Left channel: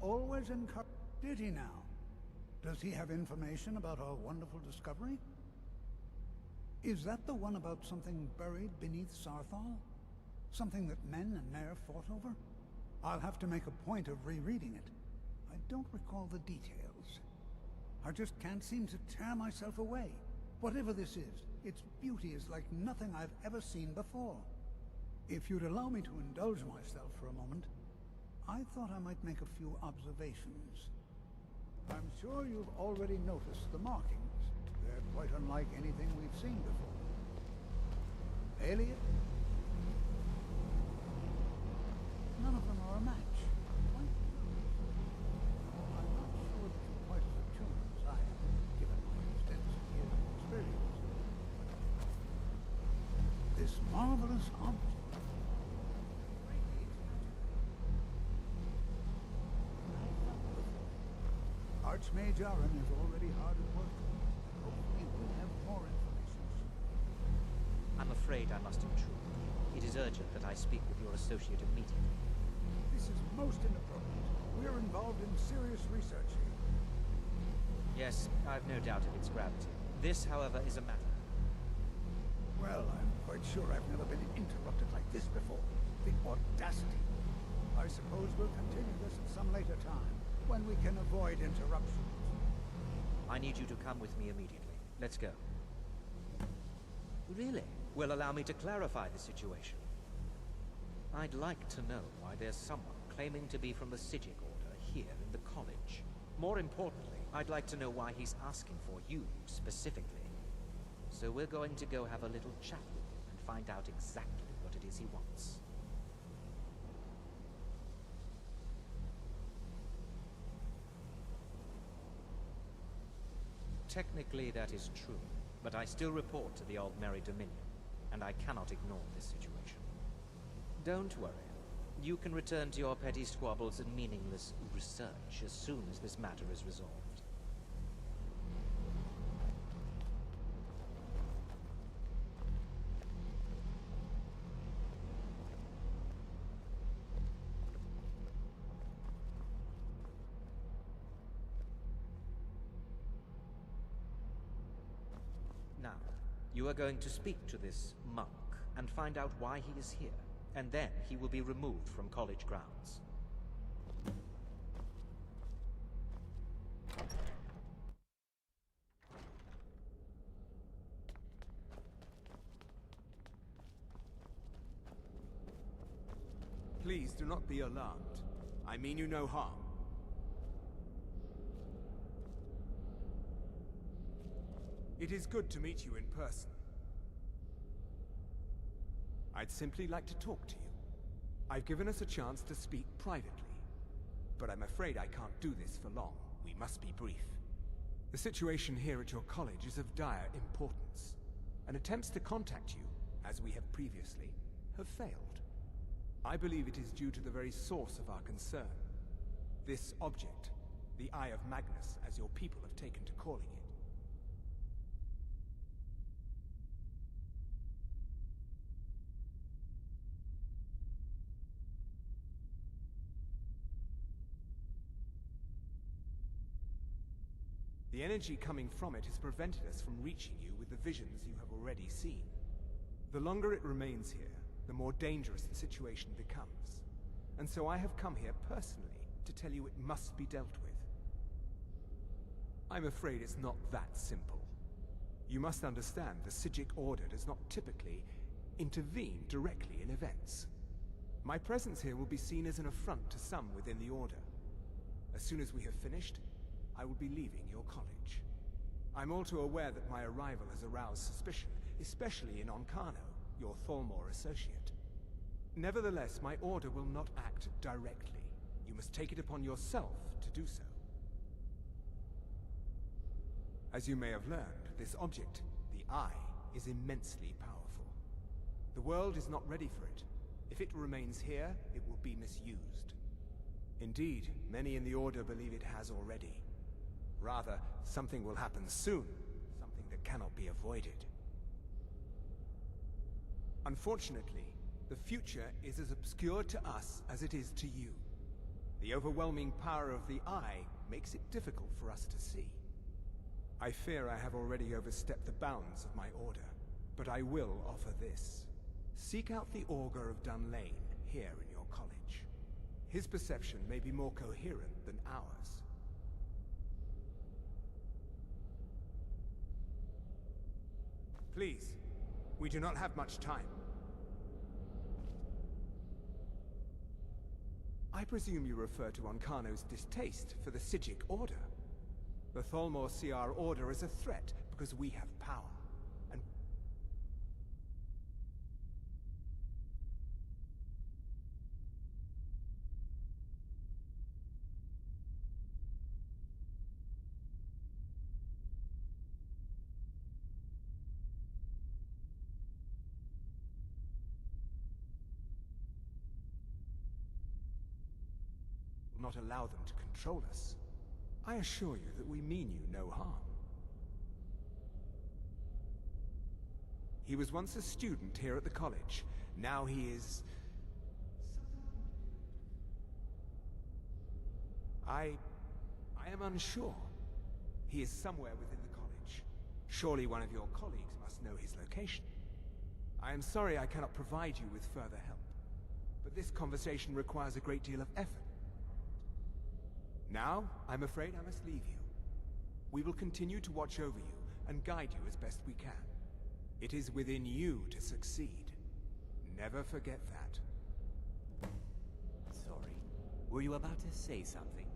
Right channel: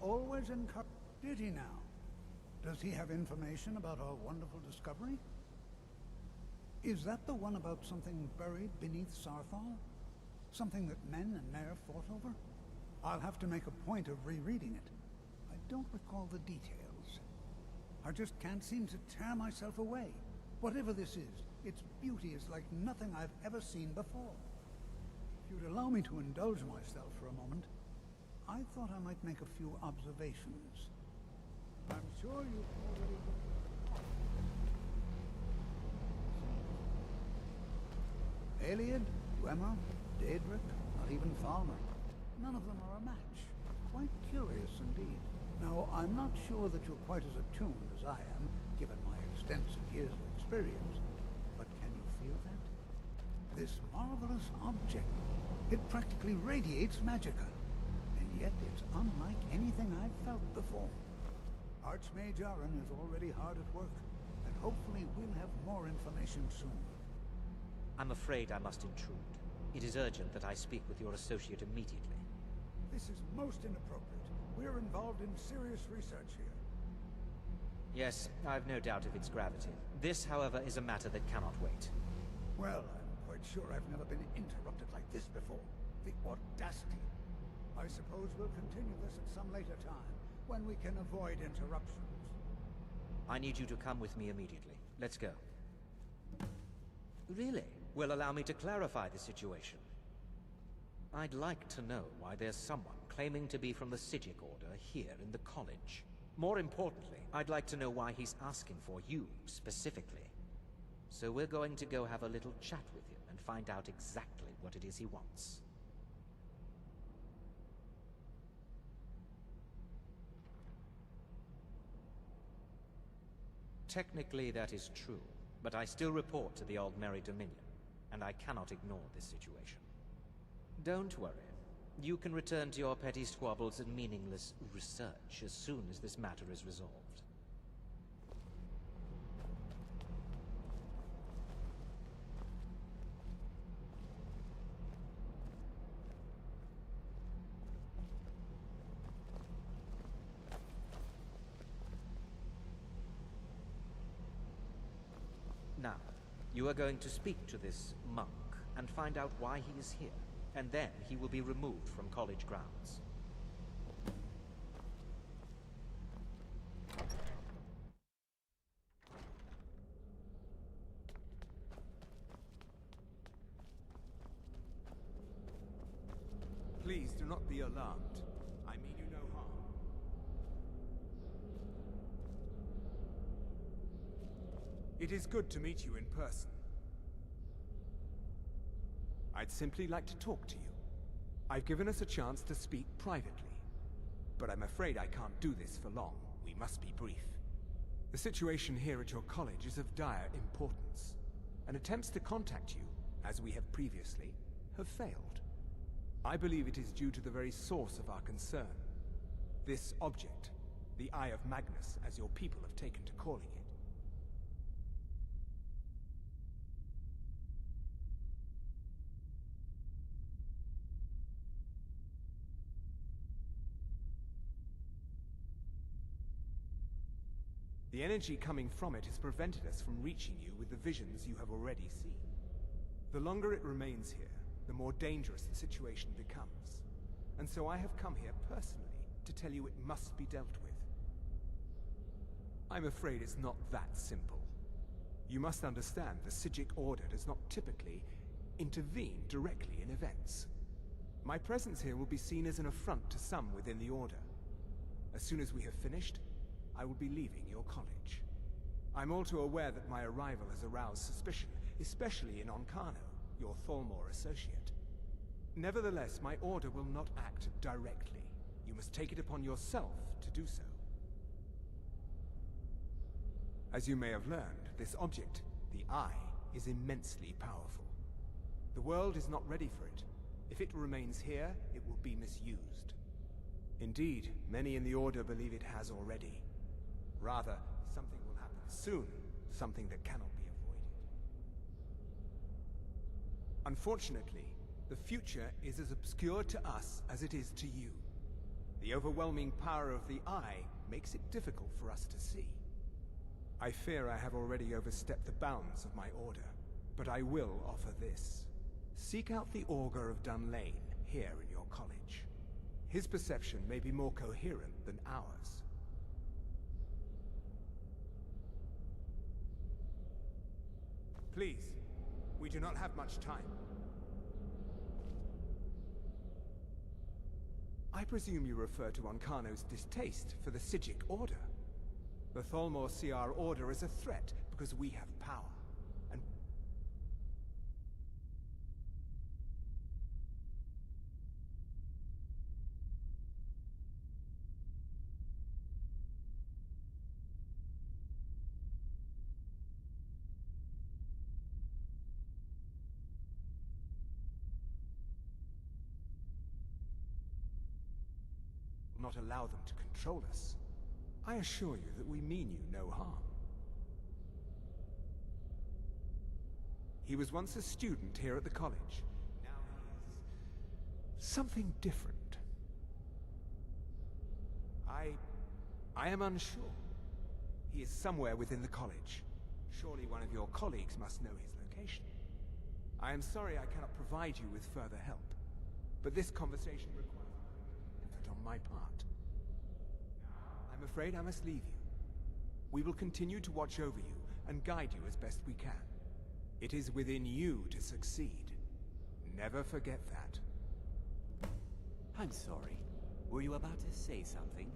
always encouraged. Did he now? Does he have information about our wonderful discovery? Is that the one about something buried beneath Sarthal? Something that men and Nair fought over? I'll have to make a point of rereading it. I don't recall the details. I just can't seem to tear myself away. Whatever this is, its beauty is like nothing I've ever seen before. If you'd allow me to indulge myself for a moment, I thought I might make a few observations. I'm sure you've already noticed the markings. They're quite unlike anything we've seen before. Aliad, Gwemma, Daedric, even Thalma. None of them are a match. Quite curious indeed. Now, I'm not sure that you're quite as attuned as I am, given my extensive years of experience. But can you feel that? This marvelous object, it practically radiates magicka. And yet it's unlike anything I've felt before. Archmage Aaron is already hard at work, and hopefully we'll have more information soon. I'm afraid I must intrude. It is urgent that I speak with your associate immediately. This is most inappropriate. We're involved in serious research here. Yes, I've no doubt of its gravity. This, however, is a matter that cannot wait. Well, I'm quite sure I've never been interrupted like this before. The audacity. I suppose we'll continue this at some later time, when we can avoid interruptions. I need you to come with me immediately. Let's go. Really? Well, allow me to clarify the situation. I'd like to know why there's someone claiming to be from the Psijic Order here in the college. More importantly, I'd like to know why he's asking for you, specifically. So we're going to go have a little chat with him and find out exactly what it is he wants. Technically, that is true, but I still report to the Aldmeri Dominion, and I cannot ignore this situation. Don't worry. You can return to your petty squabbles and meaningless research as soon as this matter is resolved. Now, you are going to speak to this monk and find out why he is here, and then he will be removed from college grounds. Please do not be alarmed. I mean you no harm. It is good to meet you in person. I'd simply like to talk to you. I've given us a chance to speak privately, but I'm afraid I can't do this for long. We must be brief. The situation here at your college is of dire importance, and attempts to contact you, as we have previously, have failed. I believe it is due to the very source of our concern. This object, the Eye of Magnus, as your people have taken to calling it. The energy coming from it has prevented us from reaching you with the visions you have already seen. The longer it remains here, the more dangerous the situation becomes. And so I have come here personally to tell you it must be dealt with. I'm afraid it's not that simple. You must understand the Psijic Order does not typically intervene directly in events. My presence here will be seen as an affront to some within the Order. As soon as we have finished, I will be leaving your college. I'm all too aware that my arrival has aroused suspicion, especially in Onkano, your Thalmor associate. Nevertheless, my order will not act directly. You must take it upon yourself to do so. As you may have learned, this object, the Eye, is immensely powerful. The world is not ready for it. If it remains here, it will be misused. Indeed, many in the Order believe it has already. Rather, something will happen soon, something that cannot be avoided. Unfortunately, the future is as obscure to us as it is to you. The overwhelming power of the Eye makes it difficult for us to see. I fear I have already overstepped the bounds of my order, but I will offer this. Seek out the Augur of Dunlane here in your college. His perception may be more coherent than ours. Please, we do not have much time. I presume you refer to Ancano's distaste for the Psijic Order. The Thalmor see our order as a threat because we have power, and will not allow them to control us. I assure you that we mean you no harm. He was once a student here at the college. Now he is something different. I am unsure. He is somewhere within the college. Surely one of your colleagues must know his location. I am sorry I cannot provide you with further help, but this conversation requires a great deal of effort on my part. Now, I'm afraid I must leave you. We will continue to watch over you and guide you as best we can. It is within you to succeed. Never forget that. I'm sorry. Were you about to say something?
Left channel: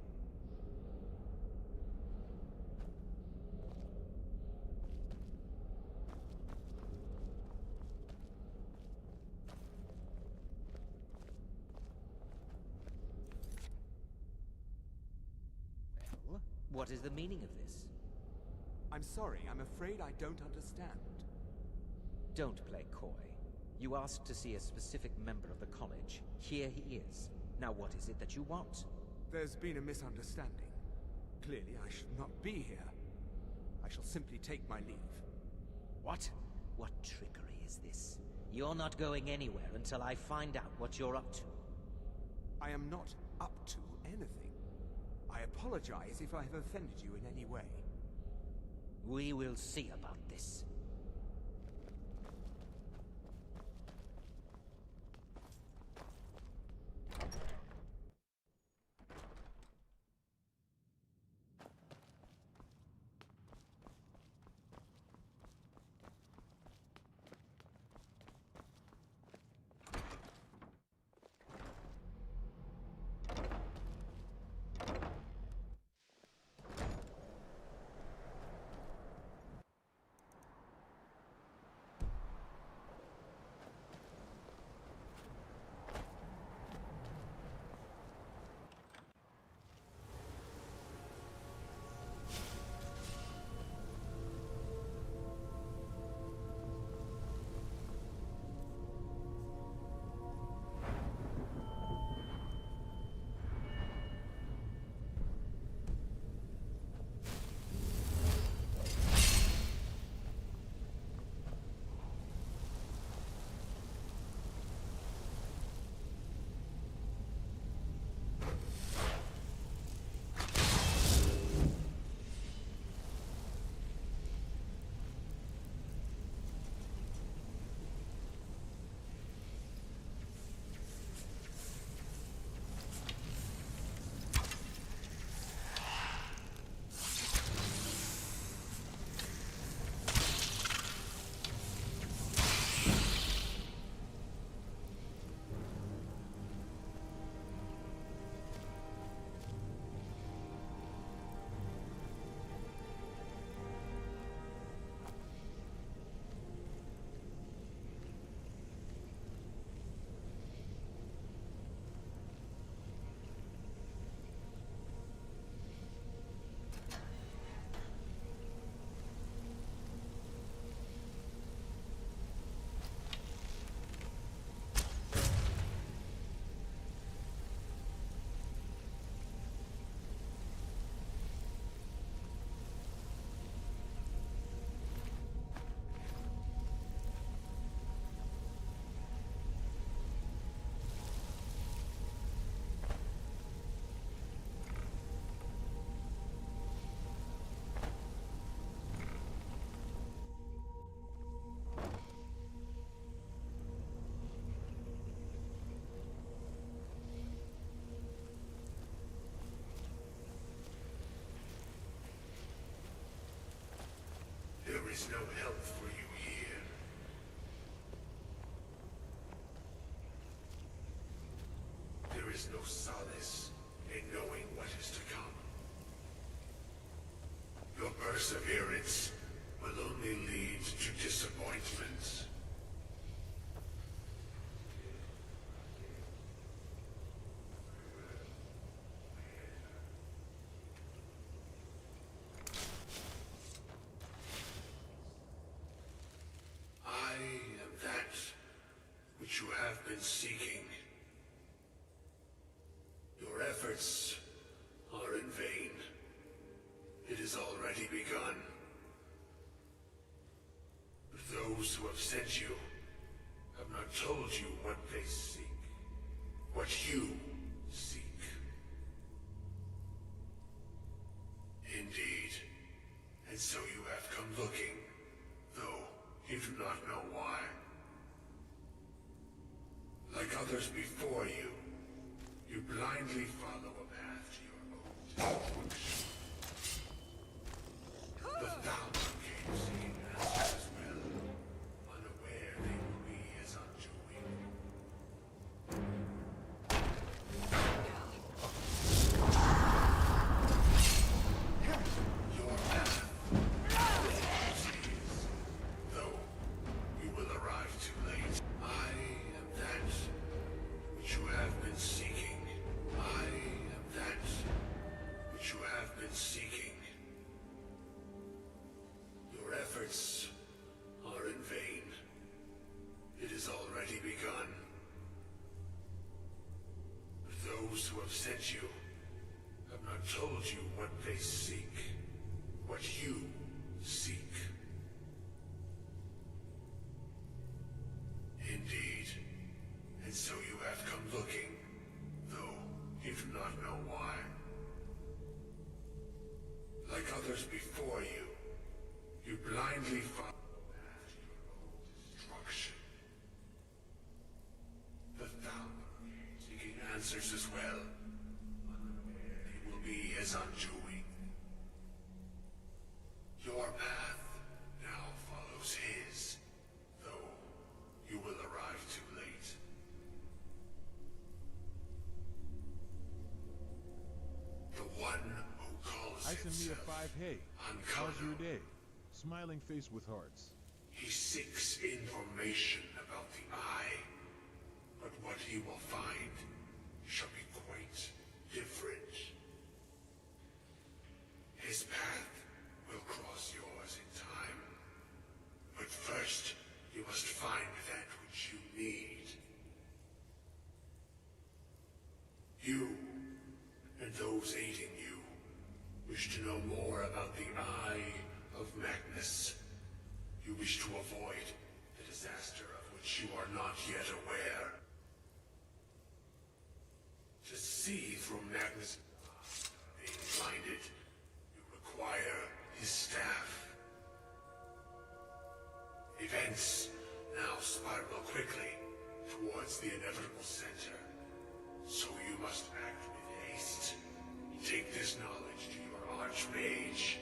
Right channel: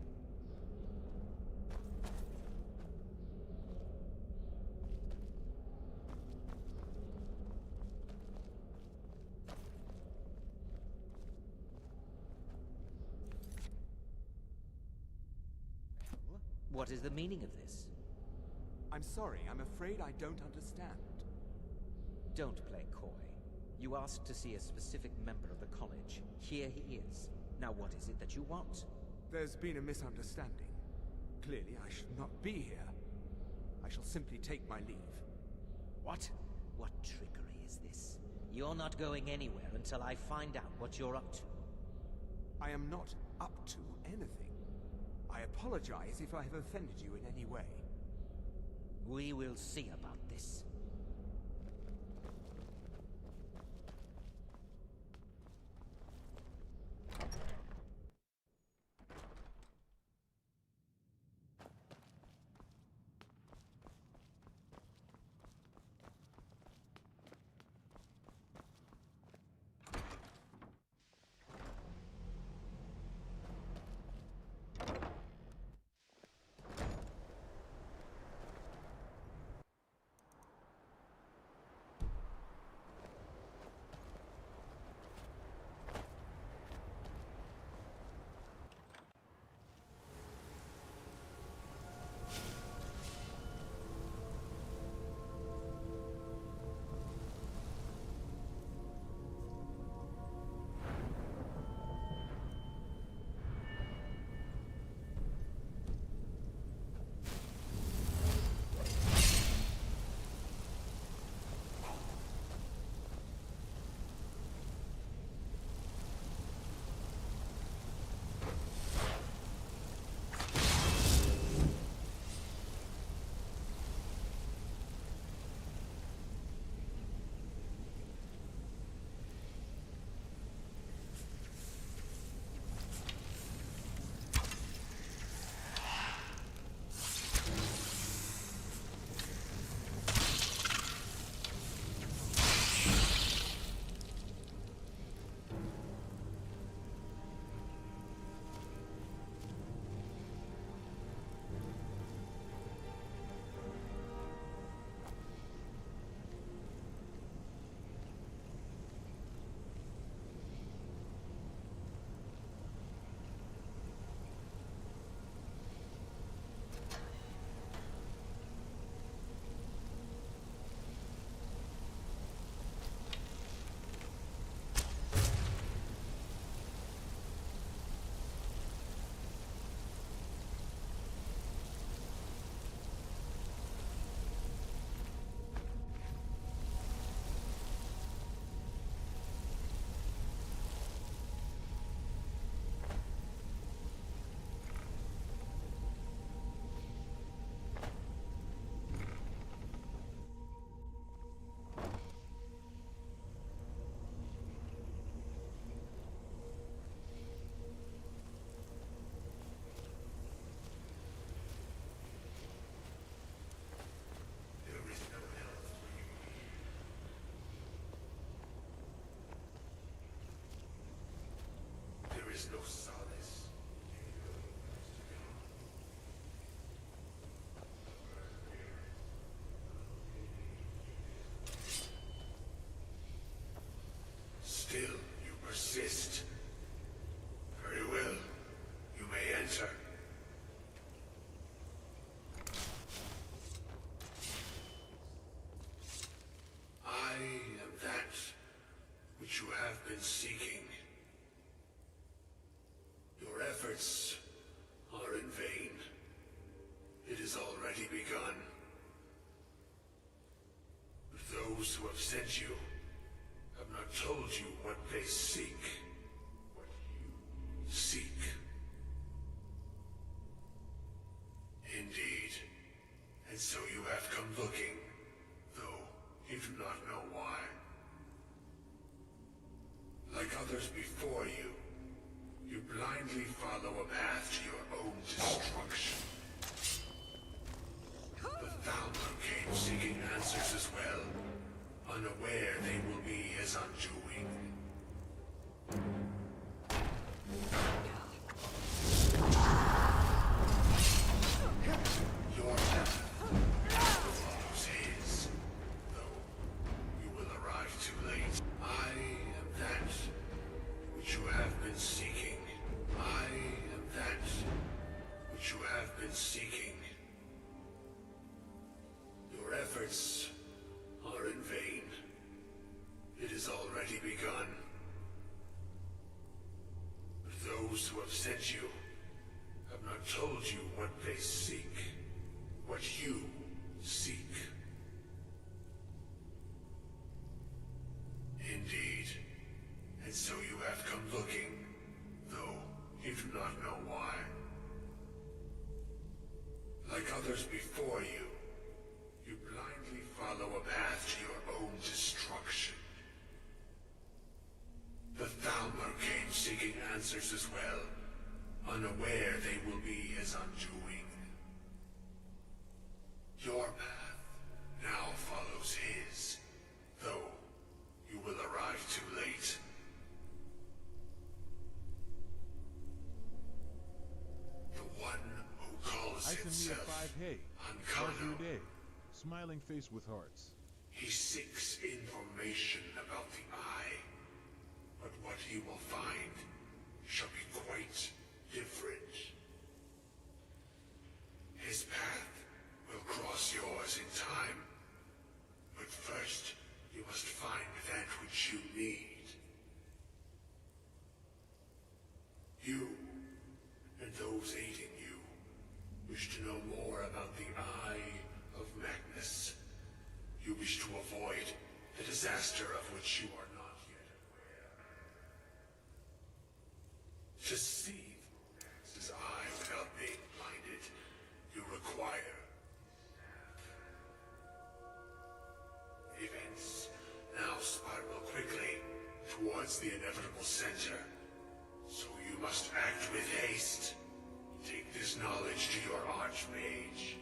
Well, what is the meaning of this? I'm sorry, I'm afraid I don't understand. Don't play coy. You asked to see a specific member of the college. Here he is. Now what is it that you want? There's been a misunderstanding. Clearly, I should not be here. I shall simply take my leave. What? What trickery is this? You're not going anywhere until I find out what you're up to. I am not up to anything. I apologize if I have offended you in any way. We will see about this. is no help for you here. There is no solace in knowing what is to come. Your perseverance will only lead to disappointment. Still, you persist. Very well. You may enter. I am that which you have been seeking. Your efforts are in vain. It has already begun. But those who have sent you have not told you what they seek, what you seek. Indeed. And so you have come looking, though you do not know why. Like others before you, you blindly follow a path to your own destruction. The Thalmor came seeking answers as well, unaware they will be his undoing. Your path follows his, though you will arrive too late. I am that which you have been seeking. I am that which you have been seeking. Your efforts are in vain. It has already begun. But those who have sent you have not told you what they seek, what you seek. Indeed. And so you have come looking, though you do not know why. Like others before you, you blindly follow a path to your own destruction. The Thalmor came seeking answers as well, unaware they will be his undoing. Your path now follows his, though you will arrive too late. The one who calls himself Hey, how's your Ankano. day? Smiling face with hearts. He seeks information about the Eye, but what he will find shall be quite different. His path will cross yours in time, but first you must find that which you need. You, and those aiding you, wish to know more about the Eye of Magnus. You wish to avoid the disaster of which you are not yet aware. To see through Magnus's eye without being blinded, you require his staff. Events now spiral quickly towards the inevitable center, so you must act with haste. Take this knowledge to your Archmage.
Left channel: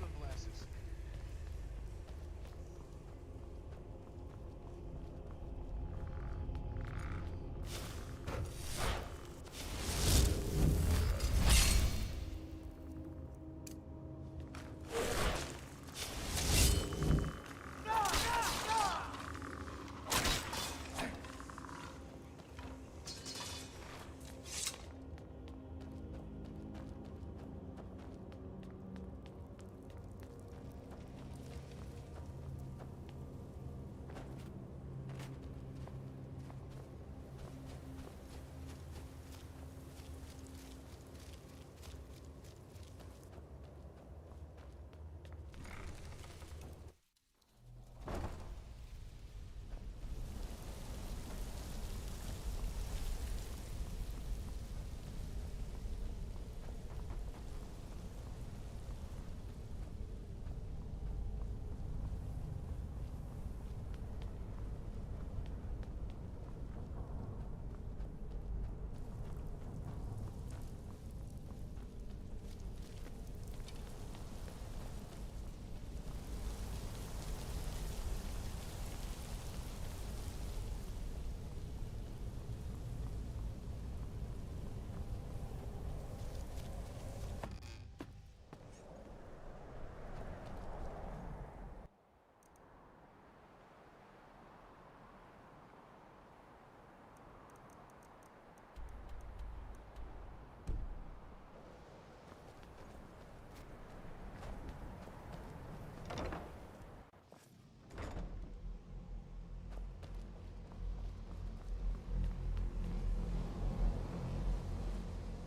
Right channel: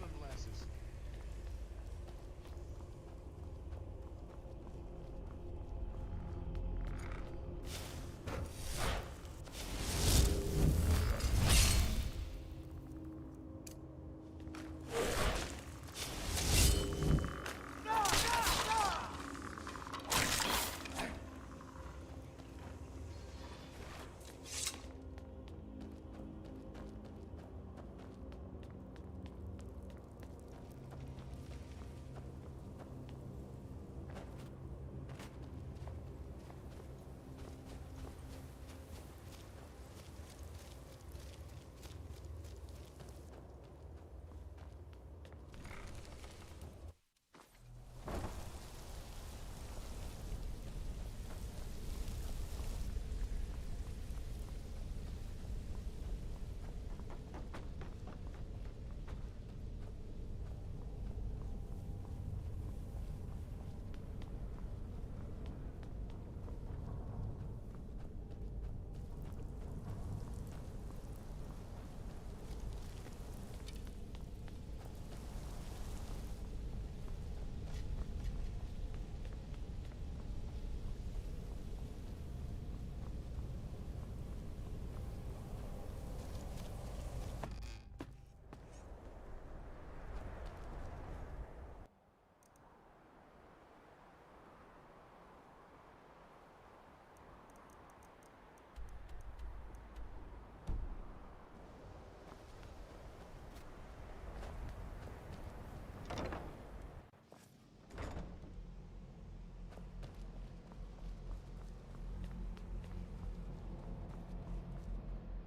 sunglasses.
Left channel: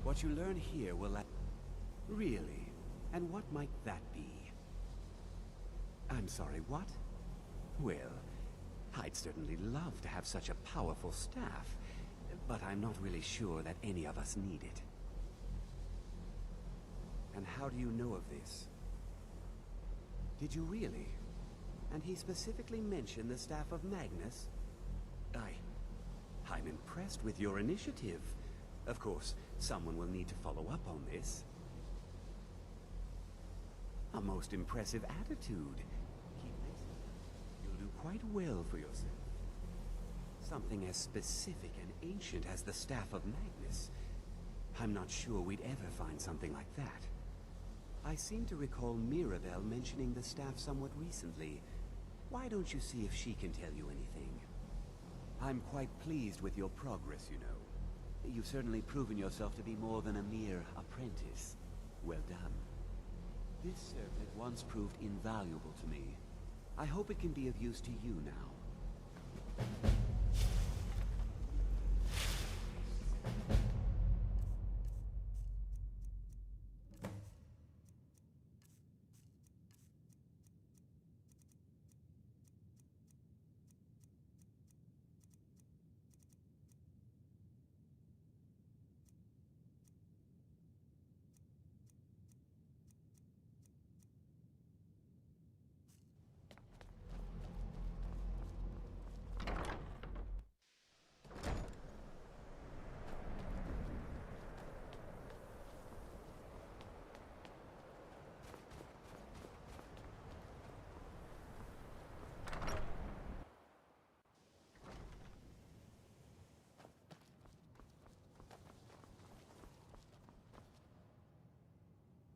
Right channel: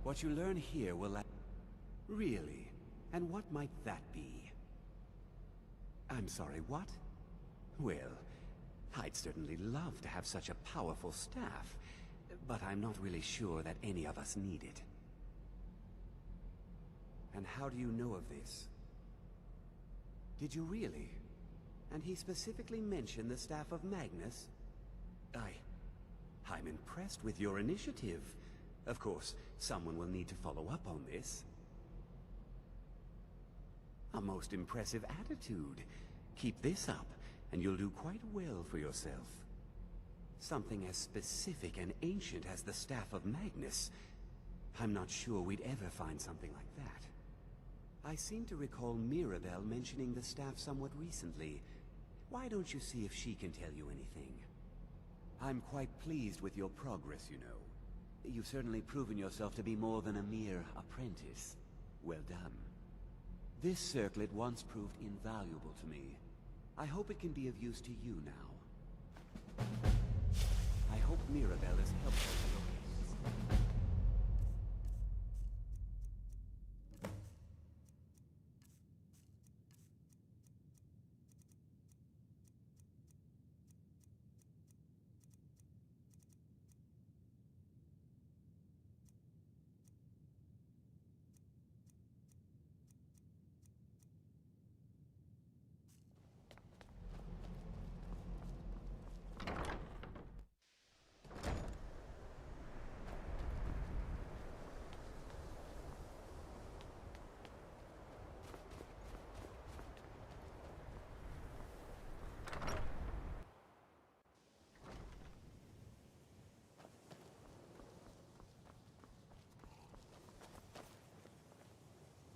What you learn here will Really? And what might that be? I'm sorry, what? Well, I'd certainly love to have such a powerful staff, but I'm not really sure that any of us need it. And how do you know of this? Did you really? And he specifically mentioned the staff of Magnus? I'm impressed with your initiative. Of course, someone will need to follow up on this. A most impressive attitude. Keep this up, and you'll do quite well for yourself. Something as specific and ancient as the Staff of Magnus. I'm not sure we'd ever find something like that. I seem to recall Mirabelle mentioning the staff somewhat recently. Why don't you see if she can tell you anything? I'm quite pleased with your progress, you know. You've certainly proven yourself to be more than a mere apprentice. Well done. This circlet once proved invaluable to me. I hope it can be of use to you now. I hope Mirabelle is helpful.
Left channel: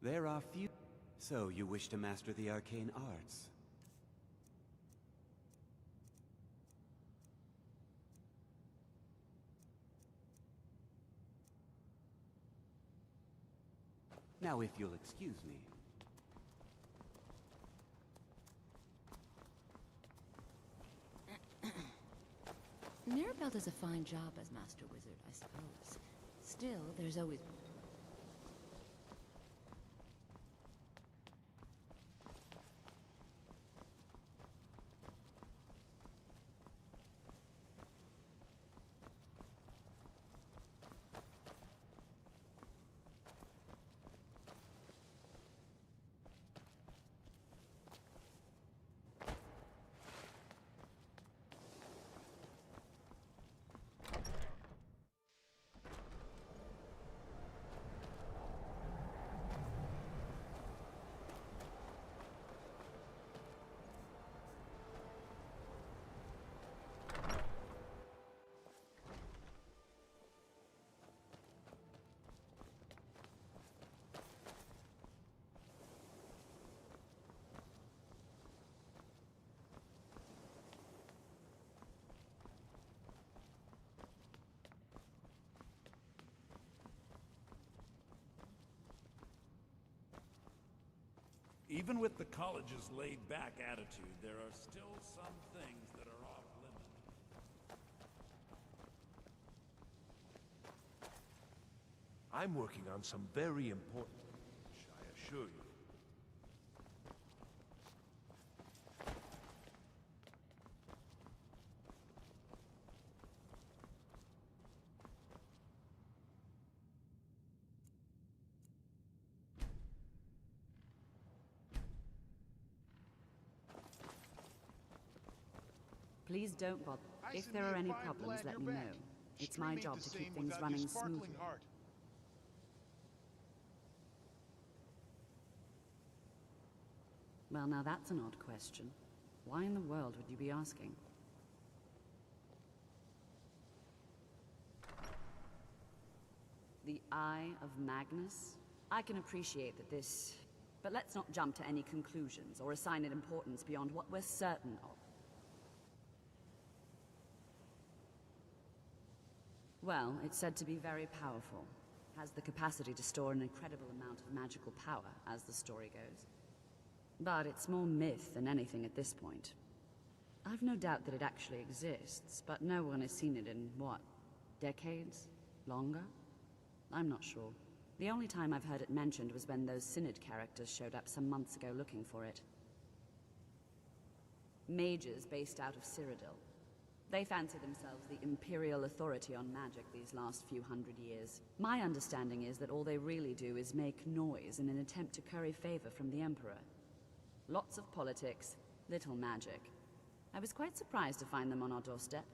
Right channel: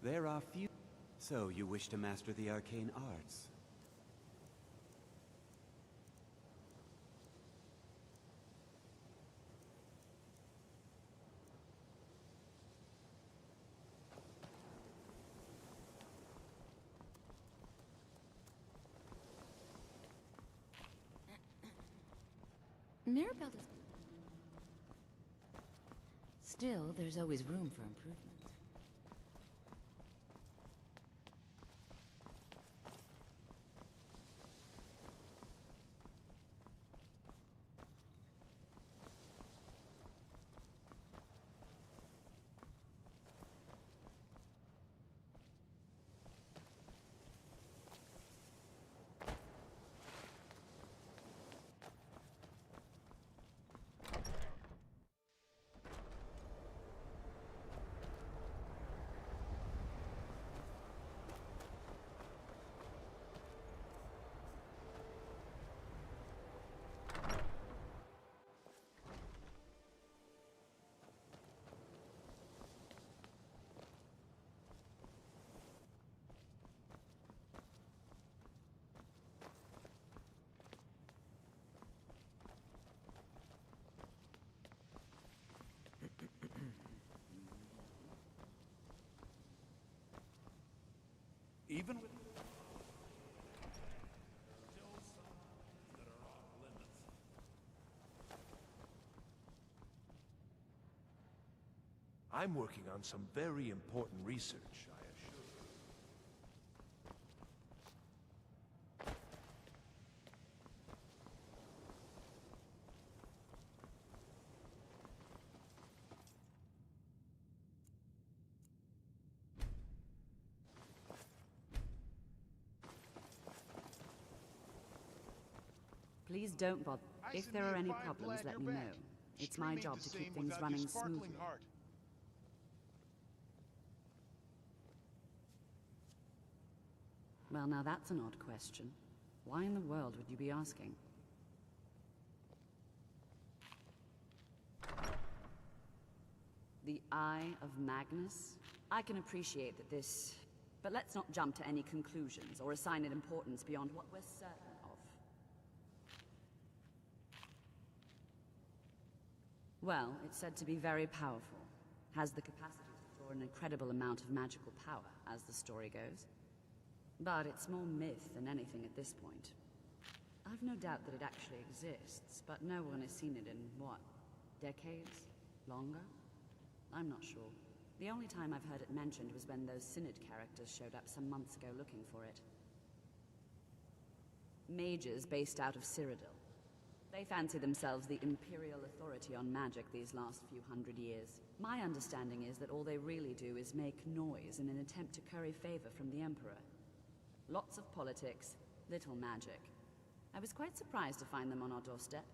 There are few... So, you wish to master the arcane arts? Now, if you'll excuse me... Mirabelle does a fine job as Master Wizard, I suppose. Still, there's always room for improvement. Even with the college's laid-back attitude, there are still some things that are off limits. I'm working on some very important research, I assure you. Please don't bother. If there are any problems, let me know. It's my job to keep things running smoothly. Well, now that's an odd question. Why in the world would you be asking? The Eye of Magnus? I can appreciate that this... But let's not jump to any conclusions or assign it importance beyond what we're certain of. Well, it's said to be very powerful. Has the capacity to store an incredible amount of magical power, as the story goes. But it's more myth than anything at this point. I've no doubt that it actually exists, but no one has seen it in, what, decades? Longer? I'm not sure. The only time I've heard it mentioned was when those Synod characters showed up some months ago looking for it. Mages based out of Cyrodiil. They fancy themselves the imperial authority on magic these last few hundred years. My understanding is that all they really do is make noise in an attempt to curry favor from the Emperor. Lots of politics, little magic. I was quite surprised to find them on our doorstep.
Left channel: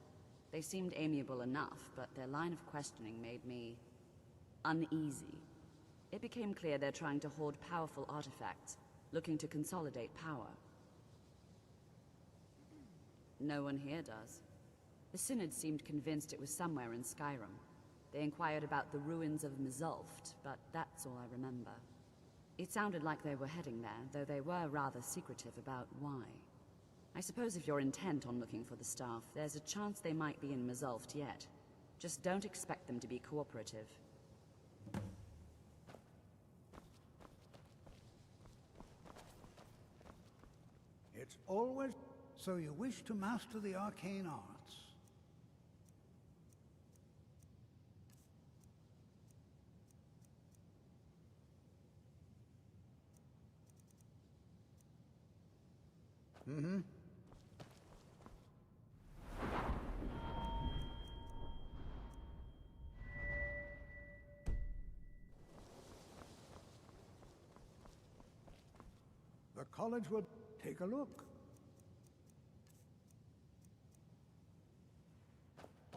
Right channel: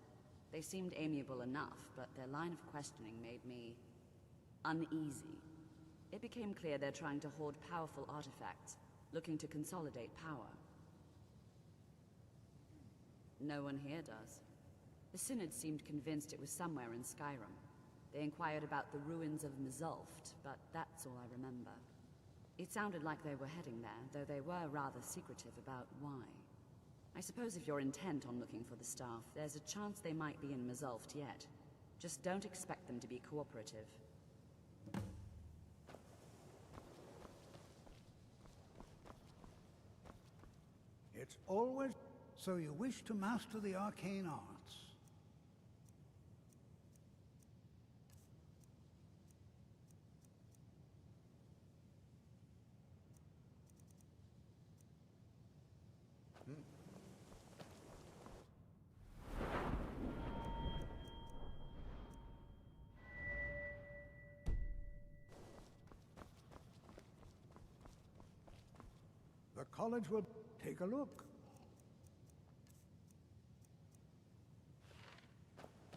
They seemed amiable enough, but their line of questioning made me... uneasy. It became clear they're trying to hoard powerful artifacts, looking to consolidate power. No one here does. The Synod seemed convinced it was somewhere in Skyrim. They inquired about the ruins of Mzulft, but that's all I remember. It sounded like they were heading there, though they were rather secretive about why. I suppose if you're intent on looking for the staff, there's a chance they might be in Mzulft yet. Just don't expect them to be cooperative. It's always... So you wish to master the arcane arts? Mm-hmm. The college will take a look.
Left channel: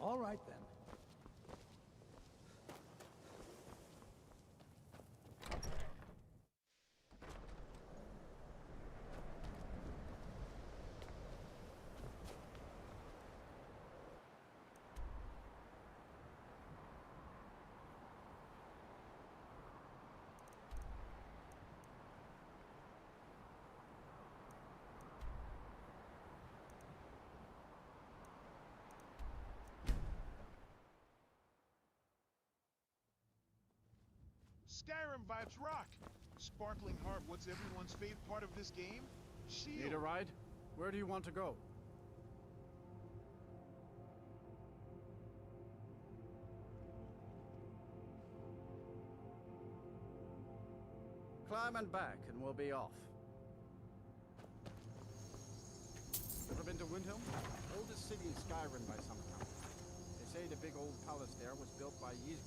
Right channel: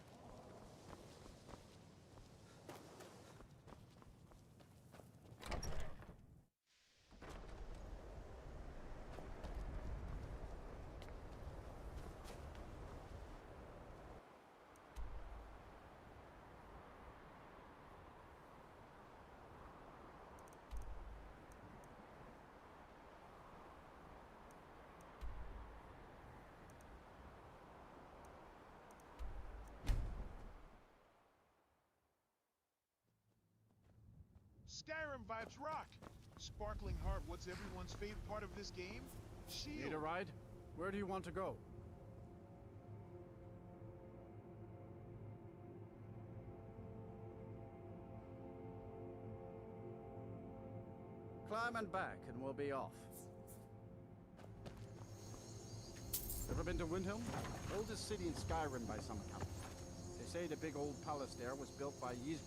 All right, then. Skyrim vibes rock! Sparkling Heart, what's everyone's favorite part of this game? Shield! Need a ride? Where do you want to go? Climb and back, and we'll be off. Ever been to Windhelm? Oldest city in Skyrim by some account. They say the big old palace there was built by Ys...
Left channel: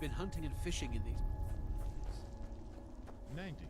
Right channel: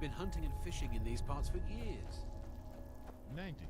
I've been hunting and fishing in these parts for years. 90.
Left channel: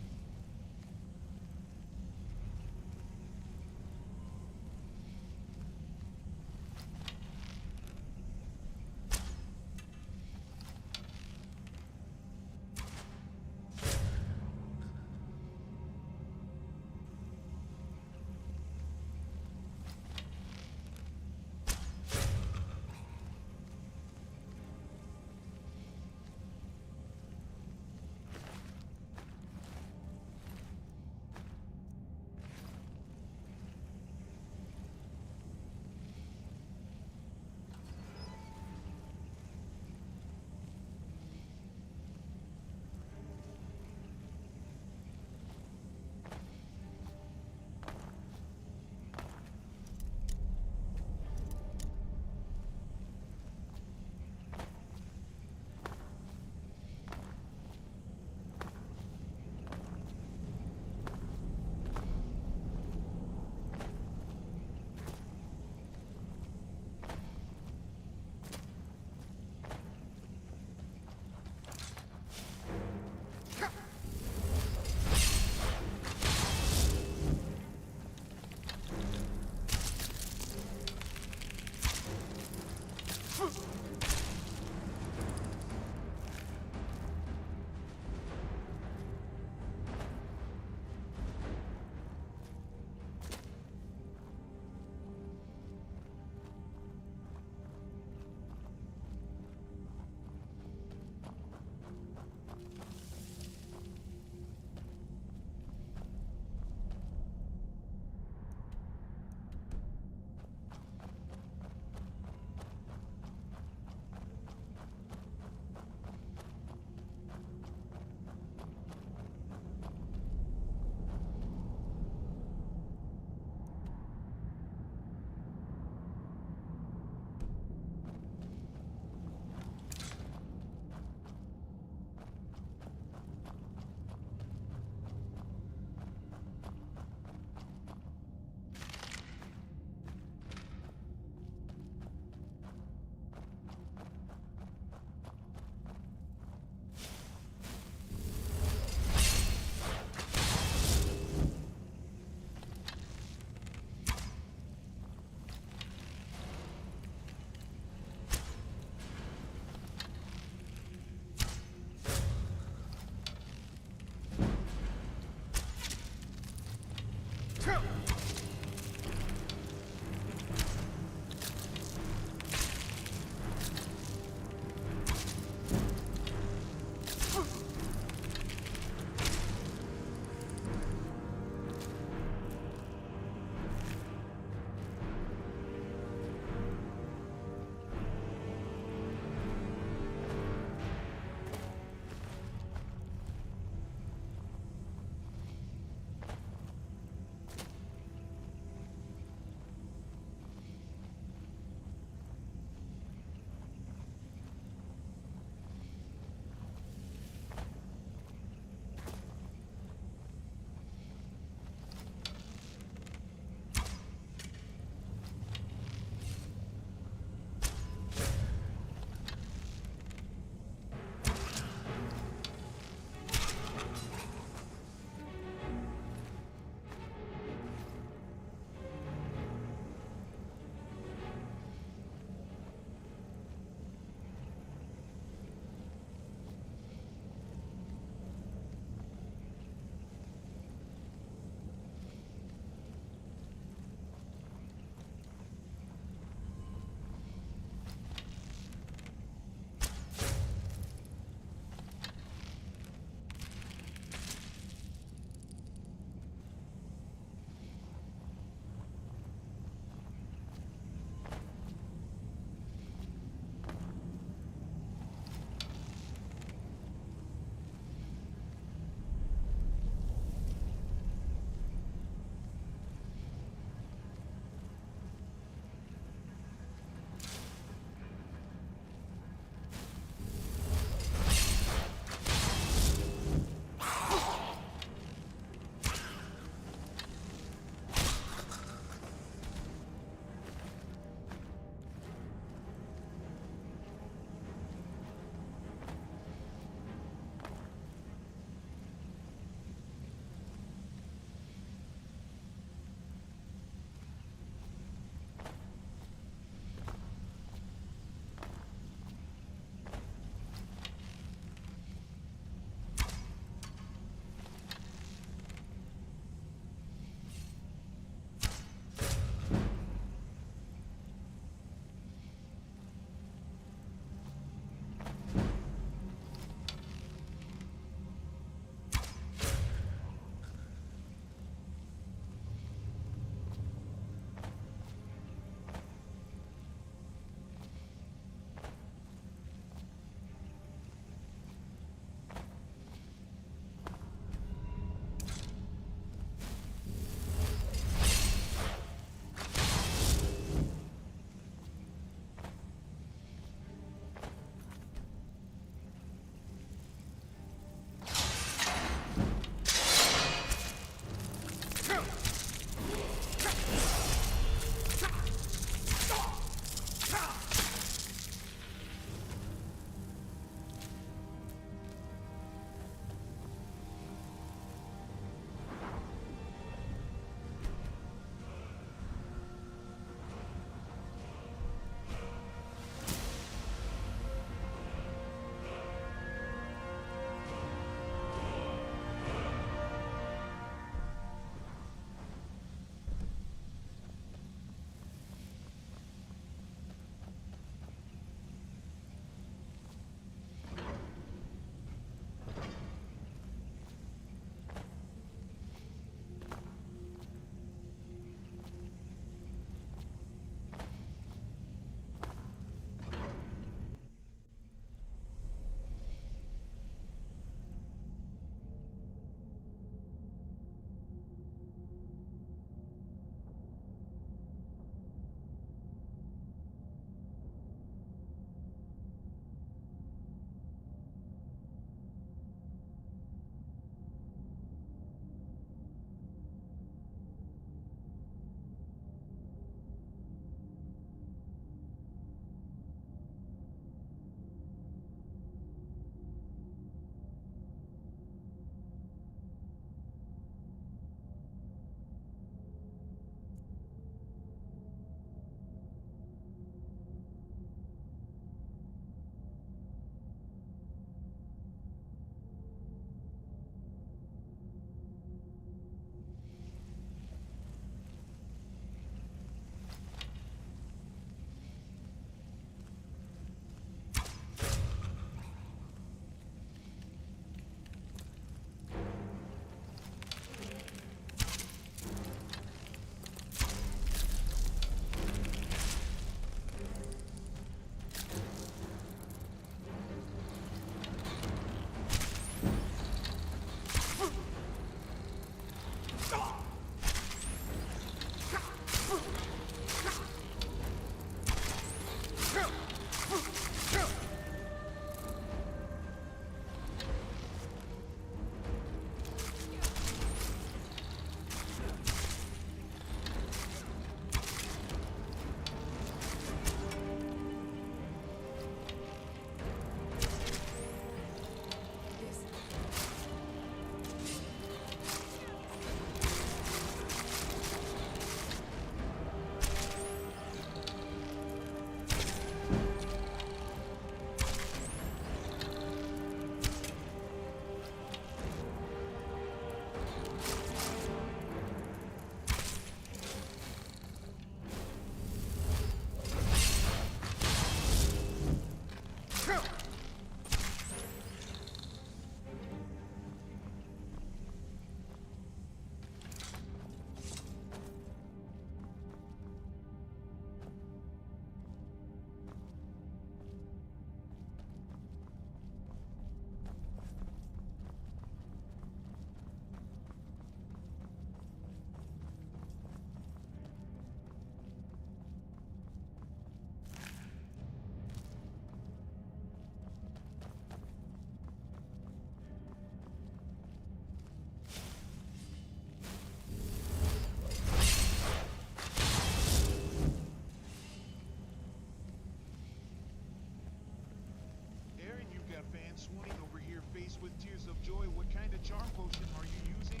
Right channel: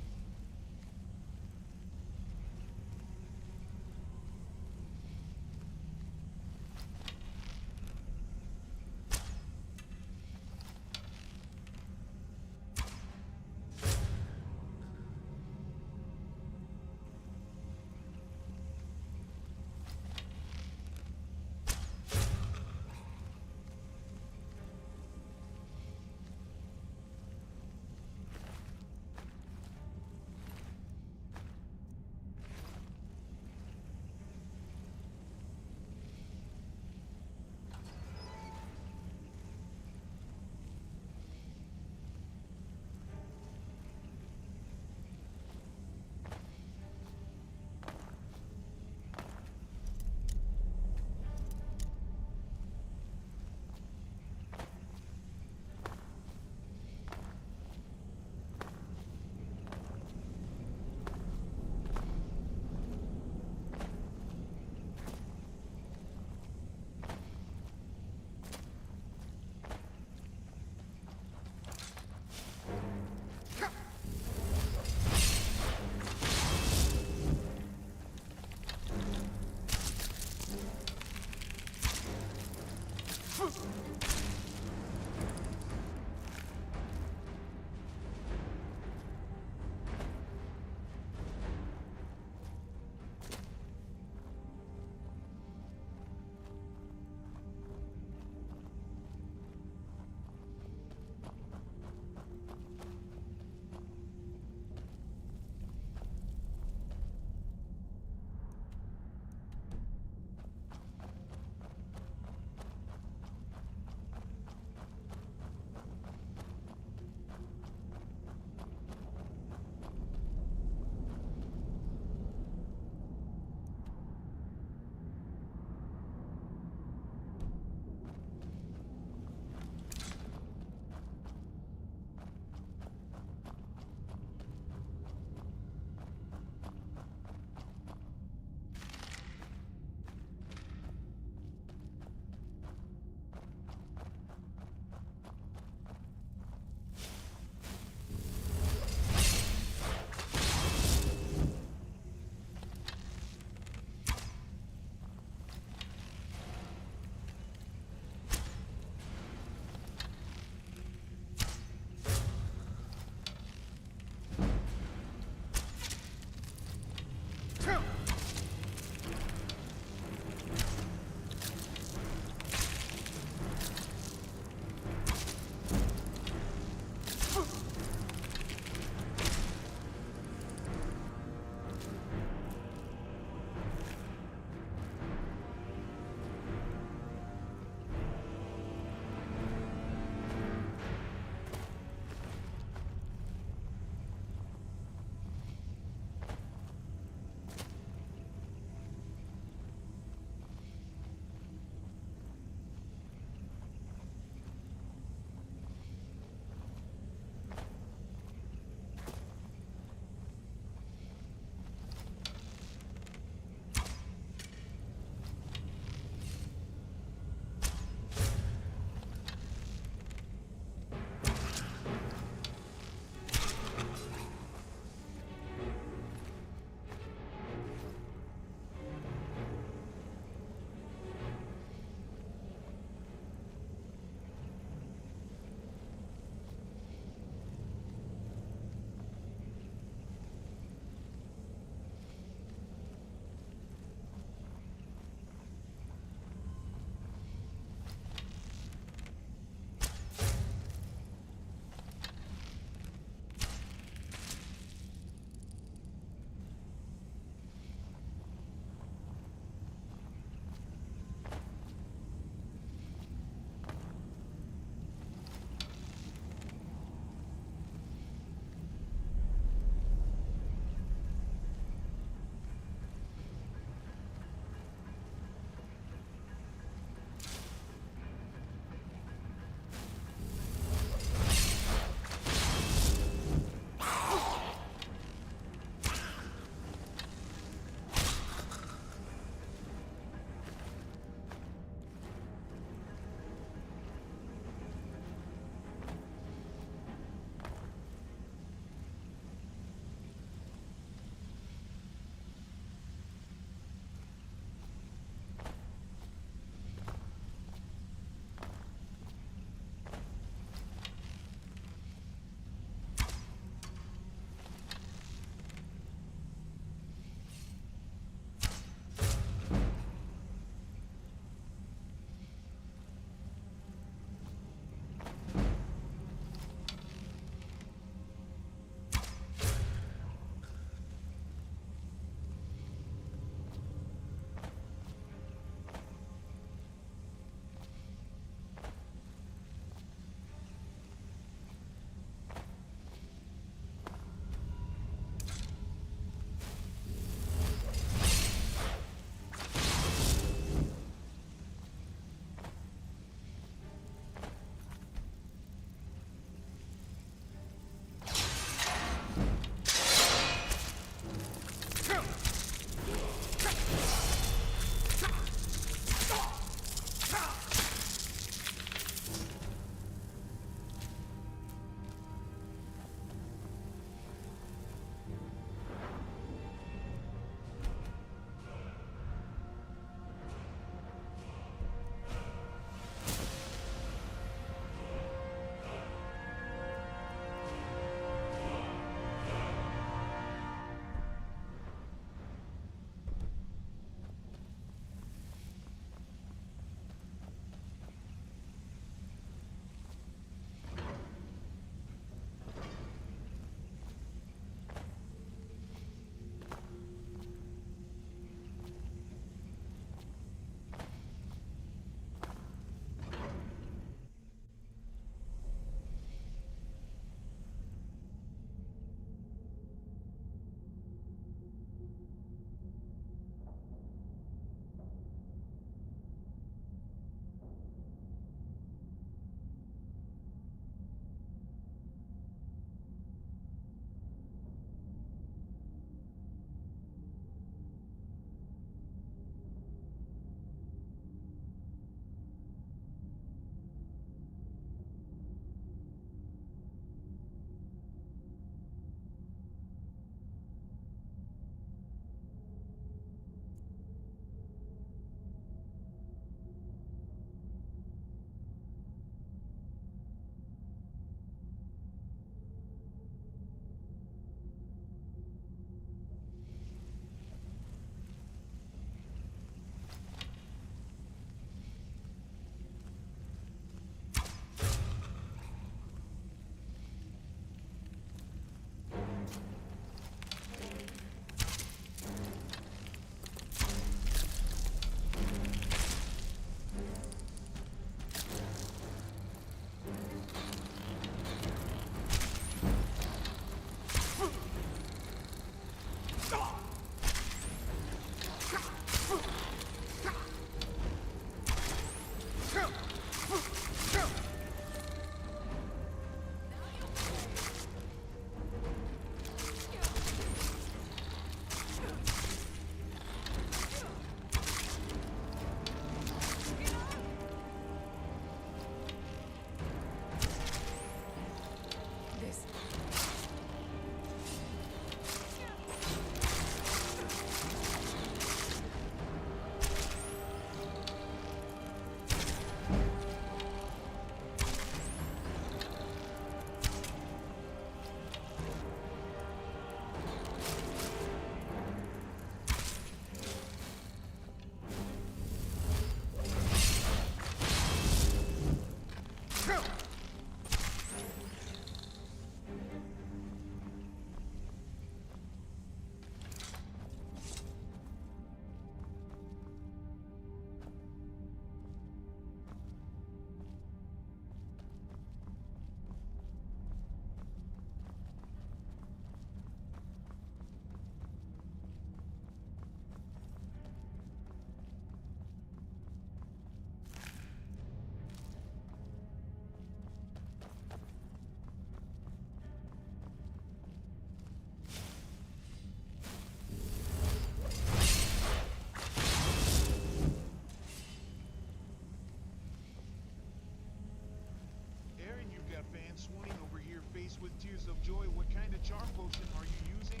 swooning over here faced with tears of joy. What kind of charm potion are you using?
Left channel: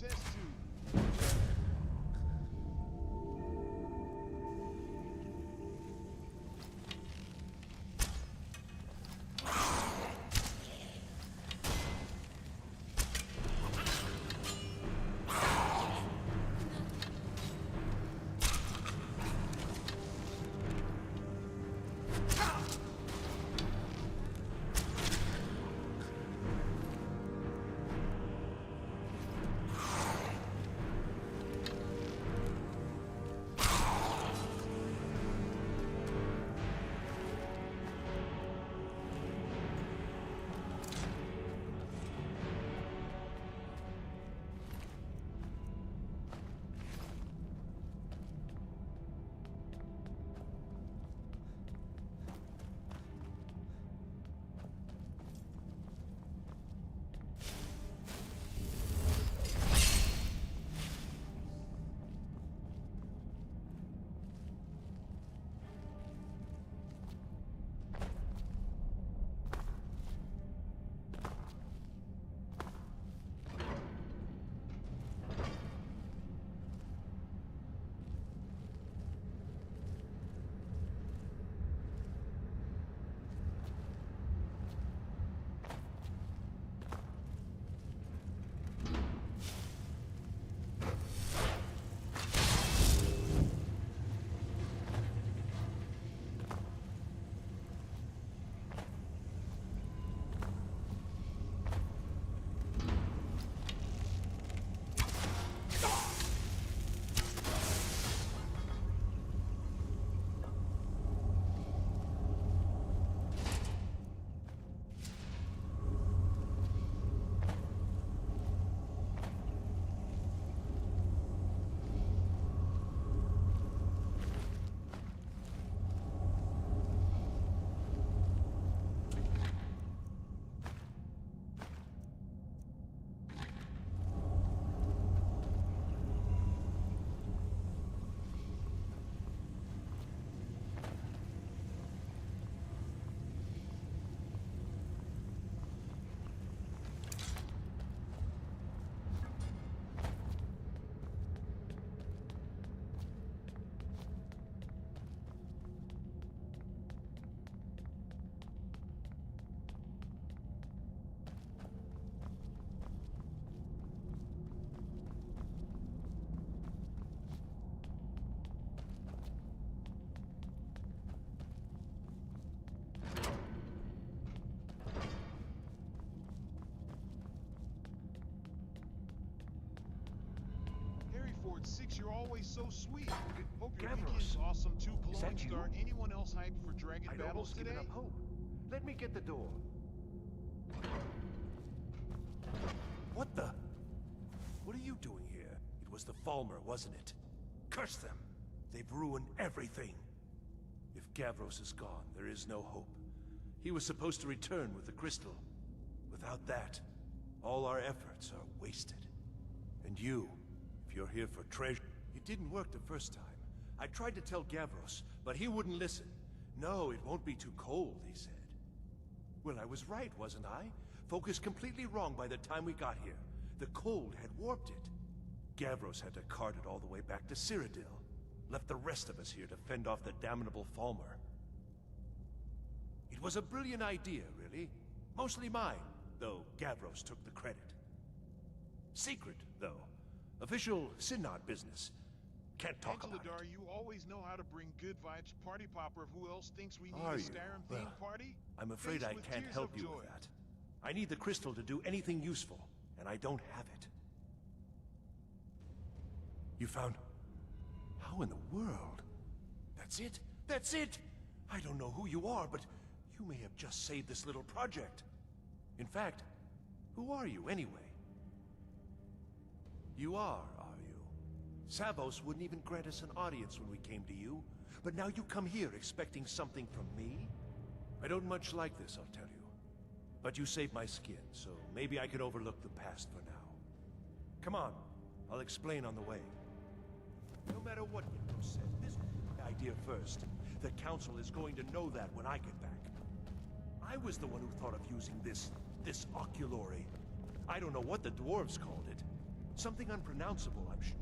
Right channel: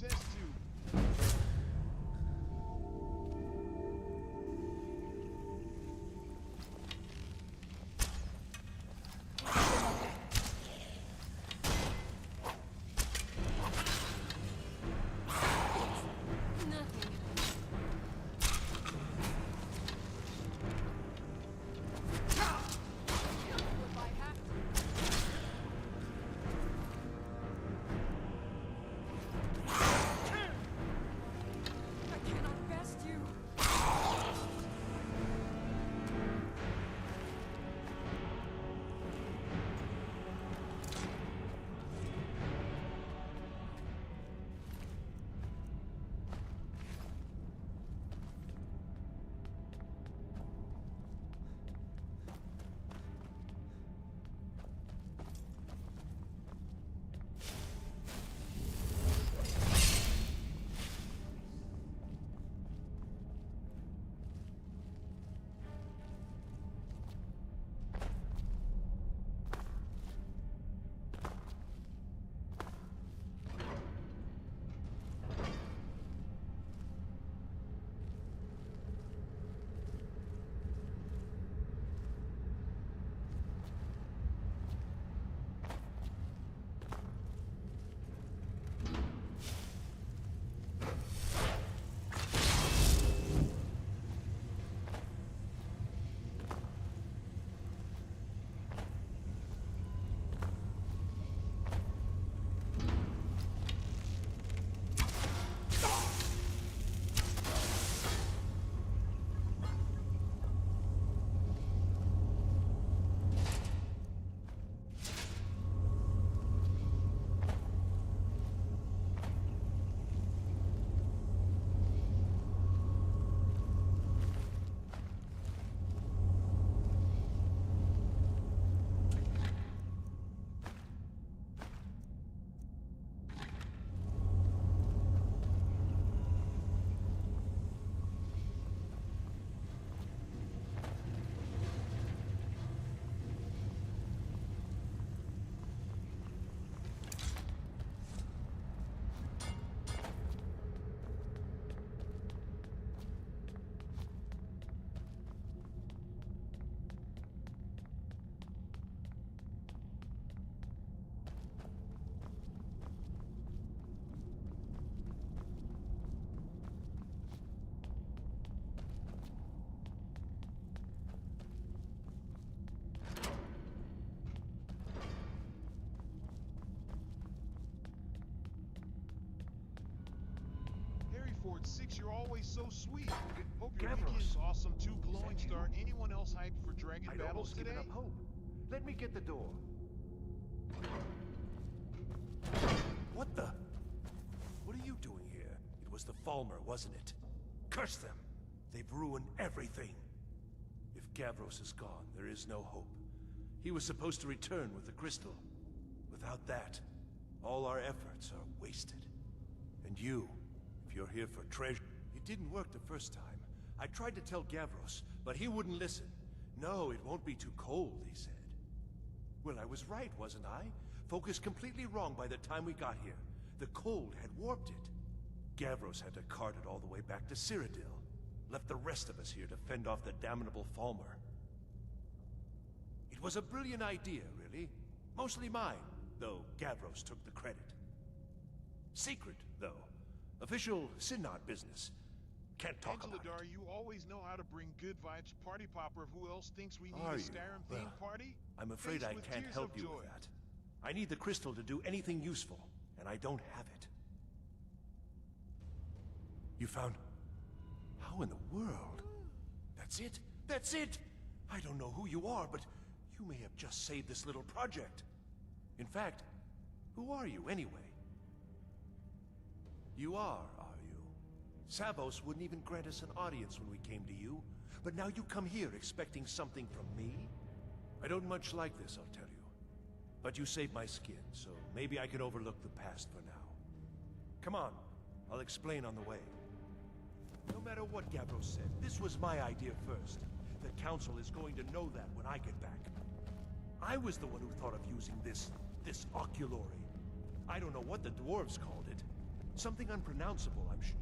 Test tube. Ford 6, you're always so sweet. Hope your weekend's awesome too, Glowing Star. Anyone else hyped for Dragon Battles today? Up hope. Let me get the door. What the? What are you doing here? It was the Falmer, wasn't it? Curse them! They've ruined everything. If Gavros is gone, there is no hope. He was supposed to return with the crystal. Without that, all our efforts are wasted. And you, if you're here for treasure... It didn't work the first time. I tried to tell Gavros, but he wouldn't listen. No, it won't be too cold, he said. Well, I was right, wasn't I? Focused completely wrong by the time we got here. The cold had warped it. Gavros had to cart it all the way back to Cyrodiil. Left the rest of us here to fend off the damnable Falmer. It was a brilliant idea, really. Mostly mine, though Gavros took the credit. Secret, though. Official Synod business. Can't talk about Dar, it. you always know how to bring good vibes. Party popper, who else thinks we need Are a you? Skyrim Well, themed party? I'm afraid Faced I with can't tears help of you joy. with that. I need the crystal to do anything useful, and I don't have it. You found... How in the world? That's it? That's it! I don't know who you are, but you may have just saved this little project. In fact, who are you anyway? You are you? Savos wouldn't even grant us an audience when we came to you, but now you come here expecting something from me? I don't much like this, I'll tell you. But you saved my skin, so maybe I can overlook the past for now. Come on, I'll explain on the way. No matter what Gavros said, this was my idea first. The Council is going to know that when I get back. I was the one who thought of using this oculory. I don't know what the dwarves called it. Something unpronounceable, I'm sure.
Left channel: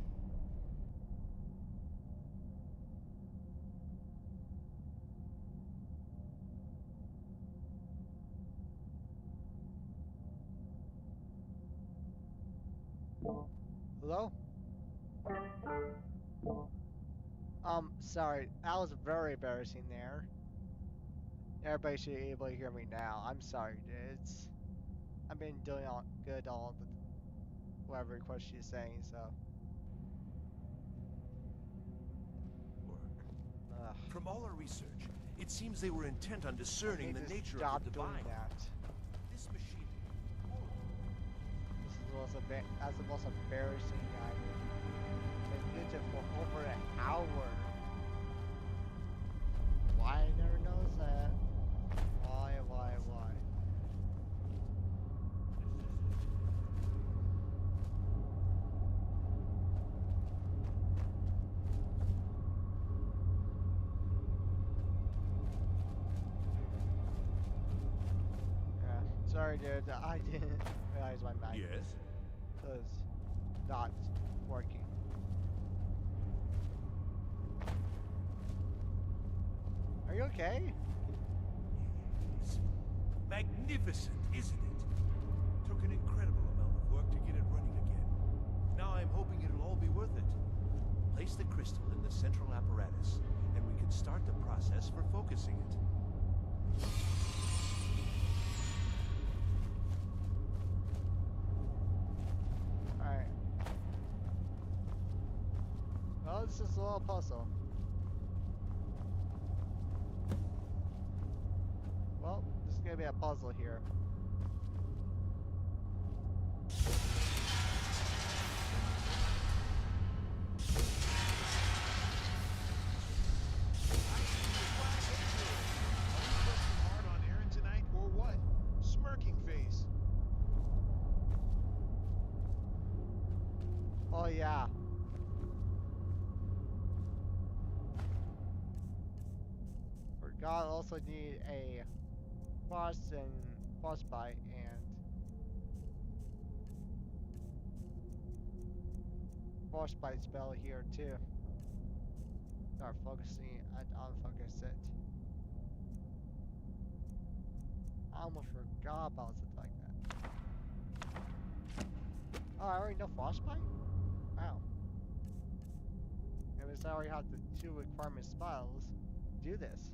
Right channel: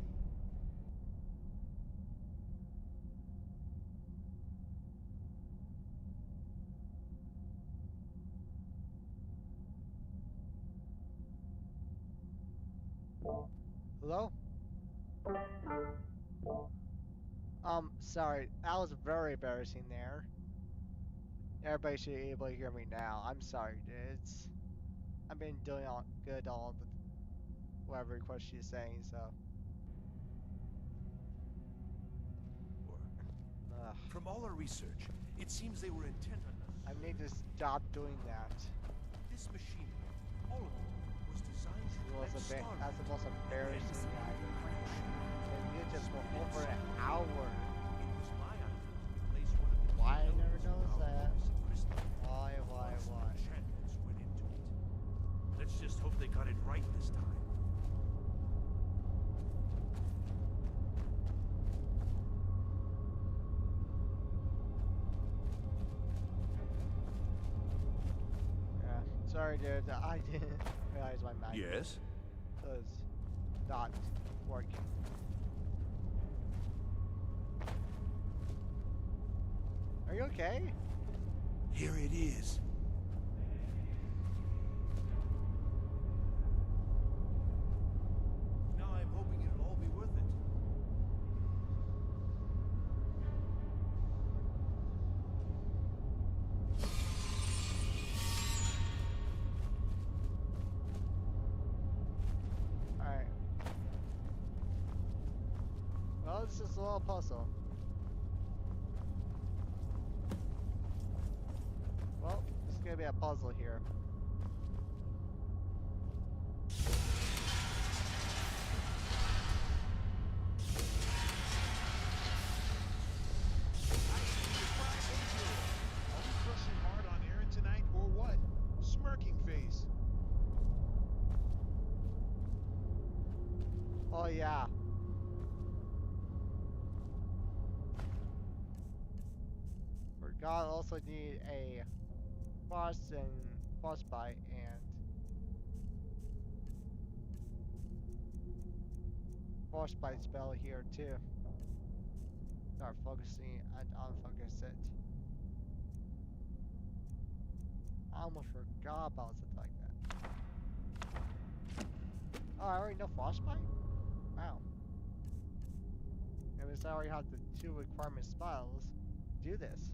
Hello? Sorry, that was very embarrassing there. Everybody should be able to hear me now. I'm sorry, dudes. I've been doing all good all the whatever request she's saying, so. Ugh. From all our research, it seems they were intent on I discerning need the to nature stop of the doing divine. that. This machine, all of it, was designed to prevent That's the most embarrassing item. And you just for over an hour. Why I never noticed that? Why? Let's just hope they got it right this time. Yeah. Sorry, dude. I didn't realize my mic Yes? was not working. Are you okay? Here it is. Magnificent, isn't it? Took an incredible amount of work to get it running again. Now I'm hoping it'll all be worth it. Place the crystal in the central apparatus, and we can start the process for focusing it. Alright. Well, it's just a little puzzle. Well, this is gonna be a puzzle here. Are we crushing hard on Aaron tonight, or what? Smirking face. Oh yeah. Forgot also need a frostbite and frostbite spell here too. Start focusing and unfocus it. I almost forgot about something like that. Oh, I already know frostbite? Wow. It was I already have the 2 requirement spells. Do this.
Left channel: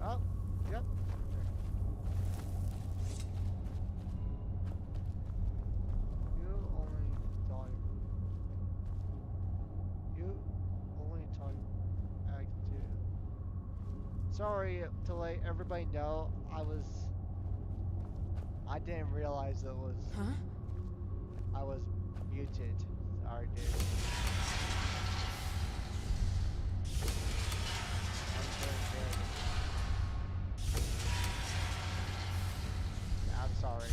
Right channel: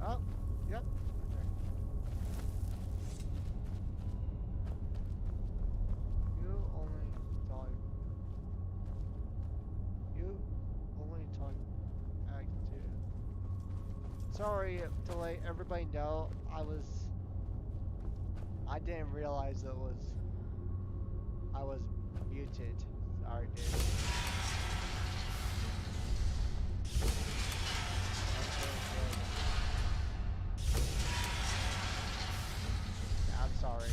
Oh, yep. You only talk. You only talk active. Sorry to let everybody know I didn't realize it was. Huh? I was muted. Sorry, dude. I'm doing good. Yeah, I'm sorry.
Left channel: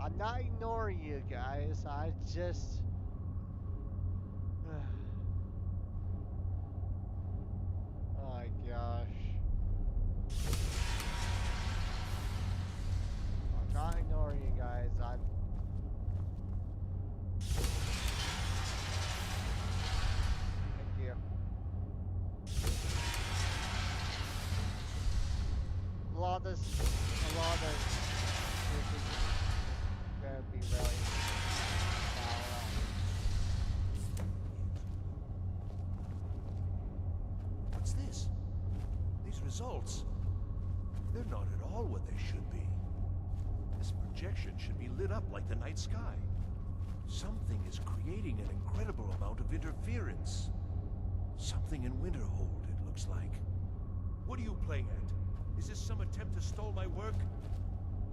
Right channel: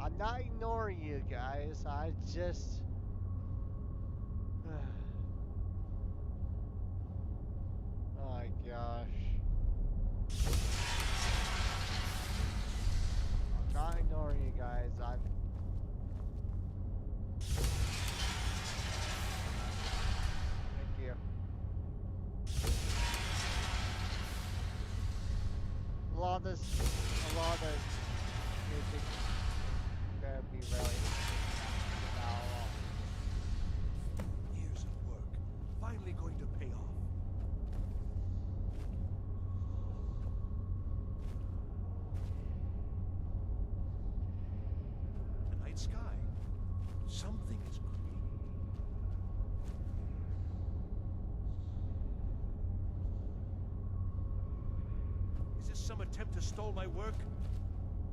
I'm not ignoring you guys. I just. Oh my gosh. I'm not ignoring you guys. Thank you. A lot of this music is gonna be really now long. Years of work, finally going to pay off. What's this? These results, they're not at all what they should be. This projection should be lit up like the night sky. Something is creating an incredible amount of interference. Something in Winterhold, it looks like. What are you playing at? Is this some attempt to stall my work?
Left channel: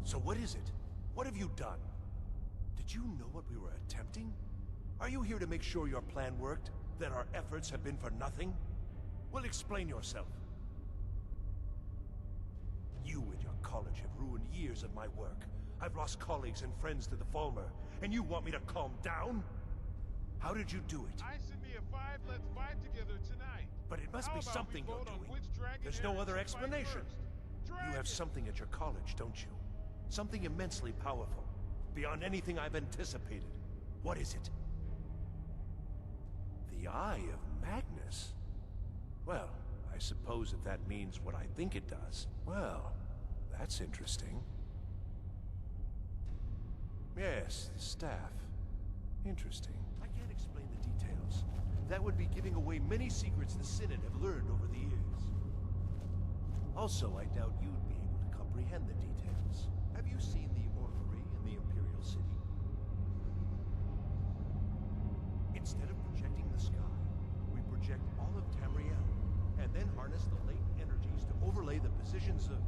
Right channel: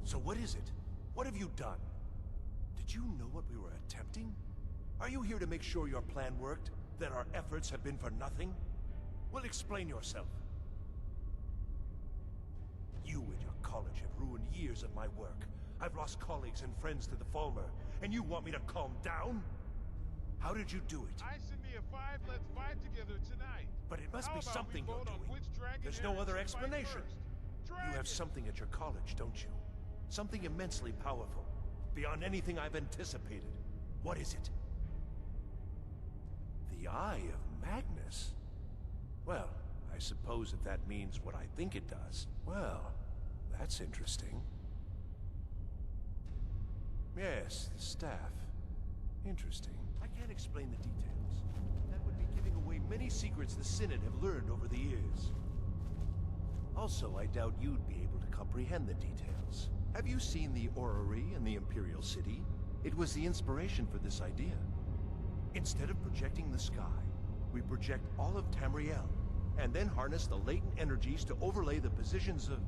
So what is it? What have you done? Did you know what we were attempting? Are you here to make sure your plan worked? That our efforts have been for nothing? Well, explain yourself. You and your college have ruined years of my work. I've lost colleagues and friends to the Falmer, and you want me to calm down? How did you do it? I send me a 5, let's fight together tonight. But it must How be about something we you're vote on doing. which dragon There's no Eric other should fight explanation. first? You Dragon! have something at your college, don't you? Something immensely powerful, beyond anything I've anticipated. What is it? The Eye of Magnus? Well, I suppose if that means what I think it does. Well, that's interesting. Yes, the staff. Interesting. I can't explain the details. That would be giving away many secrets the Synod have learned over the years. Also, I doubt you'd be able to comprehend the details. Have you seen the orrery in the Imperial City? It was the inspiration for this idea. Instead of projecting the sky, we project all of Tamriel, and then harness the latent energies to overlay the positions of...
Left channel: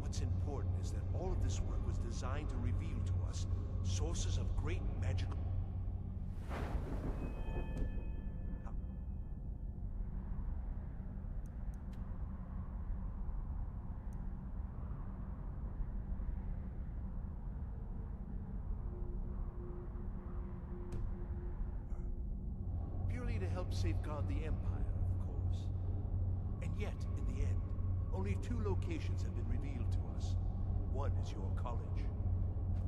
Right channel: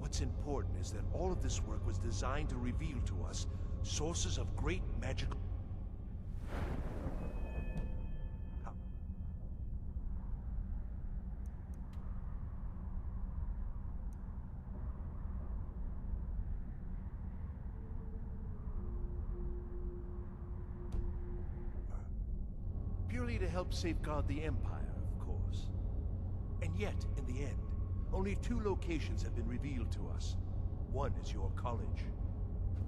What's important is that all of this work was designed to reveal to us sources of great magical... Purely to help safeguard the Empire, of course. And yet, in the end, only 2 locations have been revealed to us. One is your college.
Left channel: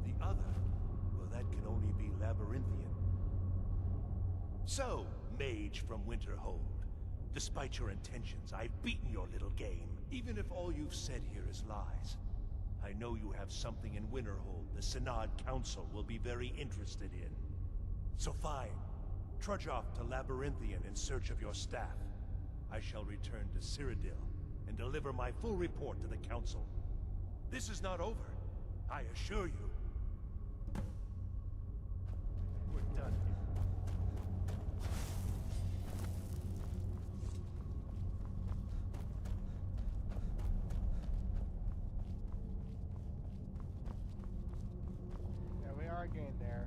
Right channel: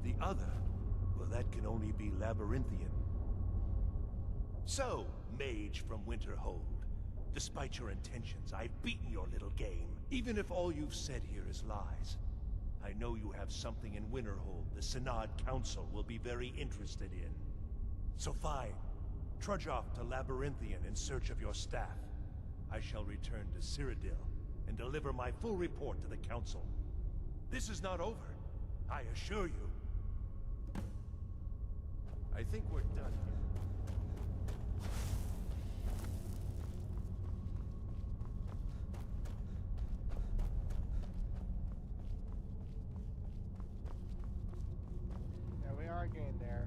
The other, well, that can only be Labyrinthian. So, mage from Winterhold, despite your intentions, I've beaten your little game. Even if all you've said here is lies, I know you have something in Winterhold the Synod Council will be very interested in. So fine. Trudge off to Labyrinthian in search of your staff. I shall return to Cyrodiil and deliver my full report to the Council. This is not over, I assure you. I think we're done here. Yeah, we are getting there.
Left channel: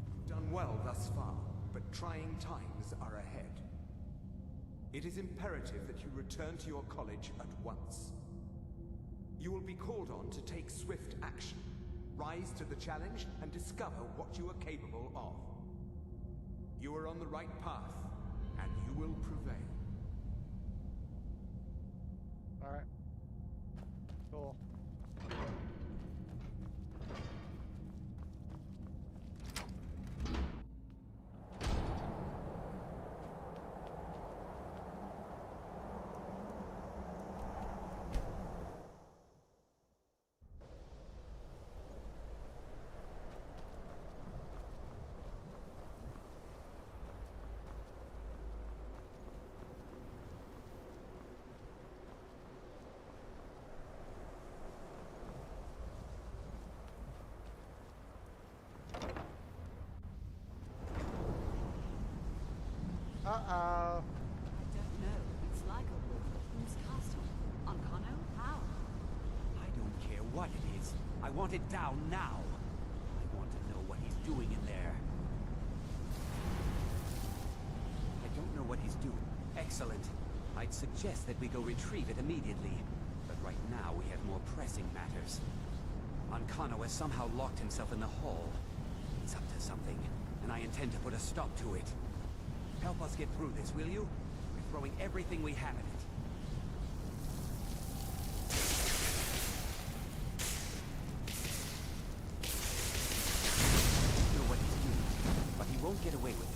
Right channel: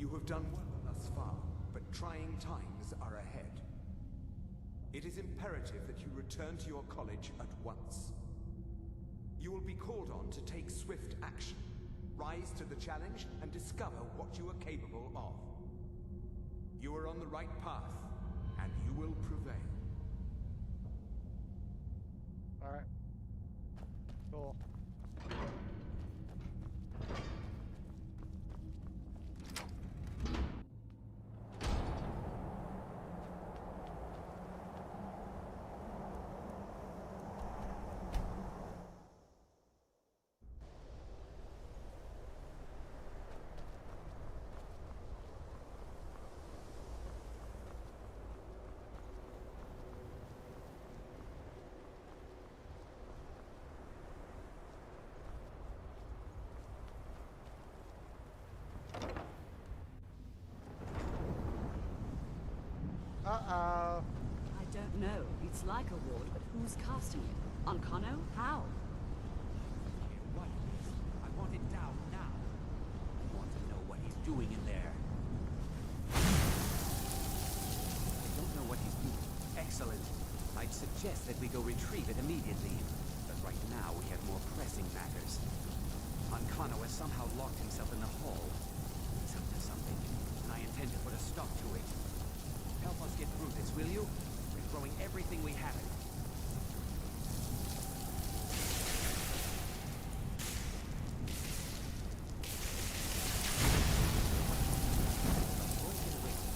You have done well thus far, but trying times are ahead. It is imperative that you return to your college at once. You will be called on to take swift action, rise to the challenge, and discover what you are capable of. You are on the right path, and you will prevail. Alright. Cool. Uh-oh. I don't know. It's like a ward, but who's casting it? On Kano? How? I don't care what it is. I want it down now. I want to know what he's doing in there. I don't know what he's doing. Excellent. I'd suggest that we go retrieve it immediately. But right now we have more pressing matters. Ankano has somehow locked himself in the hall. He's up to something, and I intend to put a stop to it. Help us get through this, will you? We're throwing everything we have at it. I don't know what he's doing, but he won't get away with it.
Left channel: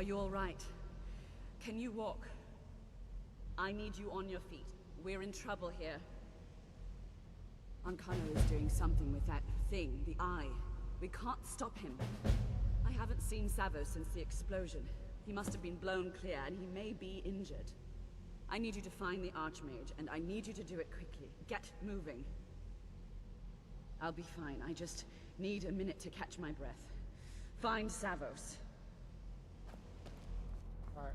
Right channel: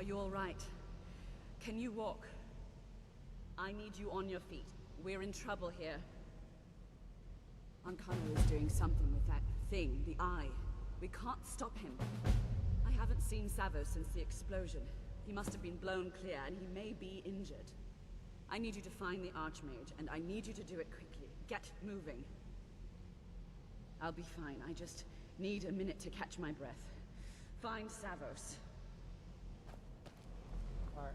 Are you all right? Can you walk? I need you on your feet. We're in trouble here. Ancano is doing something with that thing, the eye. We can't stop him. I haven't seen Savo since the explosion. He must have been blown clear, and he may be injured. I need you to find the Archmage, and I need you to do it quickly. Get moving. I'll be fine. I just need a minute to catch my breath. Find Savos. Alright.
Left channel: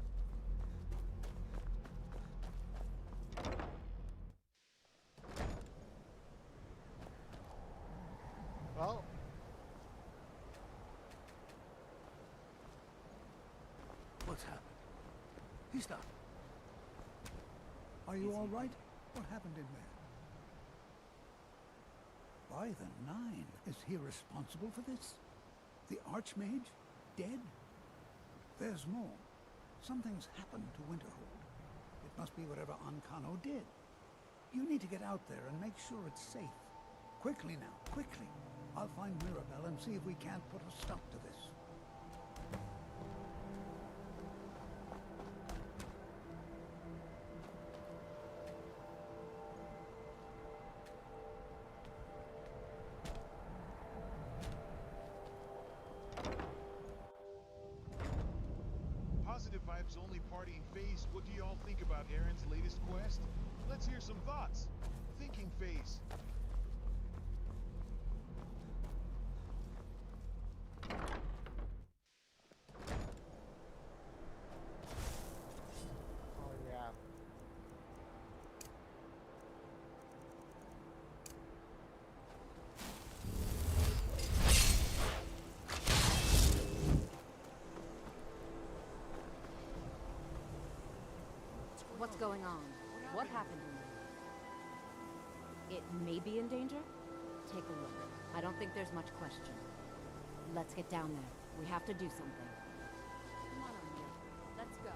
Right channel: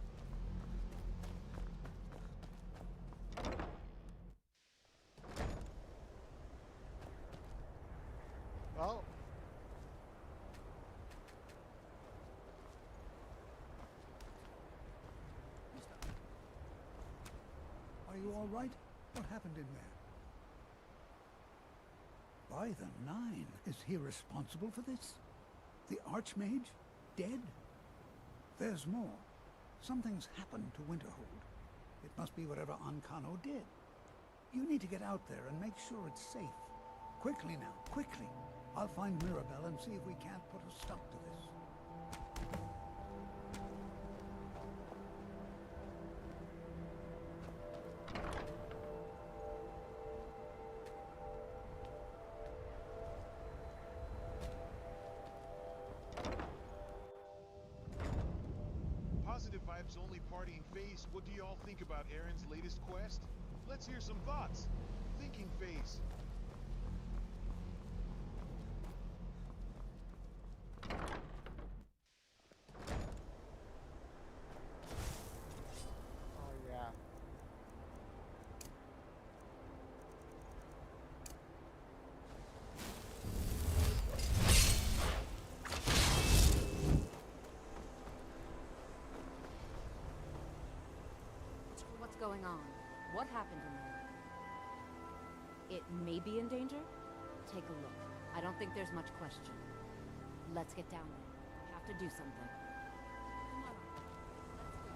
Well. What's happened? He's not. Are you all right? What happened in there? By the Nine, is he responsible for this? The Archmage? Dead? There's more. Something's happened to Winterhold. It must be whatever Ancano did. You need to get out there and make sure it's safe. Quickly now, quickly. I'll find Mirabelle and see if we can't put a stop to this. Positive Vibes only partying Phase. What do y'all think about Aaron's latest quest? Let's hear some thoughts. Thinking Phase. Oh yeah. What's going on? What happened in there? It may be in danger? Take a look. I don't think there's much question. Let's get down there. We have to do something. Come on, Armin. Let's go.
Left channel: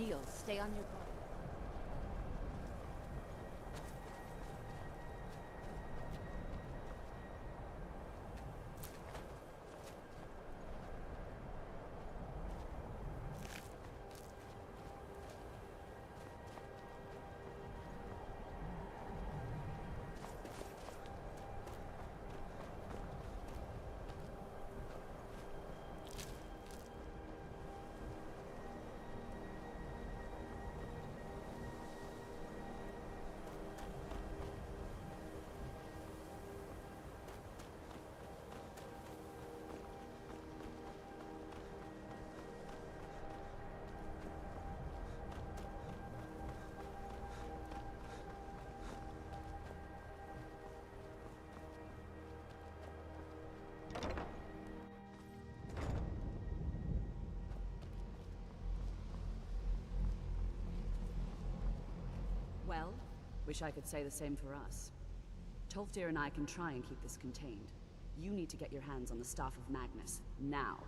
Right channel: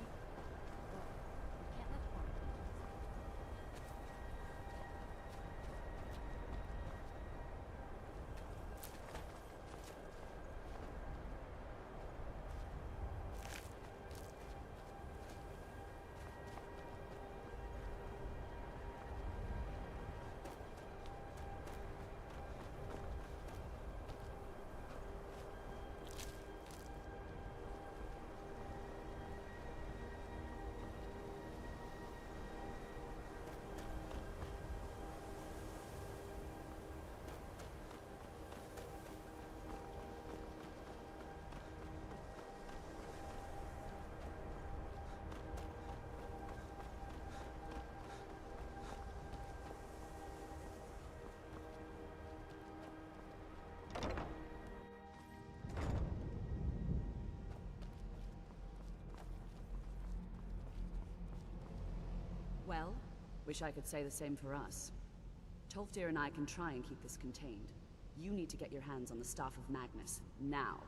Neil, stay on your guard. Can't let one. Well, wish I could say the same for us. Tolfdir and I can try and keep this contained. You need to get your hands on the Staff of Magnus, now.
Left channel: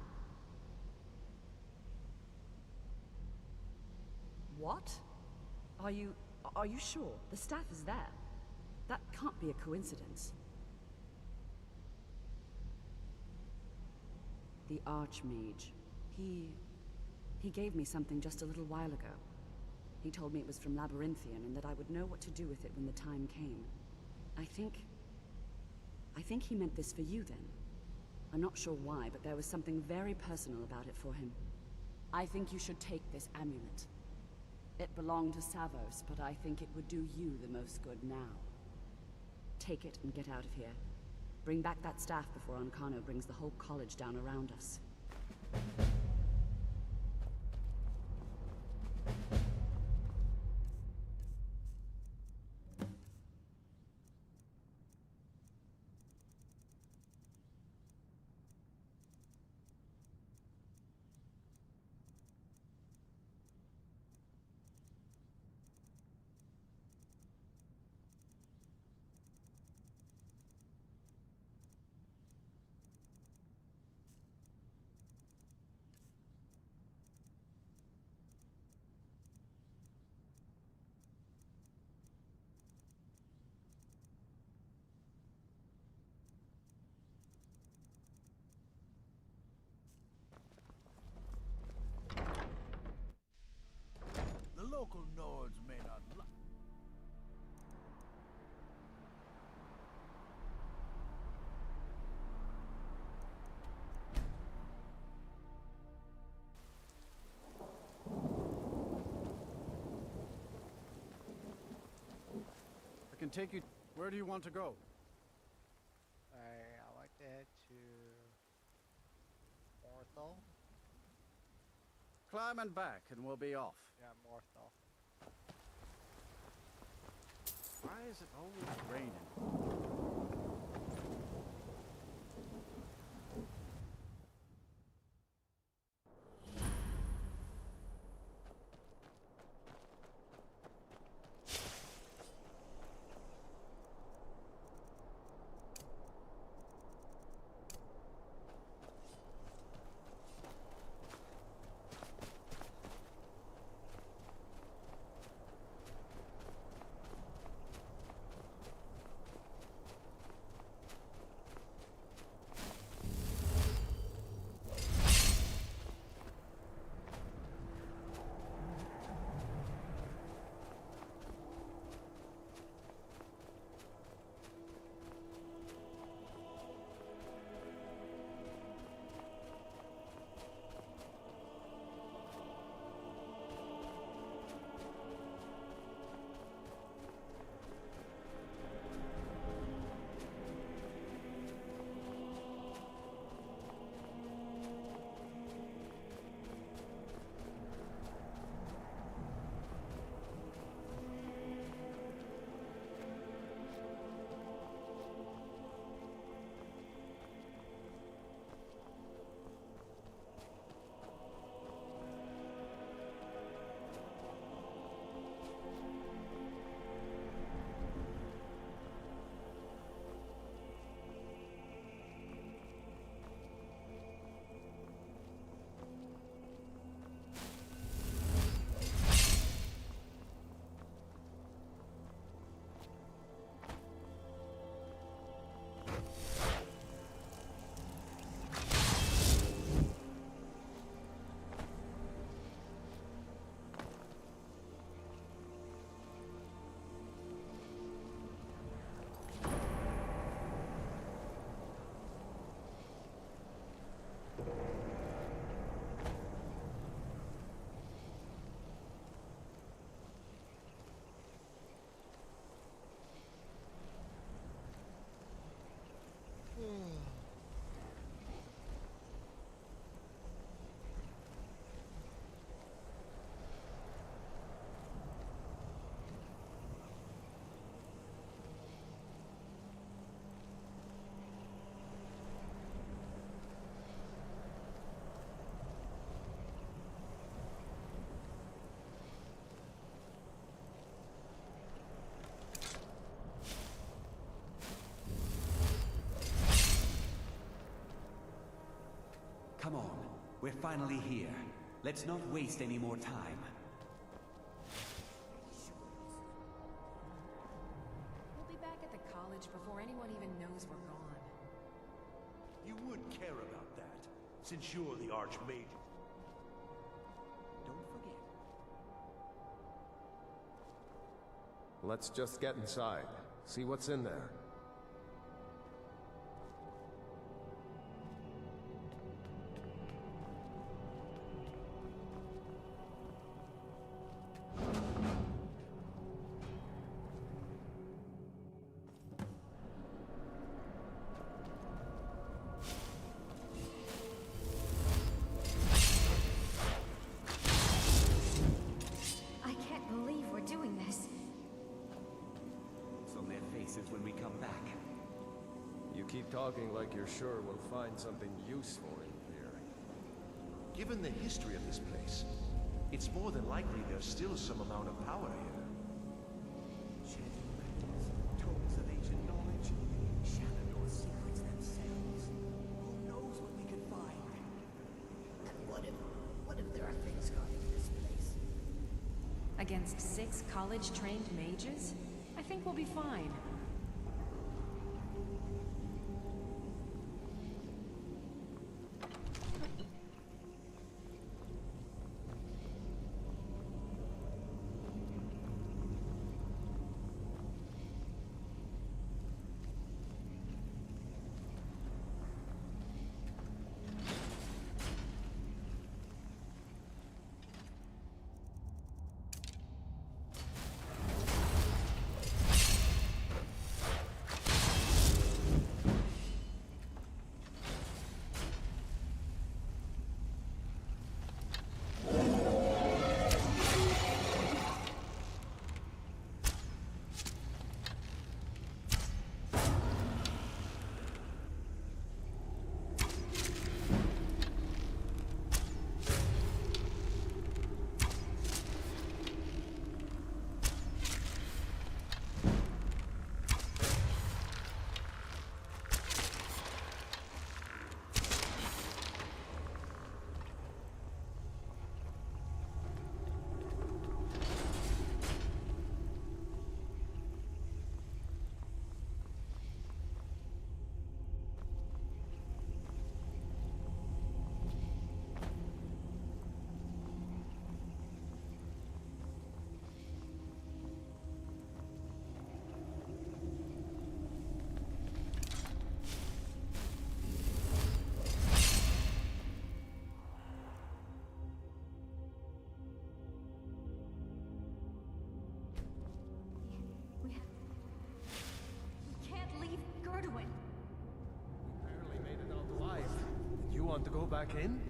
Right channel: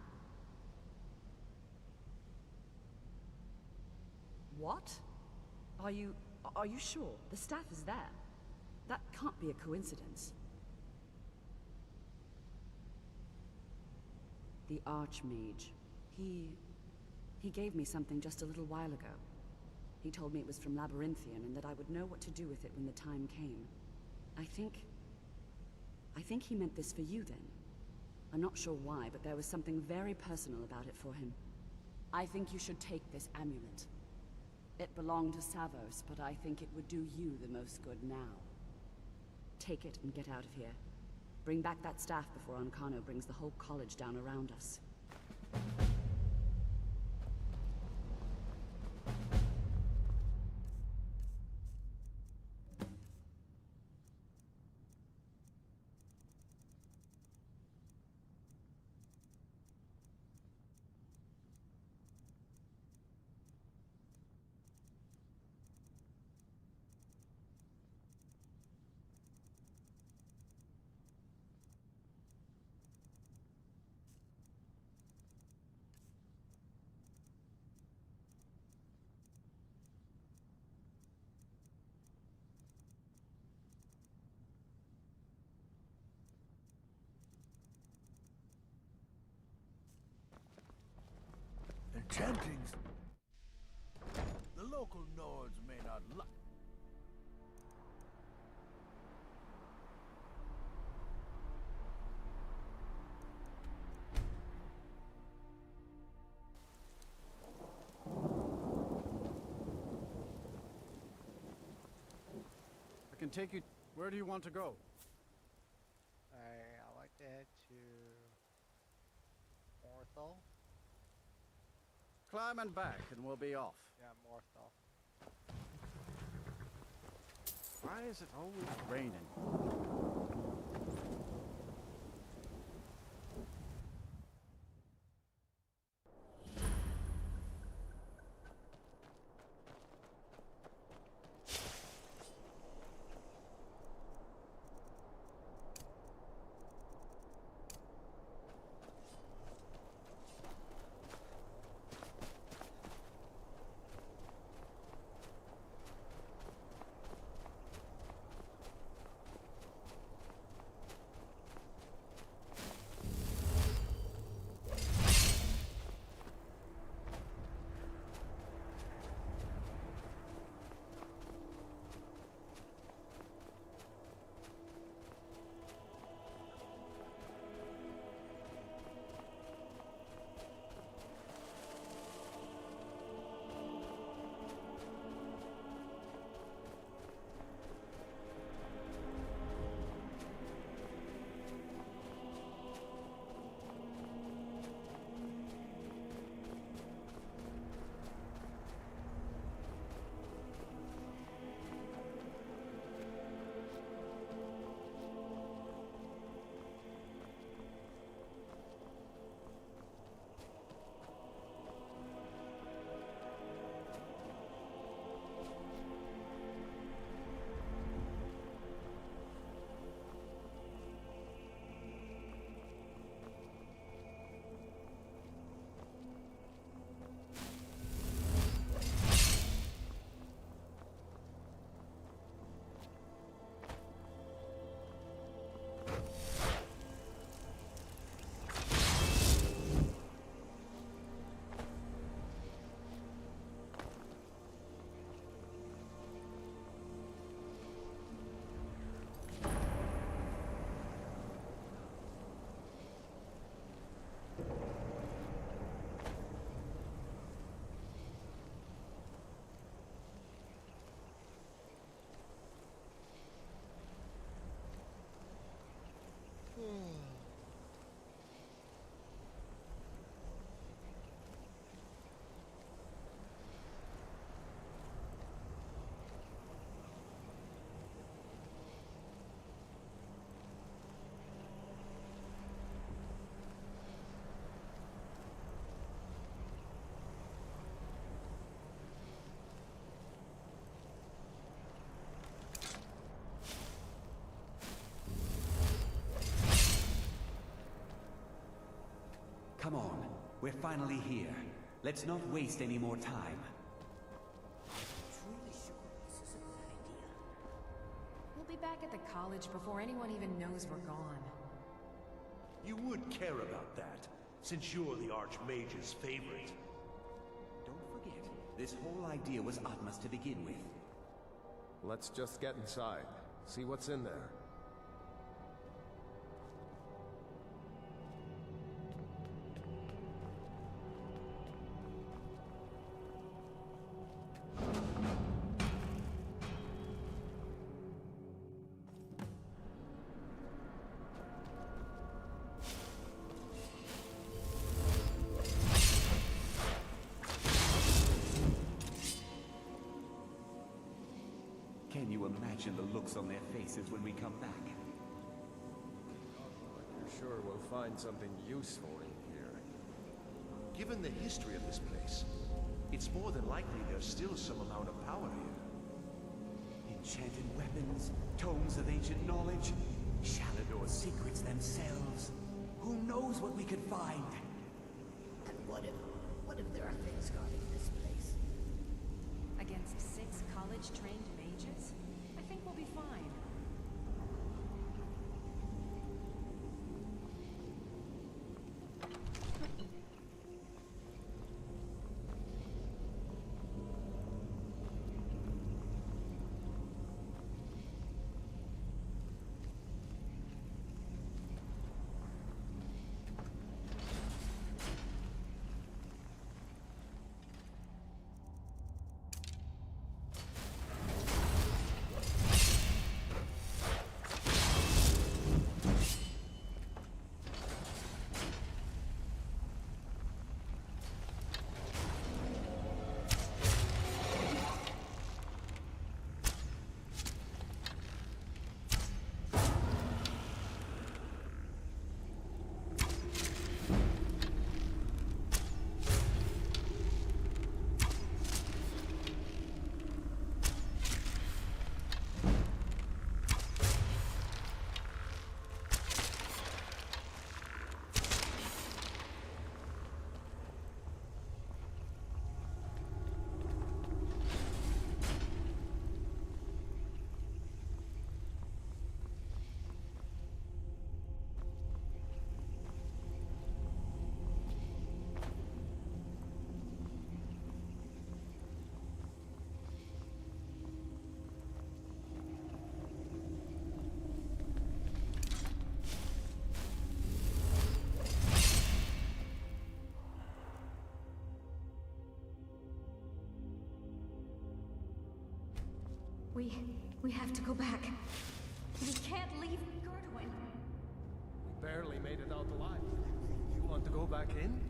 What? Are you sure? The staff is there. That can't be a coincidence. The Archmage. He gave me something just a little while ago. He told me it was from Labyrinthian and that I would know what to do with it when the time came. I think he meant this for you then. I'm not sure why, but there was something very personal about it for him. I think you should take this amulet. It belonged to Savos, but I think it would do you the most good now. Take it and get out of here. Bring back that staff before Ancano brings the whole college down around us. Chantings. The local Nords may not like. I can take you. Where do you want to go? I'd like to head to Morthal. Climb and back, and we'll be off. Yeah, Morthal. Why is it always raining? Come on. We're finally here. Let's not waste any more time. We'll be back at the college before anyone even knows we're gone. You would care about that, since you're the Archmage's favorite. Don't forget, this whole idea was Atma's to begin with. Let's just get inside. See what's in there. On their faces when we come back. You keep talking like you're sure we'll find something useful in here. Given the history of this place, it's more than likely there's still some amount of power here. Enchanted weapons, tomes of ancient knowledge, Shalador's secrets themselves. Who knows what we could find? And what if there are things guarding this place? Against 6 college-trained mages? I think we'll be fine. We have to go back. We can't leave Gerduin. We barely made it out alive. You want to go back in?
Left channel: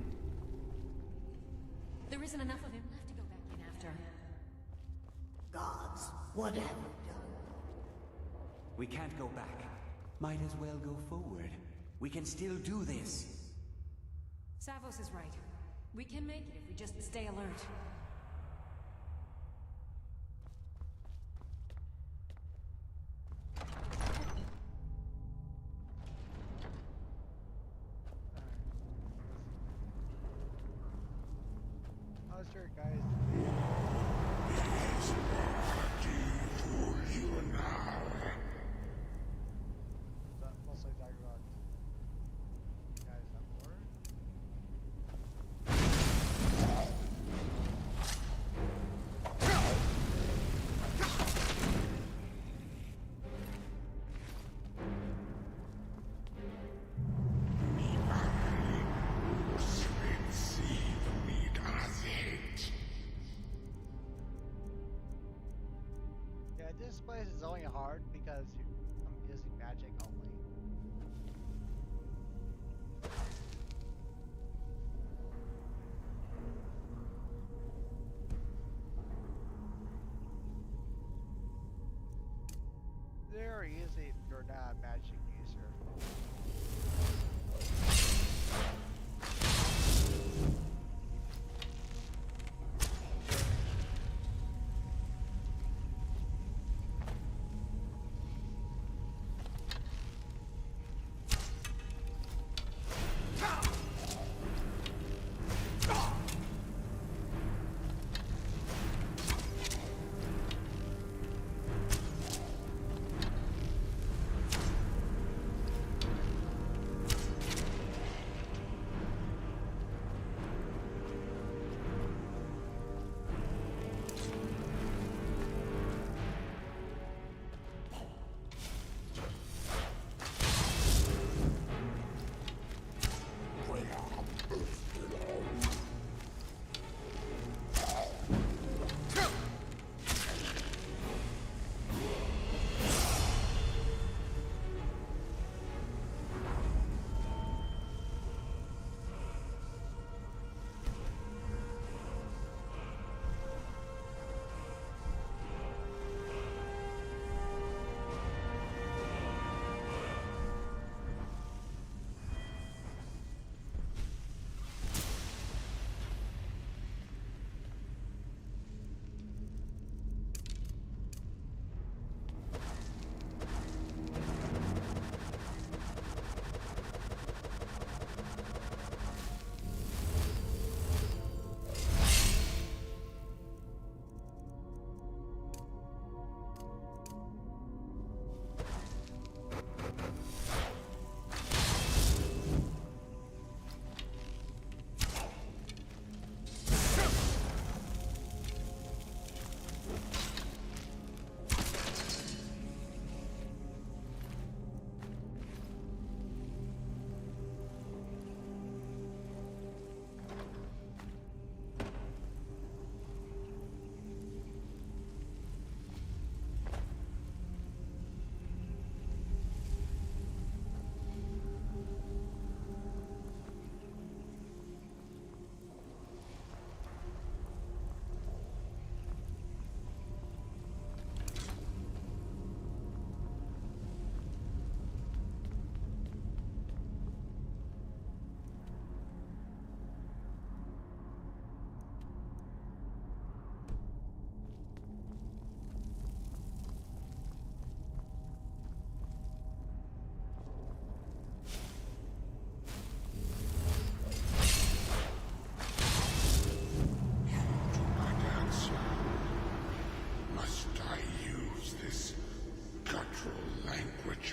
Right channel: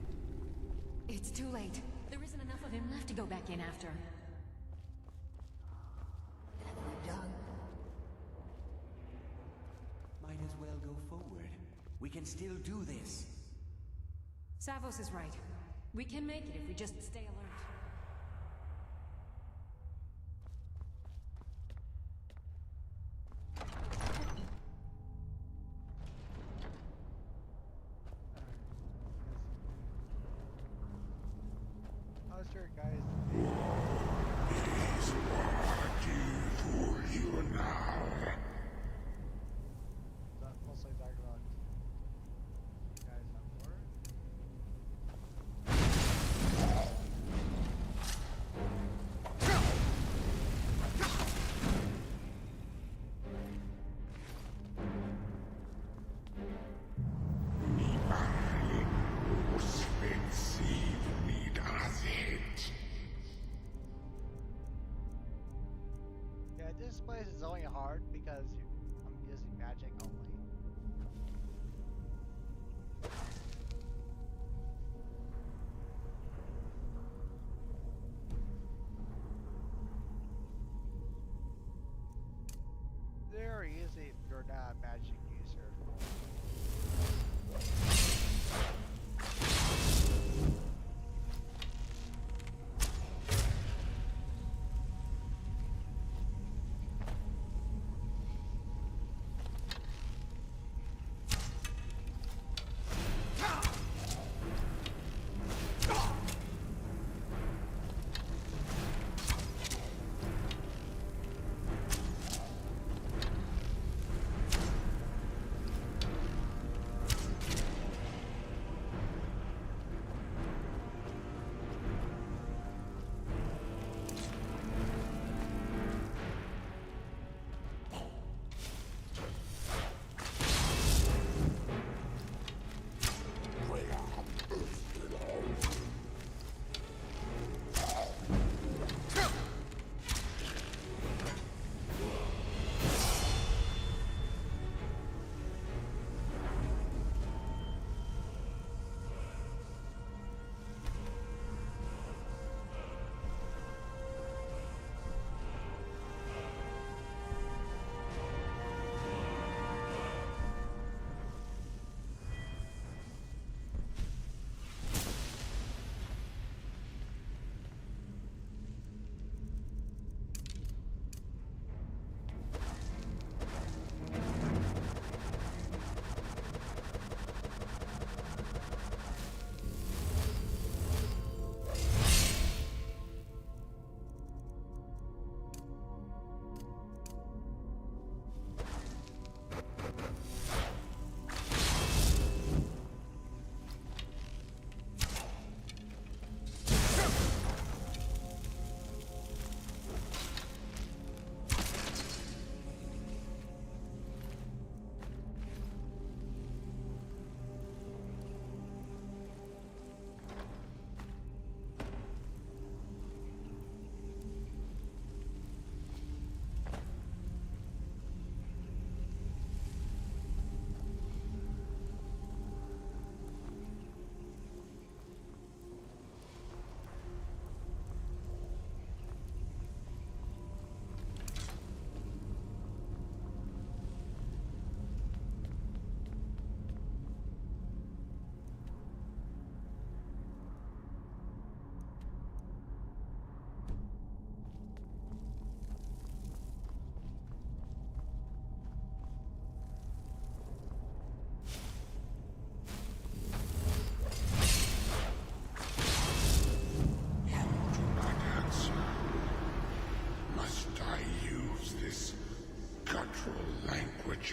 It's too late. There isn't enough of him left to go back in after. Gods, what have you done? We can't go back. Might as well go forward. We can still do this. Savos is right. We can make it if we just stay alert. How's your guys? Mostly talking about you guys have more. Yeah, this place is only hard because I'm using magic only. Very easy if you're not a magic user.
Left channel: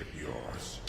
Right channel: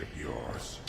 of yours.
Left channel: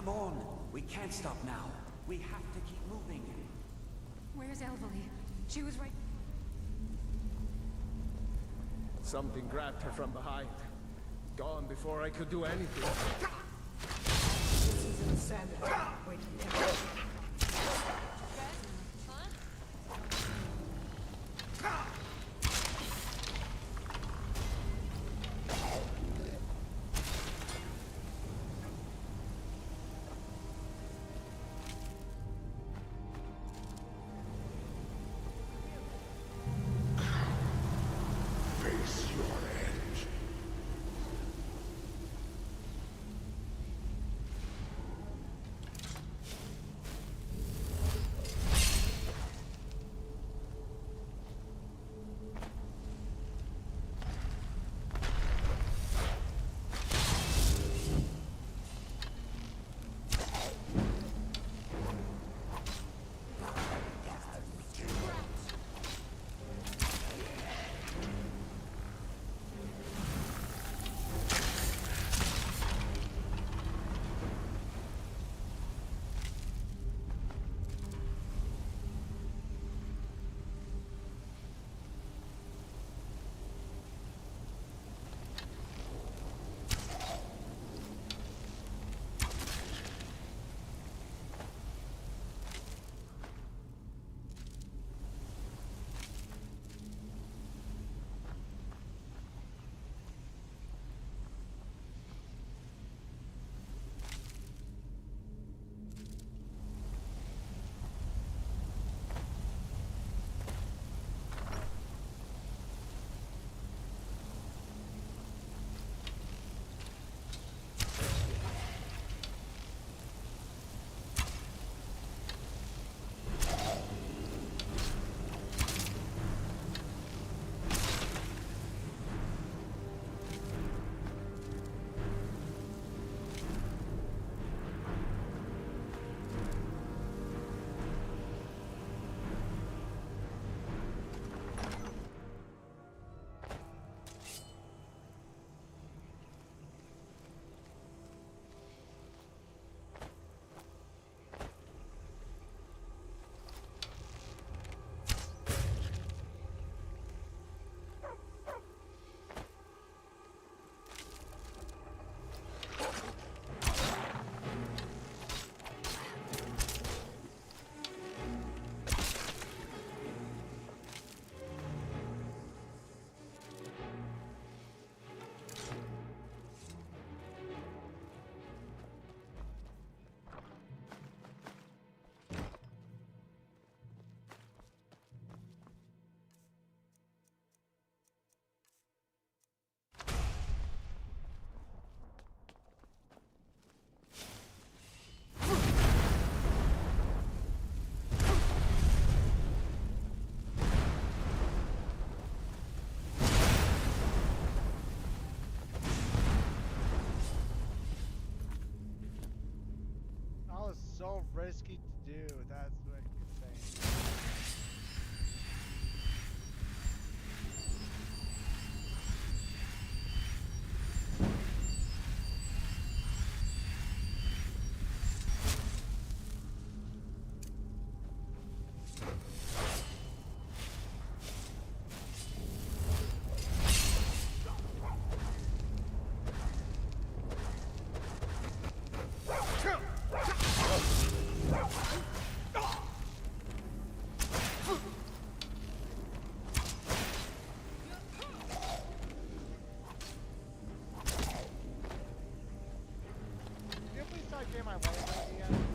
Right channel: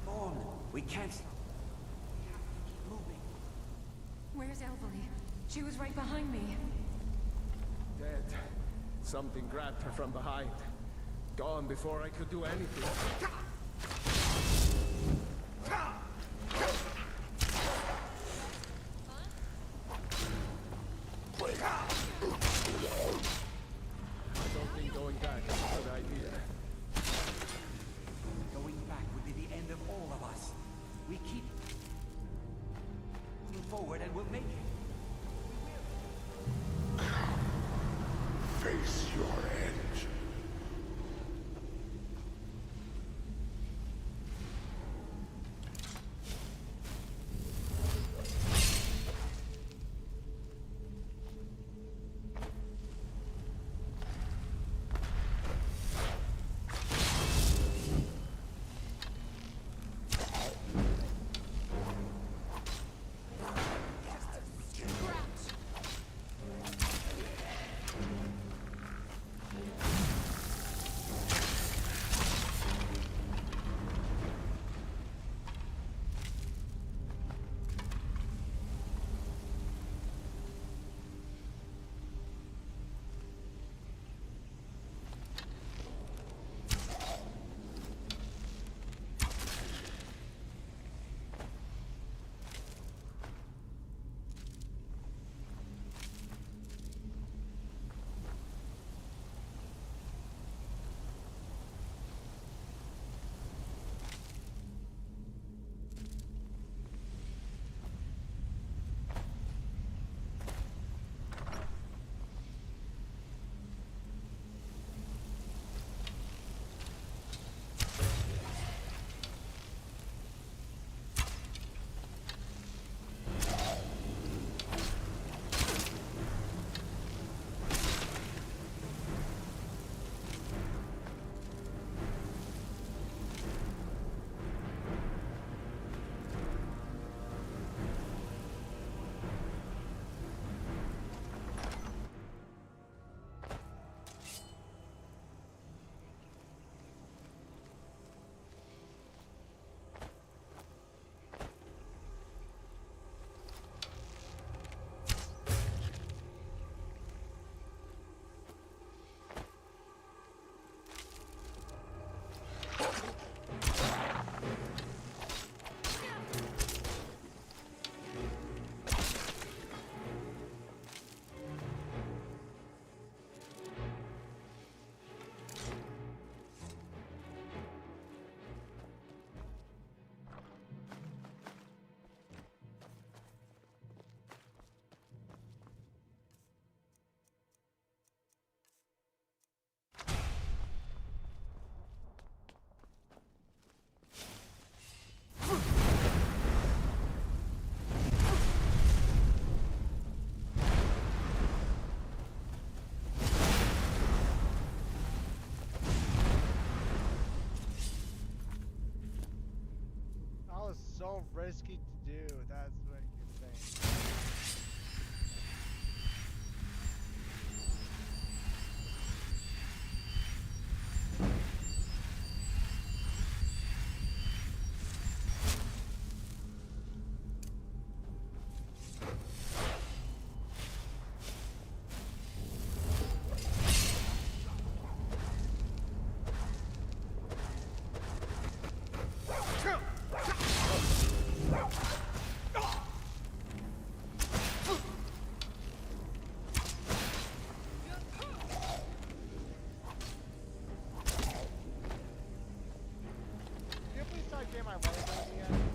Come on! We can't stop now. We have to keep moving. Where's Elvely? She was right behind me. Dead. Something grabbed her from behind. Gone before I could do anything. Something going back is a good idea. Going back will be the end of all of us. We keep moving forward and we'll make it. We will. Face your end. That was so risky to do. That's what you're saying. Can you please start getting my way again?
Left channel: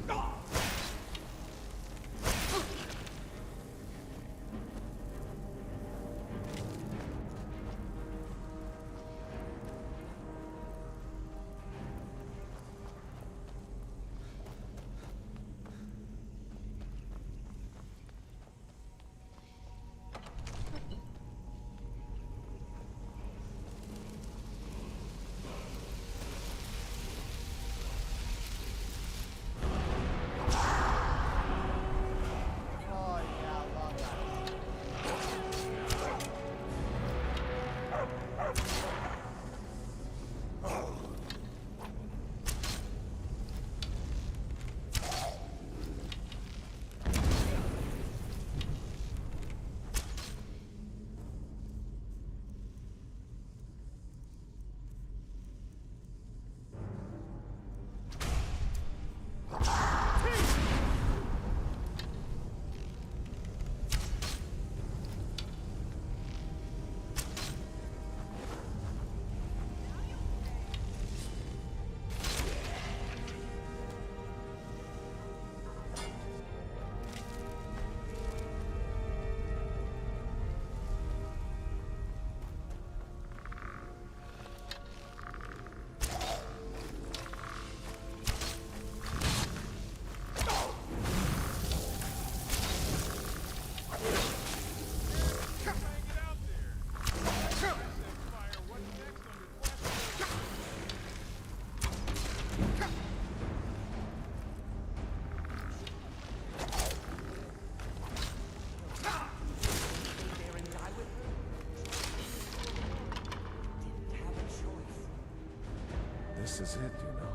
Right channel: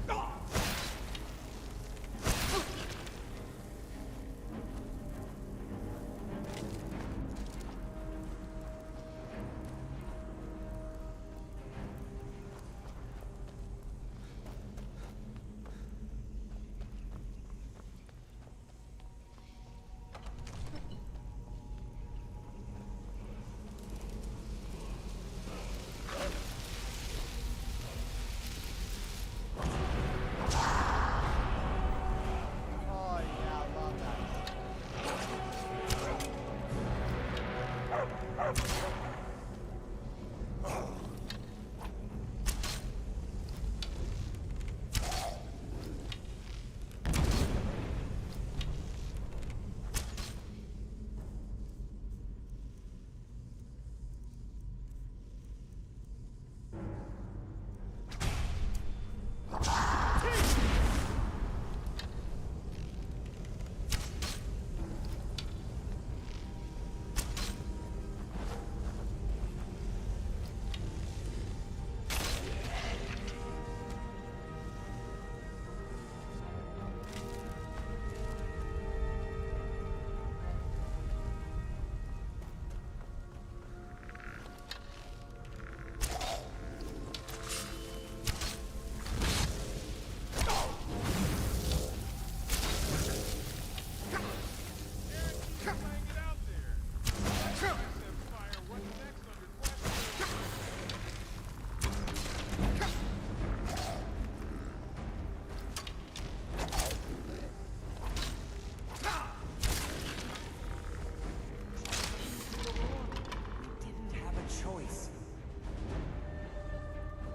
This is it, you know.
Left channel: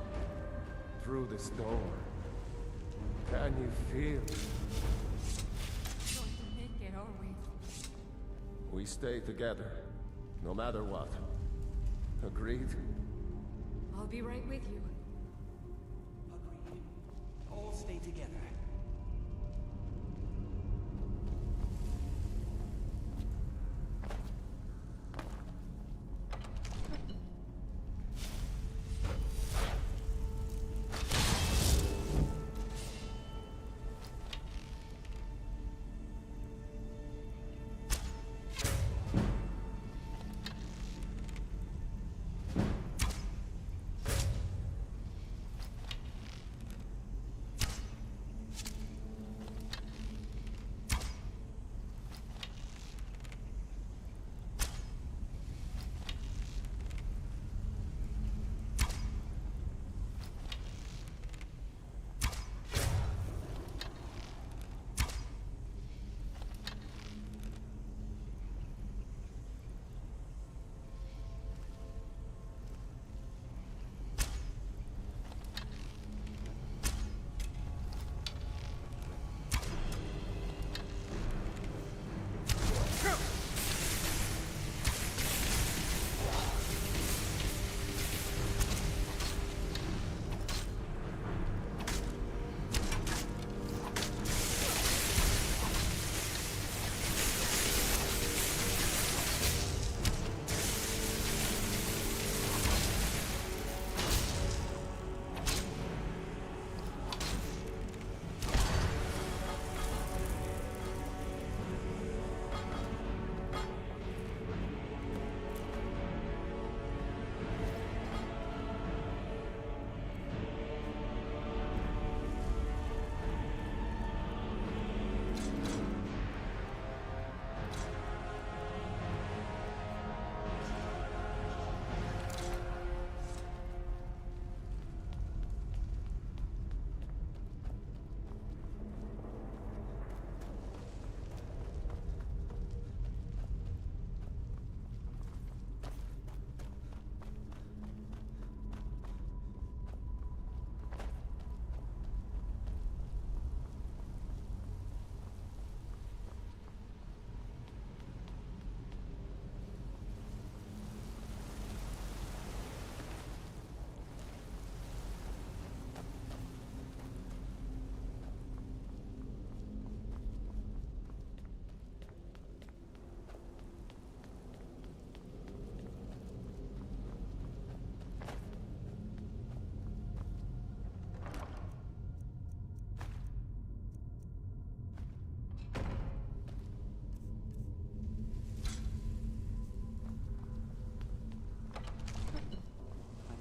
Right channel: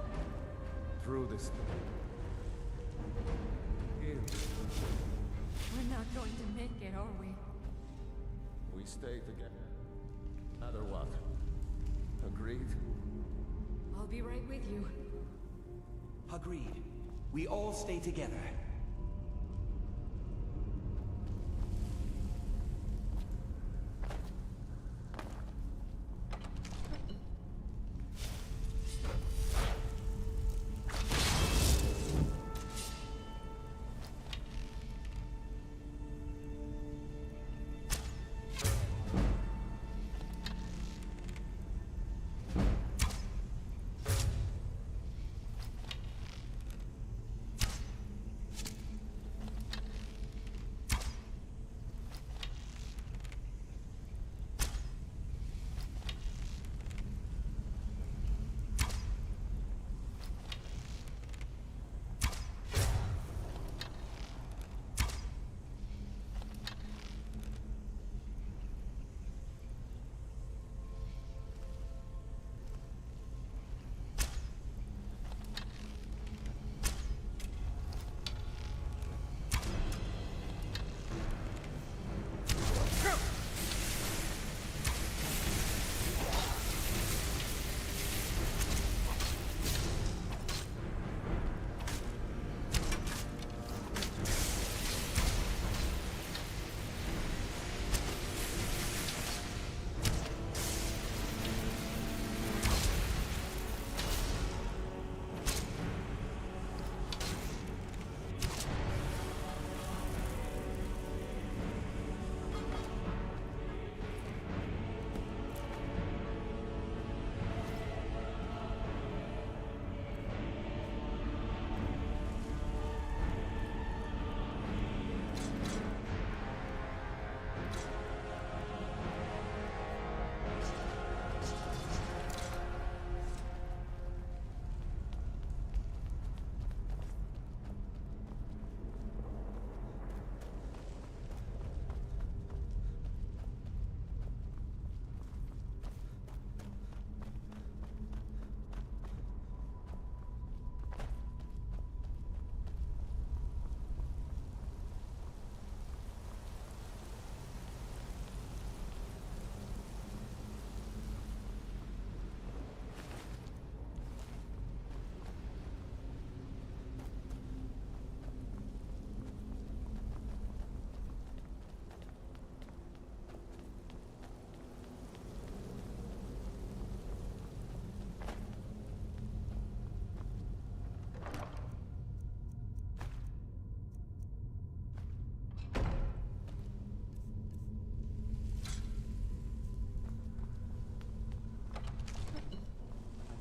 Through this door. Can you feel it? We're not going to make it, are we? We stay together, no matter what. Agreed? I'll be right with you. Agreed. We all stay together.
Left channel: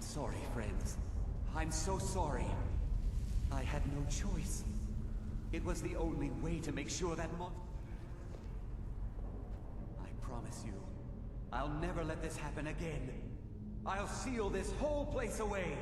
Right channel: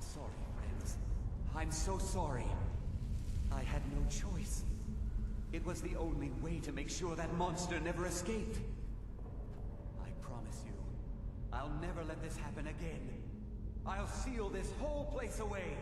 Sorry, friends. I'm so sorry. I had no choice. It was the only way to make sure that monster never escaped. I promise you, I'll never let this happen again. I'll seal this whole place away.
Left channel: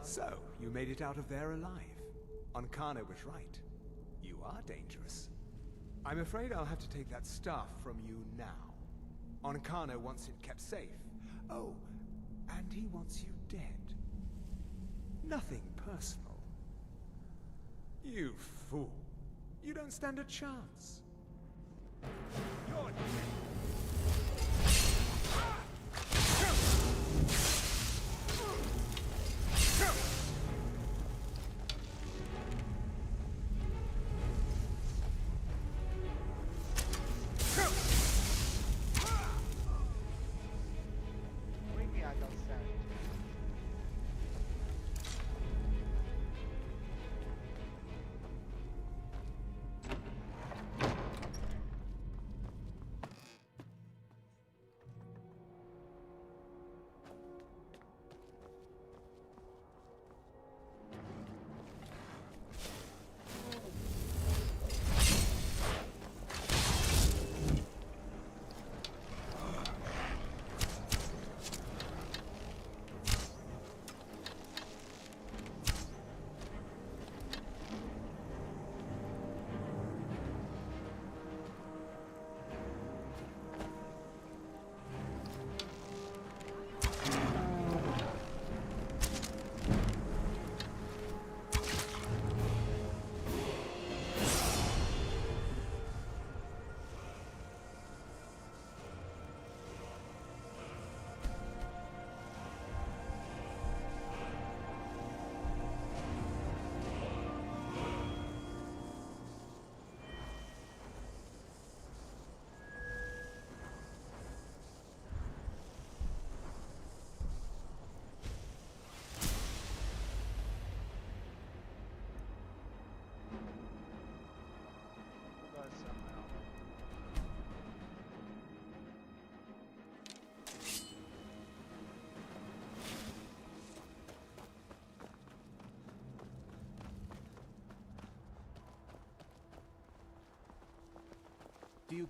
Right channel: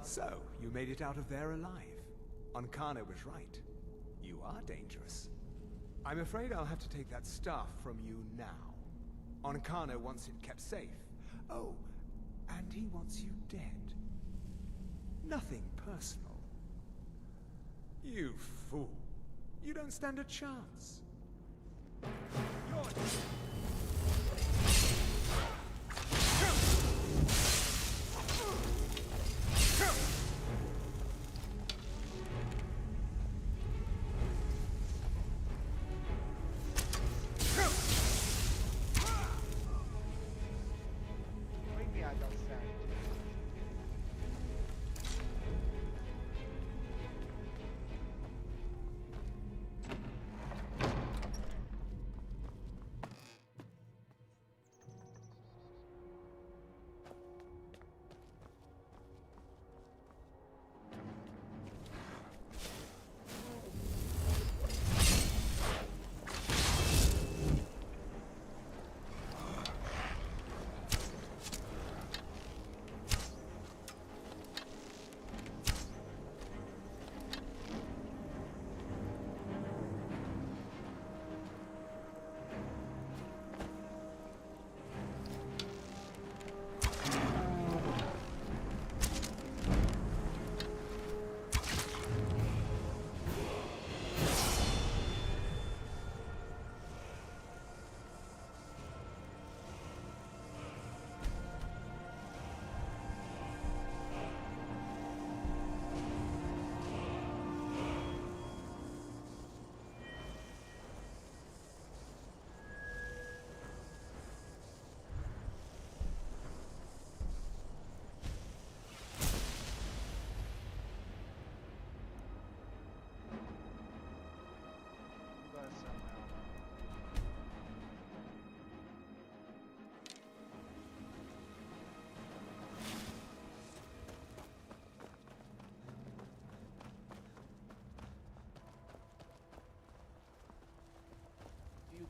So, you made it out of there alive. Ankana was right. You are dangerous. I'm afraid I'll have to take that staff from you now. Ankana wants it kept safe. Oh, and he wants you dead. Nothing personal. You fool. You don't stand a chance. You're dead.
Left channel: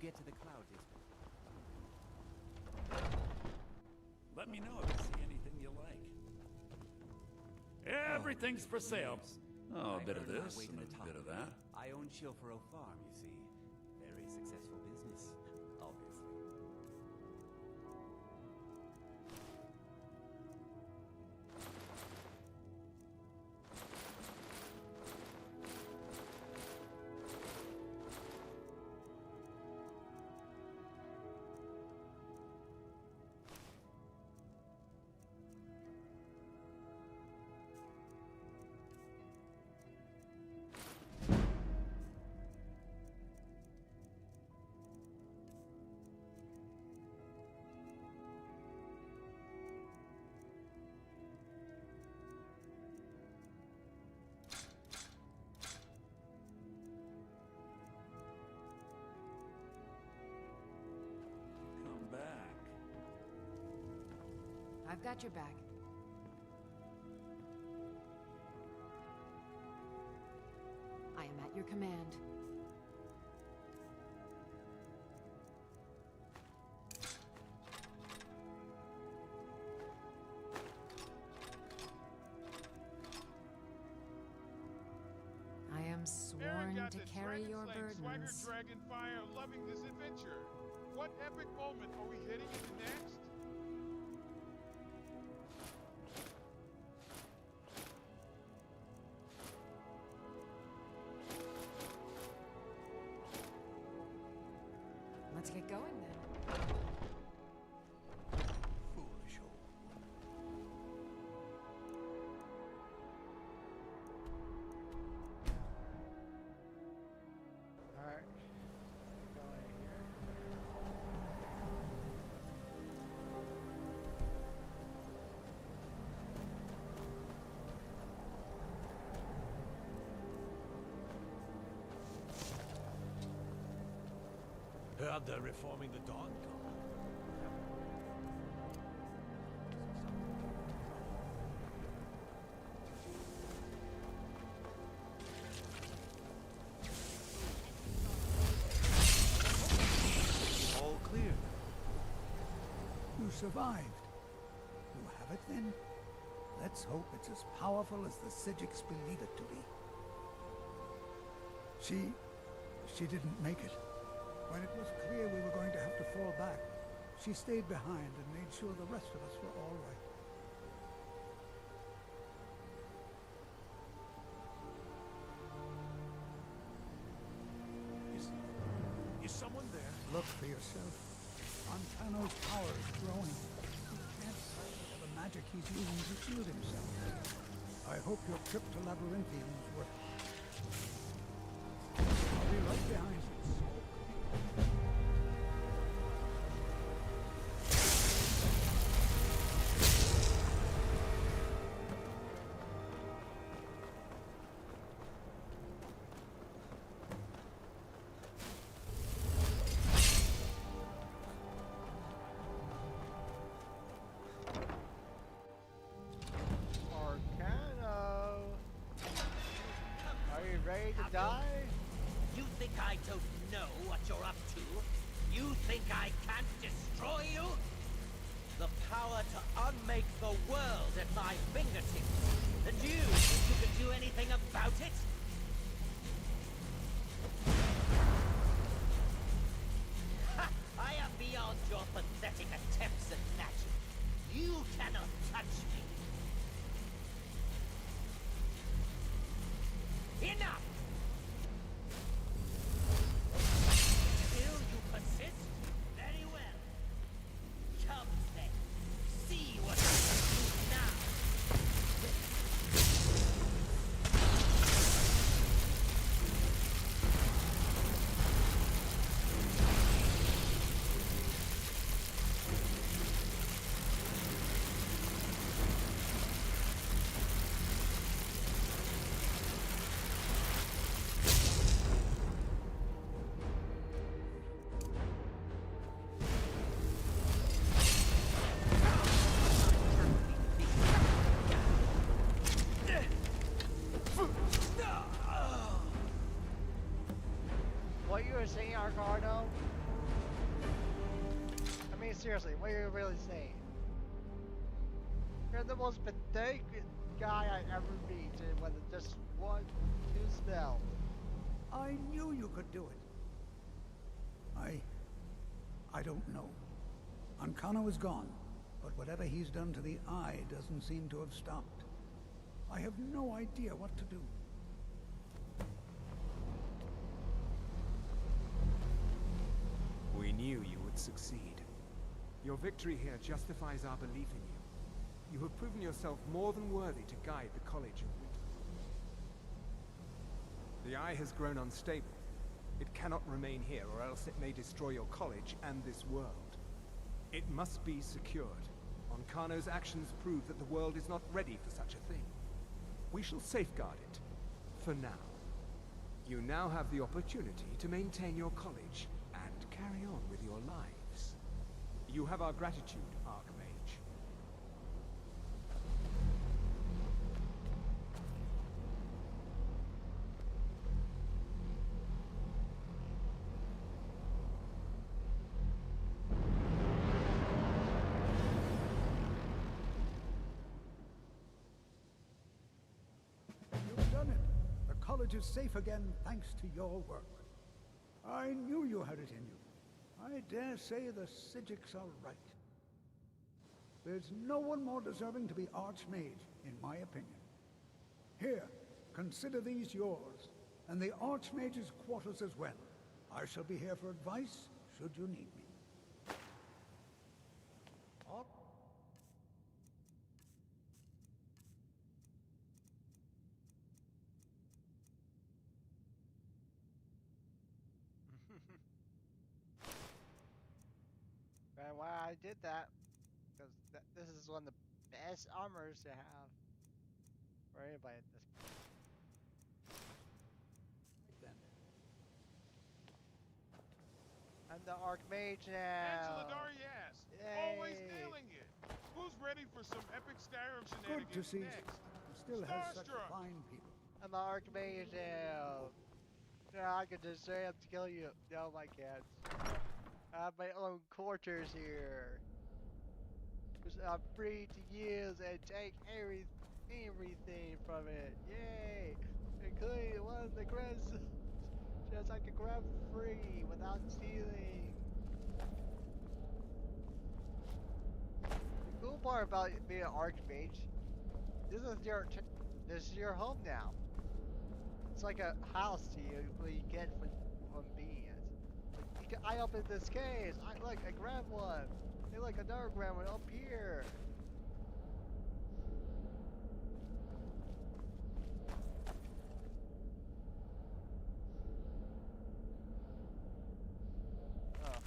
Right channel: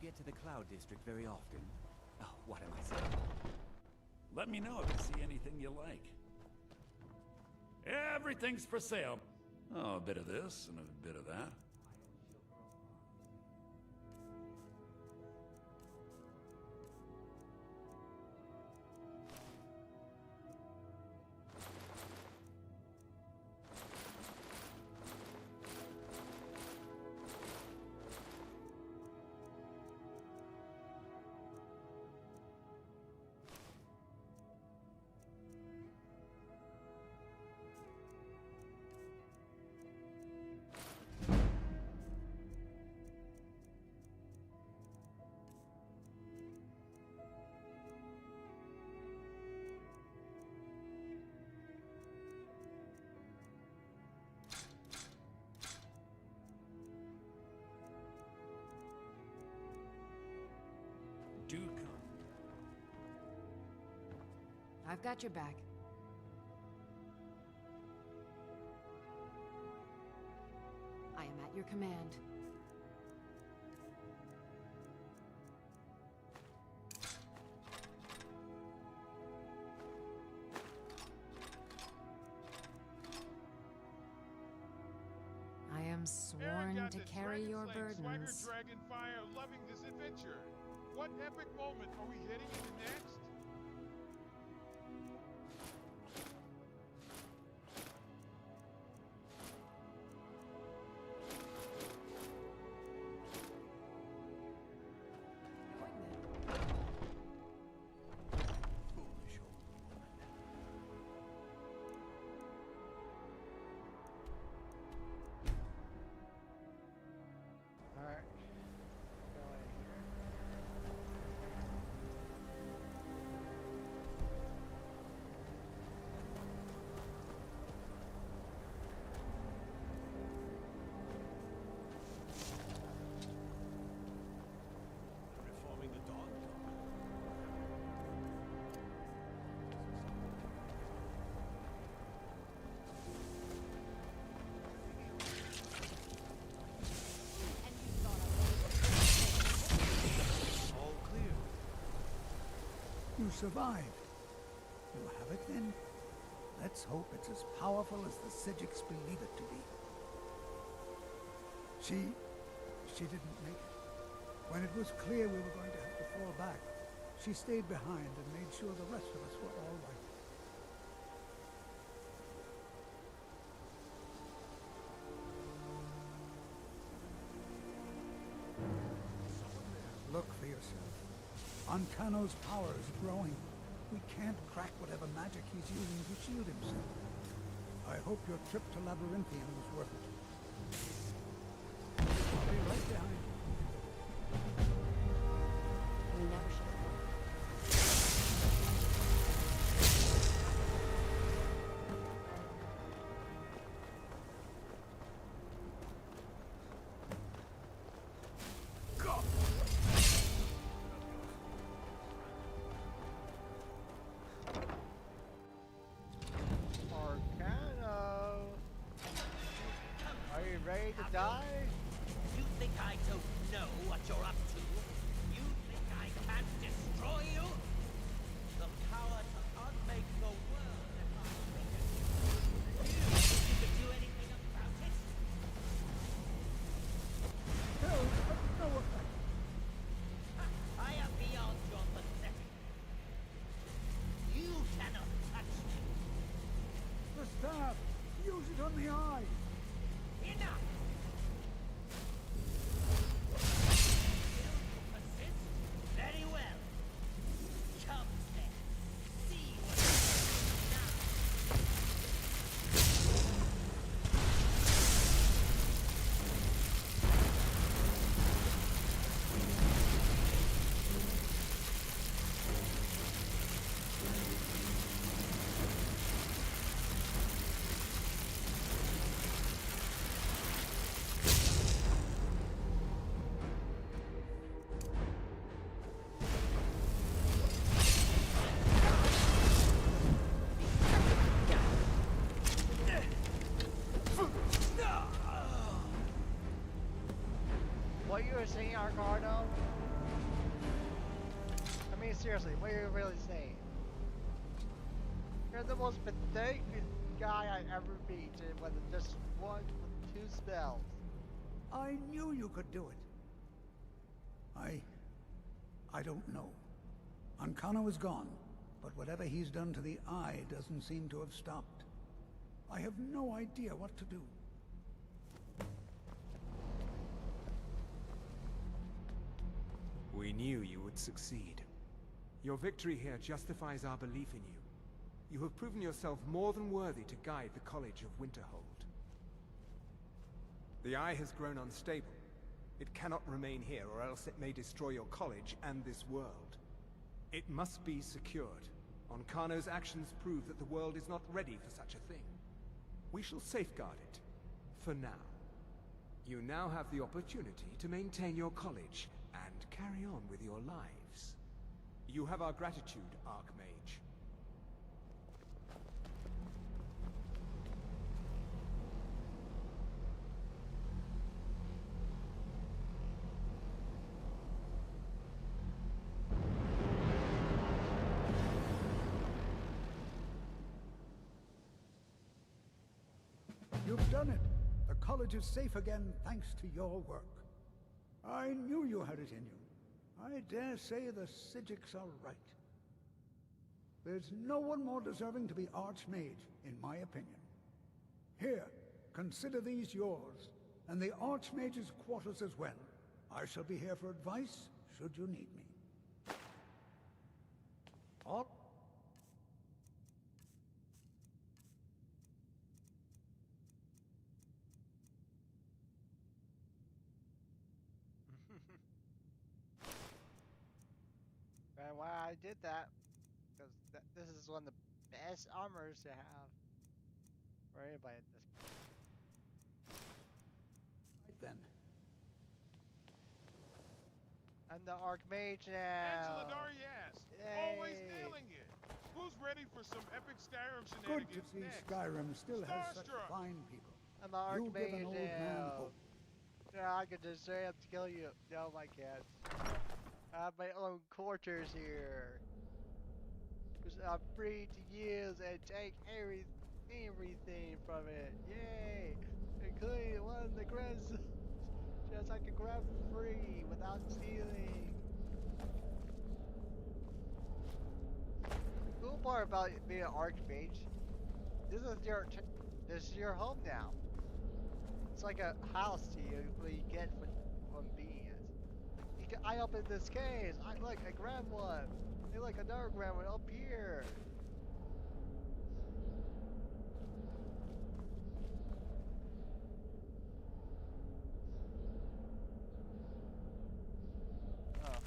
get to the Cloud District very often? Oh, what am I saying? Let me know if you see anything you like. Everything's for sale. Oh, a bit of this and a bit of that. I own Chilfaro Farm, you see. Very successful business, obviously. Do come back. I've got your back. I am at your command. I am sworn got to the carry your Dragon Swagger burdens. Dragonfire, loving this adventure. What epic moment are we heading into next? Let's get going then. Foolish old woman. Alright. Go in here. Heard they're reforming the Dawn Guard. All clear. You survived. You have it then? Let's hope it's as powerful as the Sijiks believe it to be. She didn't make it. When it was clear we were going to have to fall back, she stayed behind and made sure the rest of us were all right. Is someone there? Look for yourself. Ancano's power is growing. He can't crack whatever magic he's using to shield himself. I hope your trip to Labyrinthium was worth it. I'll be right behind you. Arcano! Are you ready to die? You think I don't know what you're up to? You think I can't destroy you? The power to unmake the world at my fingertips. And you think you could do anything about it? Ha! I am beyond your pathetic attempts at magic. You cannot touch me. The staff! Use it on the eye! Enough! Still you persist? Very well. Come then. See what I can do now. What you were saying, Arcano? mean, seriously, what are you really saying? You're the most pathetic guy I ever meet with just one, with 2 spells. I knew you could do it. I don't know. Ancano is gone, but whatever he's done to the Eye doesn't seem to have stopped. I have no idea what to do. We knew you would succeed. Your victory here justifies our belief in you. You have proven yourself more than worthy to guide the College of Winterhold. The Eye has grown unstable. It cannot remain here, or else it may destroy your college and this world. It must be secured. Ancano's actions prove that the world is not ready for such a thing. We shall safeguard it, for now. You now have the opportunity to maintain your college and carry on with your lives. You have our gratitude, Archmage. You've done it. The college is safe again thanks to your work. I knew you had it in you. I dare say the Psijics are right. There's no one more deserving to be Archmage, in my opinion. Here, consider these yours, and the Archmage's quarters as well. I shall be here for advice, should you need me. All And why I did that, because this is one of the best armors to have for anybody at this point. right then. I'm the Archmage now. Angela Darius, always Yay. nailing it. Who's ready for some epic Skyrim Good shenanigans to see next? Skyrim still has such Starstruck. fine people. I'm the You give an Archmage old man now. hope. Yeah, I could just straight up kill you. No, I can't. I have my own quarters here. Which I'm free to use and take everything from it. Yay! Including one of the grabs just I can grab for free without stealing. The cool part about being an Archmage, this is your home now. It's like a house to you, what you get from being it. Like, I opened this case. Look, I grabbed one. Hey, look, another grabbed one up here. Oh.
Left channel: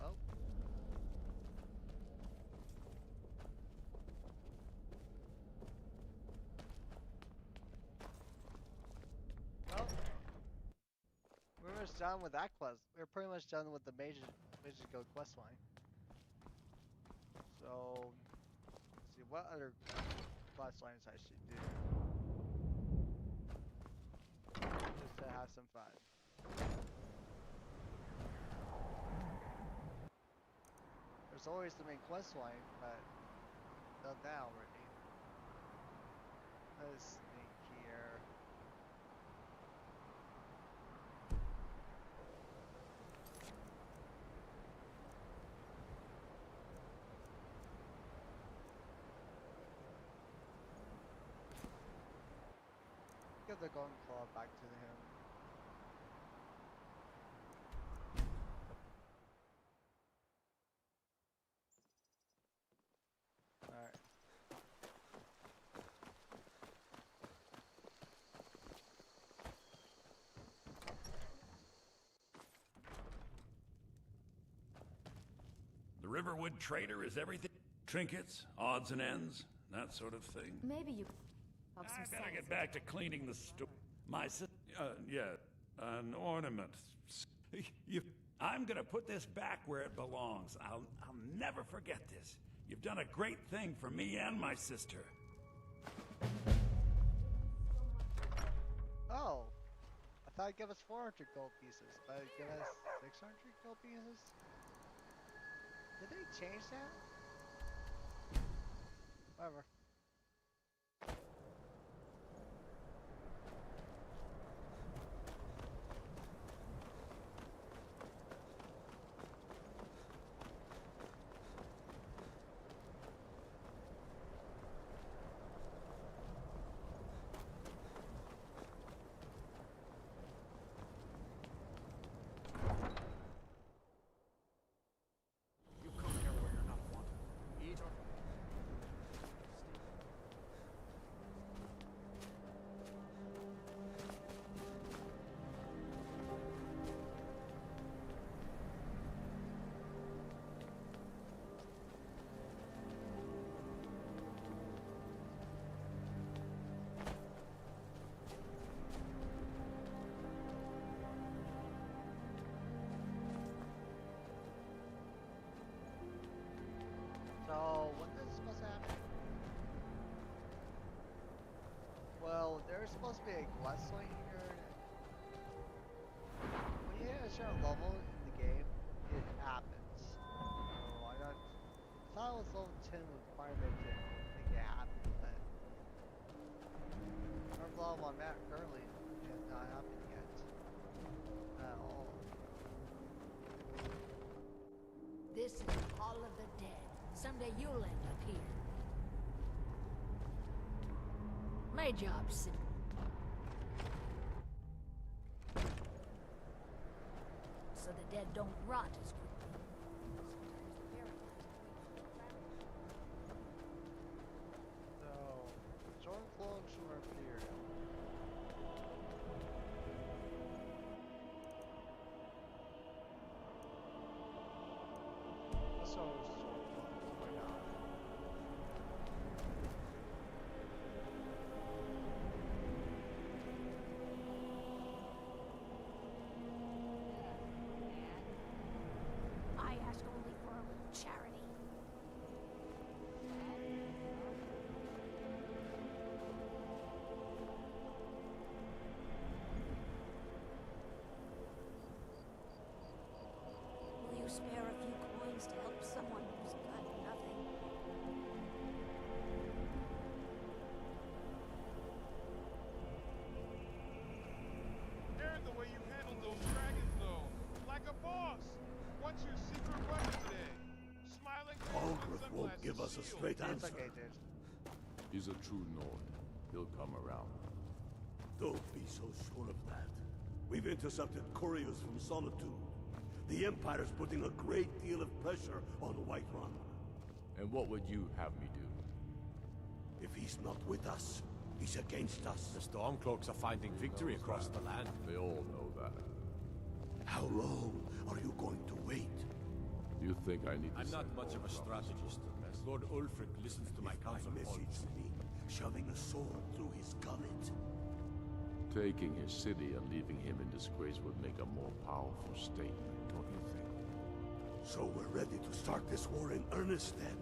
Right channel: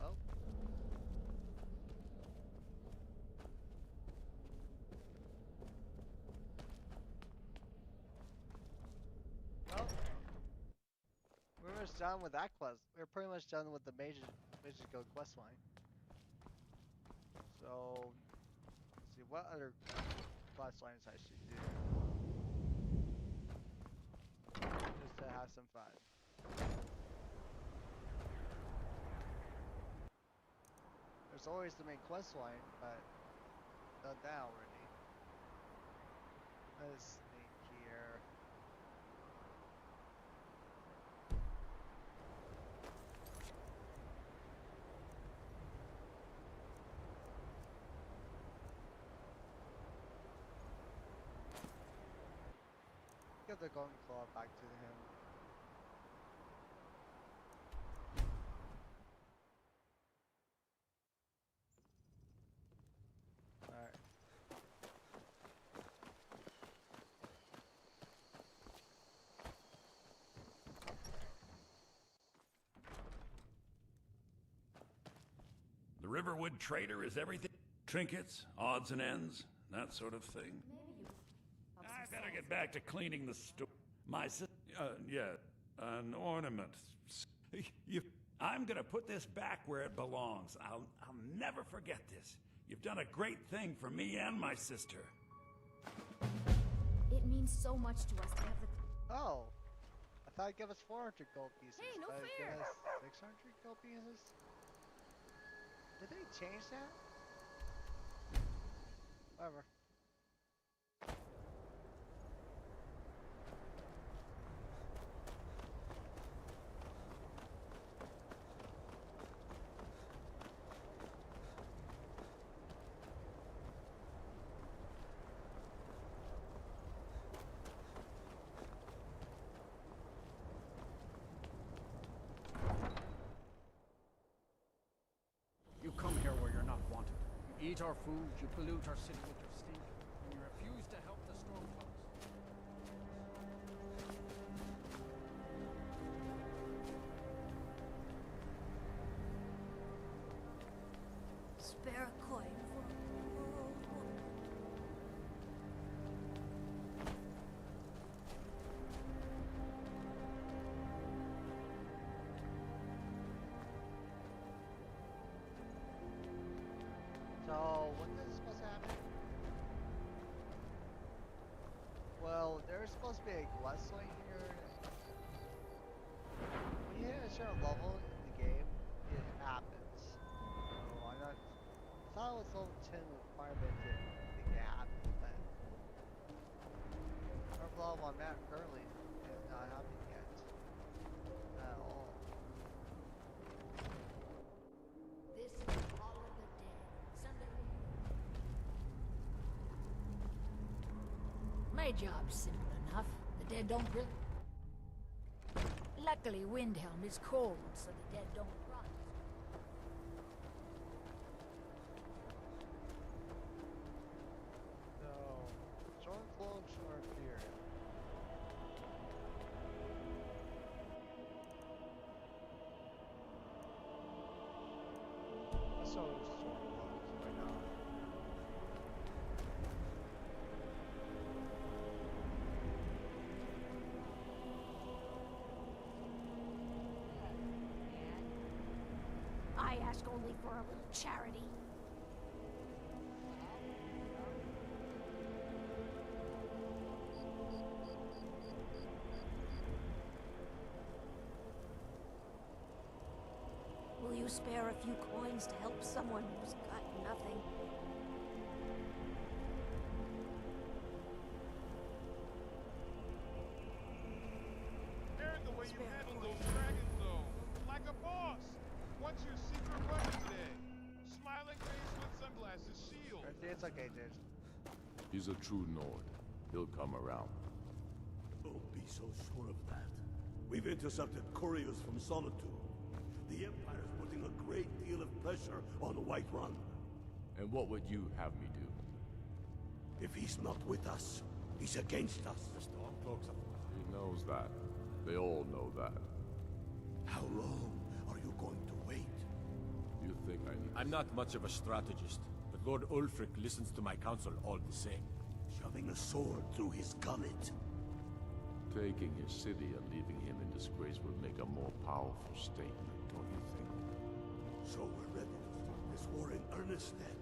Oh. Well, we're almost done with that quest. We're pretty much done with the Mages Guild quest line. So, let's see what other quest lines I should do. Just to have some fun. There's always the main quest line, but done that already. Let's think here. Give the golden claw back to him. Alright. The Riverwood Trader is everything. Trinkets, odds and ends, that sort of thing. Maybe you have some I better sense. get back to cleaning the store. My sister, yeah, an ornament. I'm gonna put this back where it belongs. I'll never forget this. You've done a great thing for me and my sister. much to us than Oh, I thought it'd give us 400 gold pieces, Hey, no but it'd give fair. us 600 gold pieces? Did they change that? Whatever. You come here where you're not wanted. You eat our food, you pollute our city with your stink, and you refuse to help the strong ones. spare a coin for So, when is this supposed to happen? Well, there's supposed to be a Westling here. When you hit a certain level in the game, it happens. So, I thought it was level 10 requirement to make it happen, but whatever level I'm at currently, it has not happened yet. At all. This is the Hall of the Dead. Someday you'll end up here. My job's simple enough. The dead don't rot. Luckily, Windhelm is cold, so the dead don't rot as quickly. So, Stormcloaks or Imperial? Let's go Stormcloaks, why not? I ask only for a little charity. Will you spare a few coins to help someone who's got nothing? Aaron, the way you handled those dragons, though. Like a boss. What's your secret weapon today? Smiling face with sunglasses. Give us a shield. straight It's answer. okay, dude. He's a true Nord. He'll come around. Don't be so sure of that. We've intercepted couriers from Solitude. The Empire's putting a great deal of pressure on Whiterun. And what would you have me do? If he's not with us, he's against us. The Stormcloaks are finding victory knows across that. the land. They all know that. How long are you going to wait? You think I need to I'm not much of a strategist, but Lord Ulfric listens to my counsel all the same. Shoving a sword through his gullet. Taking his city and leaving him in disgrace would make a more powerful statement, don't you think? So we're ready to start this war in earnest then?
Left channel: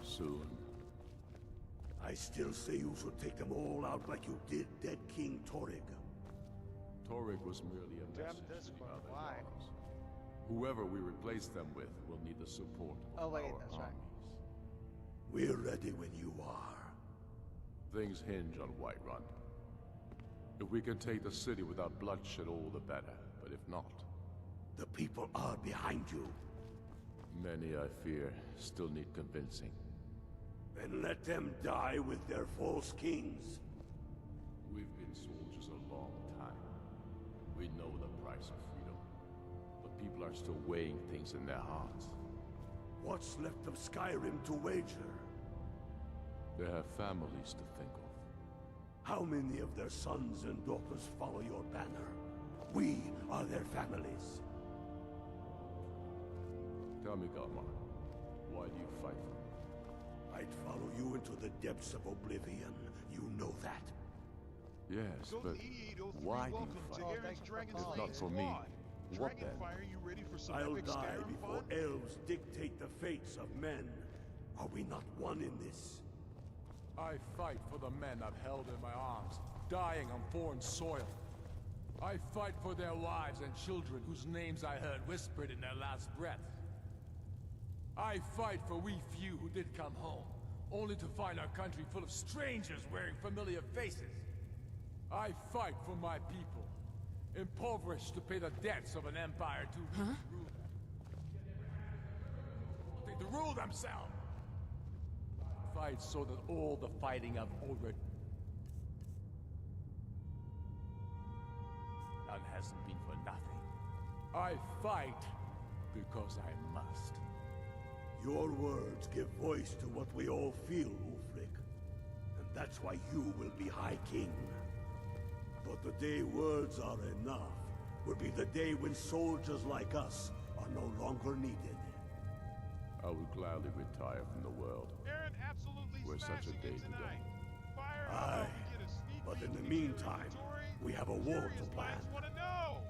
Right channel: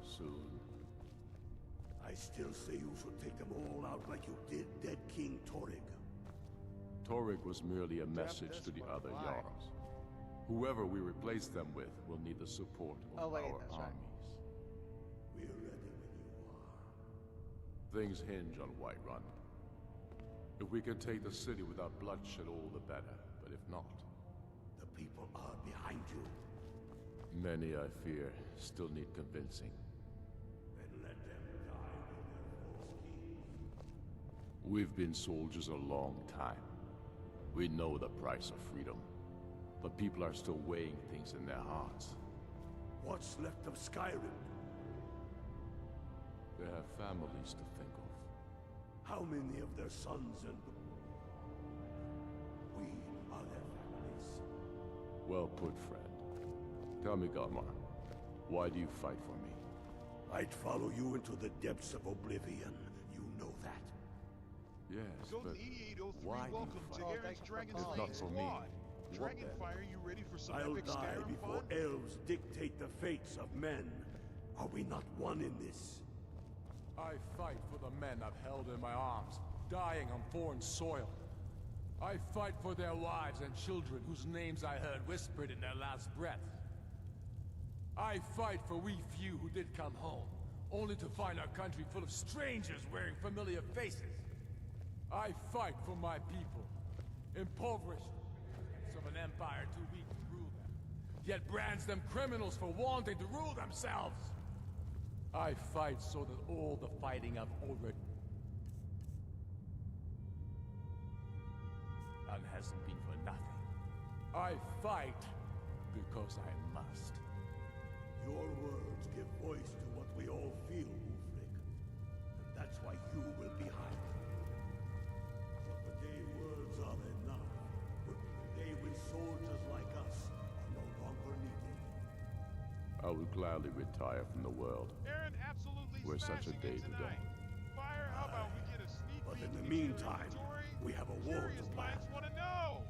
Soon. I still say you should take them all out like you did dead King Torrig. Torrig was merely a message to the other Jarls. Whoever we replace them with will need the support of our armies. We're ready when you are. Things hinge on Whiterun. If we can take the city without bloodshed, all the better. But if not... The people are behind you. Many, I fear, still need convincing. Then let them die with their false kings. We've been soldiers a long time. We know the price of freedom. But people are still weighing things in their hearts. What's left of Skyrim to wager? They have families to think of. How many of their sons and daughters follow your banner? We are their families. Well put, friend. Tell me, Galmar, why do you fight for me? I'd follow you into the depths of oblivion. You know that. Yes, Golden but 8803, why do you welcome fight? to Aaron's Dragon If Slaying not for me, Squad. what then? Dragonfire, you ready for some I'll epic die Skyrim before fun? elves dictate the fates of men. Are we not one in this? I fight for the men I've held in my arms. dying on foreign soil. I fight for their wives and children whose names I heard whispered in their last breath. I fight for we few who did come home, only to find our country full of strangers wearing familiar faces. I fight for my people, impoverished to pay the debts of an empire too weak to rule them, yet brands them criminals for wanting to rule themselves. I fight so that all the fighting I've already done hasn't been for nothing. I fight because I must. Your words give voice to what we all feel, Ulfric. And that's why you will be High King. But the day words are enough will be the day when soldiers like us are no longer needed. I would gladly retire from the world. Aaron absolutely Where such a smashing day it would tonight. dawn. Fire, how about we get a sneak But peek in the into your meantime, inventory? we have a war to Curious plan. minds want to know.